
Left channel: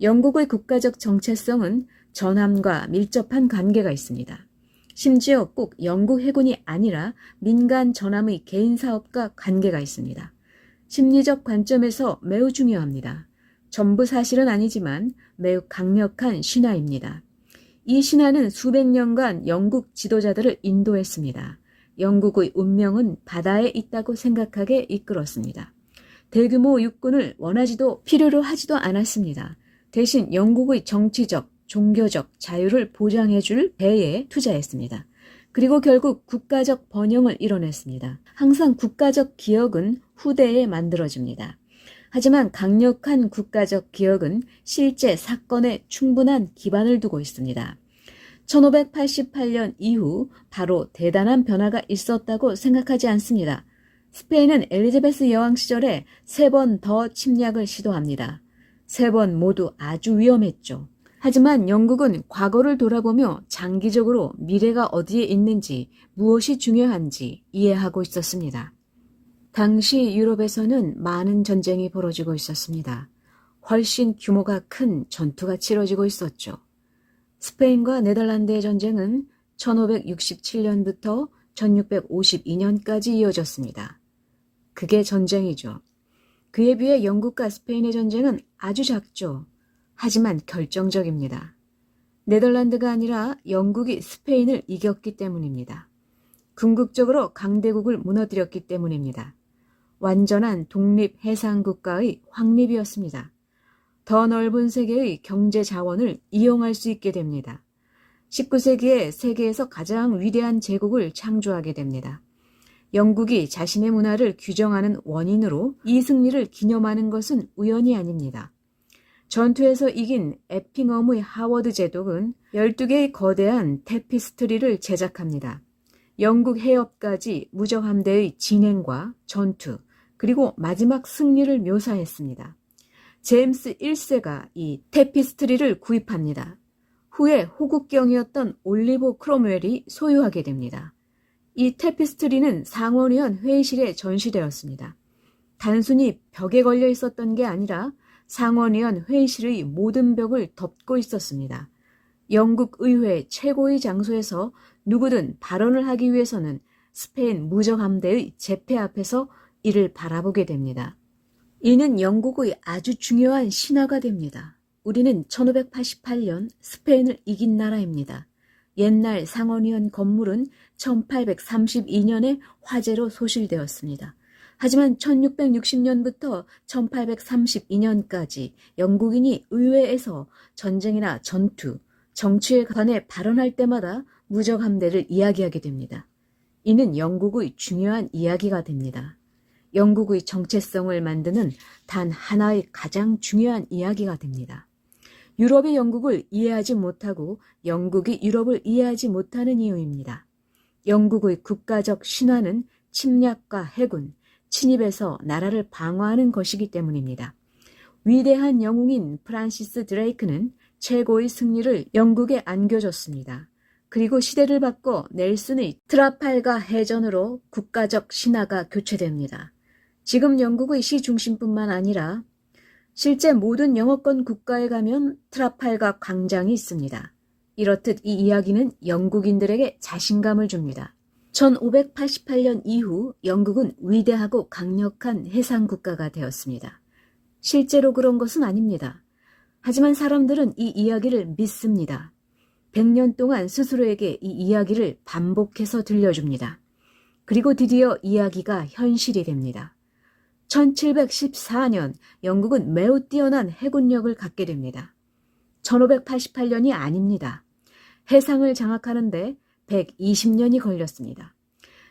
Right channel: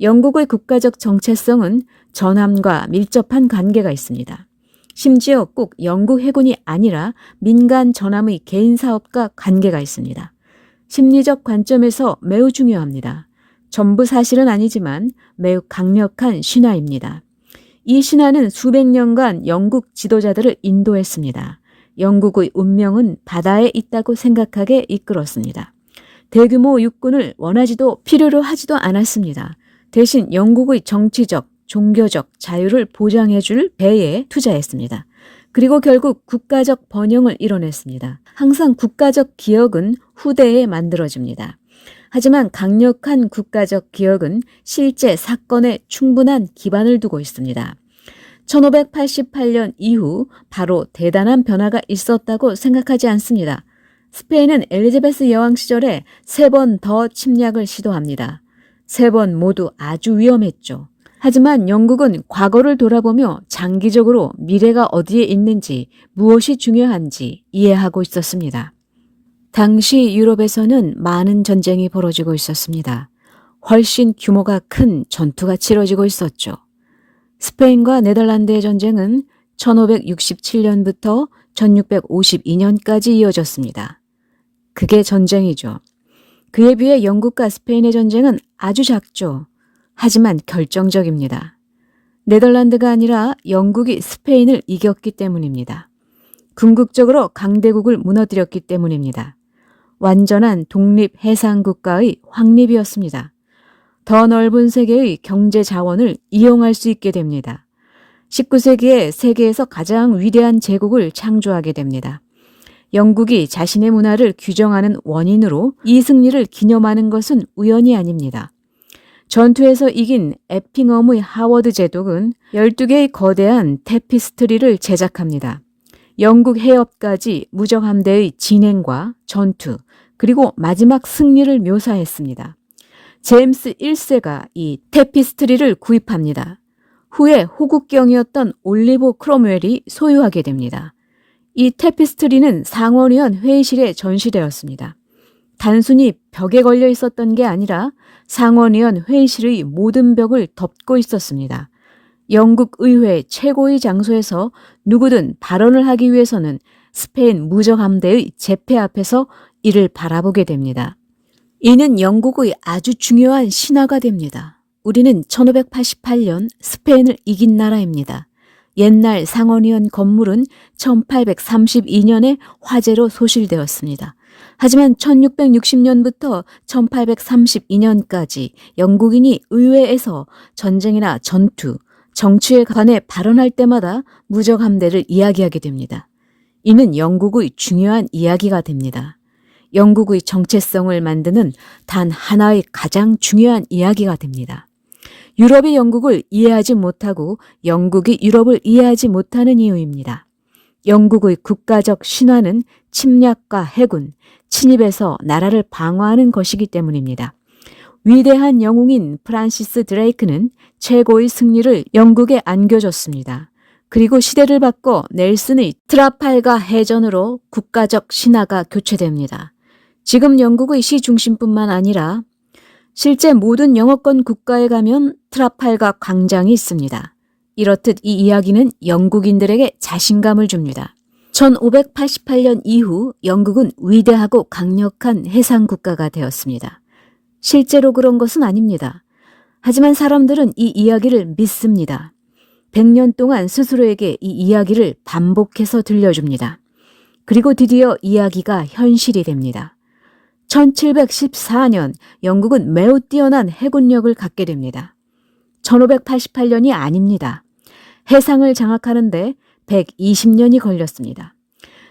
영국의 국가적 정체성은 전함과 밀접한 관계가 있습니다. 심지어 꼭 영국 해군이 아니라 민간 전함의 개인 사업과 관계가 있습니다. 심리적 관점에서 매우 중요합니다. 전부 사실은 아니지만 매우 강력한 신화입니다. 이 신화는 수백 년간 영국 지도자들을 인도했습니다. 영국의 운명은 바다에 있다고 생각하게 이끌었습니다. 대규모 육군을 원하지도 필요로 하지도 않았습니다. 대신 영국의 정치적, 종교적 자유를 보장해줄 배에 투자했습니다. 그리고 결국 국가적 번영을 이뤄냈습니다. 항상 국가적 기억은 후대에 만들어집니다. 하지만 강력한 국가적 기억은 실제 사건에 충분한 기반을 두고 있습니다. 1588년 이후 바로 대단한 변화가 있었다고 생각하지 않습니다. 스페인은 엘리자베스 여왕 시절에 3번 더 침략을 시도합니다. 3번 모두 아주 위험했죠. 하지만 영국은 과거를 돌아보며 장기적으로 미래가 어디에 있는지, 무엇이 중요한지 이해하고 있었습니다. 당시 유럽에서는 많은 전쟁이 벌어지고 있었습니다. 훨씬 규모가 큰 전투가 치러지고 있었죠. 스페인과 네덜란드의 전쟁은 1567년부터 1652년까지 이어졌습니다. 그게 전쟁이죠. 그에 비해 영국과 스페인의 전쟁은 아주 작죠. 하지만 결정적입니다. 네덜란드가 아니라 영국이 스페인을 이겼기 때문입니다. 궁극적으로 강대국을 무너뜨렸기 때문입니다. 완전한 독립 해상국가의 확립이었습니다. 더 넓은 세계의 경제 자원을 이용할 수 있게 됩니다. 19세기에 세계에서 가장 위대한 제국을 창조하게 됩니다. 영국이 자신의 문화를 규정하는 원인으로 이 승리를 기념하는 것은 우연이 아닙니다. 전투에서 이긴 에핑엄의 하워드 제독은 12개의 거대한 테피스트리를 제작합니다. 영국 해협까지 무적함대의 진행과 전투, 그리고 마지막 승리를 묘사했습니다. 제임스 1세가 이 테피스트리를 구입합니다. 후에 호국경이었던 올리버 크롬웰이 소유하게 됩니다. 이 테피스트리는 상원의원 회의실에 전시되었습니다. 단순히 벽에 걸려 있었던 게 아니라 상원의원 회의실의 모든 벽을 덮고 있었습니다. 영국 의회 최고의 장소에서 누구든 발언을 하기 위해서는 스페인 무적함대의 제패 앞에서 이를 바라보게 됩니다. 이는 영국의 아주 중요한 신화가 됩니다. 우리는 1588년 스페인을 이긴 나라입니다. 옛날 상원의원 건물은 1832년에 화재로 소실되었습니다. 하지만 1660년부터 1832년까지 영국인이 의회에서 전쟁이나 전투, 정치에 관해 발언할 때마다 무적함대를 이야기하게 됩니다. 이는 영국의 중요한 이야기가 됩니다. 영국의 정체성을 만드는 단 하나의 가장 중요한 이야기가 됩니다. 유럽이 영국을 이해하지 못하고 영국이 유럽을 이해하지 못하는 이유입니다. 영국의 국가적 신화는 침략과 해군, 침입에서 나라를 방어하는 것이기 때문입니다. 위대한 영웅인 프란시스 드레이크는 최고의 승리를 영국에 안겨줬습니다. 그리고 시대를 바꿔 넬슨의 트라팔가 해전으로 국가적 신화가 교체됩니다. 지금 영국의 시중심뿐만 아니라 실제 모든 영어권 국가에 가면 트라팔가 광장이 있습니다. 이렇듯 이 이야기는 영국인들에게 자신감을 줍니다. 1588년 이후 영국은 위대하고 강력한 해상국가가 되었습니다. 실제로 그런 것은 아닙니다. 하지만 사람들은 이 이야기를 믿습니다. 100년 동안 스스로에게 이 이야기를 반복해서 들려줍니다. 그리고 드디어 이야기가 현실이 됩니다. 1714년 영국은 매우 뛰어난 해군력을 갖게 됩니다. 1588년이 아닙니다. 해상을 장악하는데 120년이 걸렸습니다.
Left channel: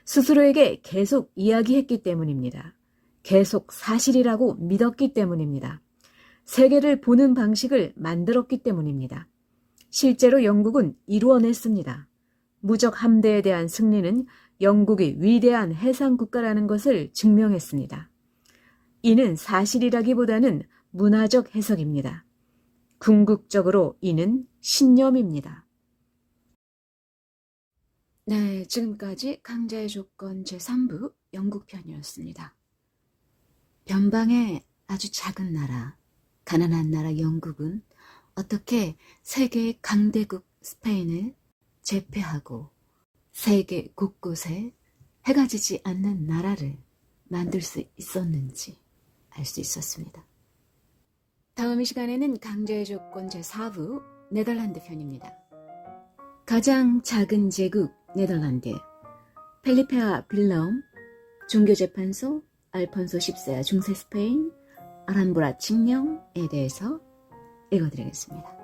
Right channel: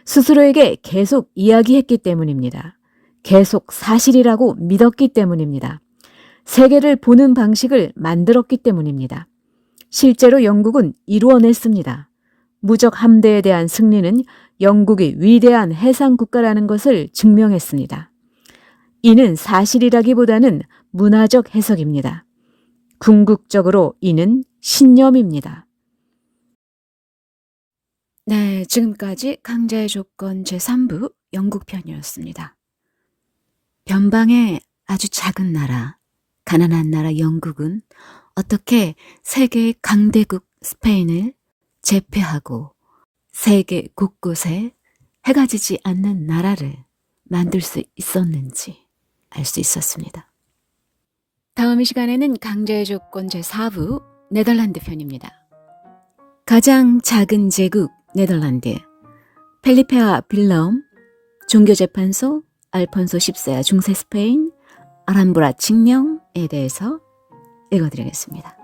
스스로에게 계속 이야기했기 때문입니다. 계속 사실이라고 믿었기 때문입니다. 세계를 보는 방식을 만들었기 때문입니다. 실제로 영국은 이루어냈습니다. 무적 함대에 대한 승리는 영국이 위대한 해상국가라는 것을 증명했습니다. 이는 사실이라기보다는 문화적 해석입니다. 궁극적으로 이는 신념입니다. 네, 지금까지 강자의 조건 제3부 영국 편이었습니다. 변방의 아주 작은 나라, 가난한 나라 영국은 어떻게 세계의 강대국 스페인을 제패하고 세계 곳곳에 해가 지지 않는 나라를 만들 수 있었는지 알 수 있었습니다. 다음 이 시간에는 강자의 조건 제4부 네덜란드 편입니다. 가장 작은 제국 네덜란드, 펠리페아 빌라움, 종교재판소, 알폰소 10세와 중세 스페인, 아람브라 칙령에 대해서 읽어드리겠습니다.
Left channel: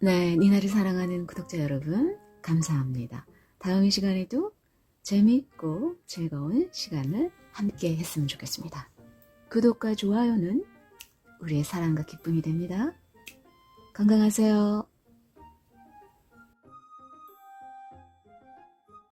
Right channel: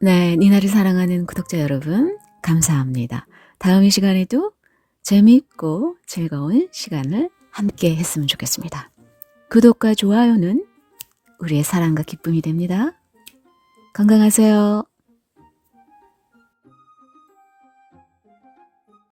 네, 니나를 사랑하는 구독자 여러분 감사합니다. 다음 이 시간에도 재미있고 즐거운 시간을 함께 했으면 좋겠습니다. 구독과 좋아요는 우리의 사랑과 기쁨이 됩니다. 건강하세요.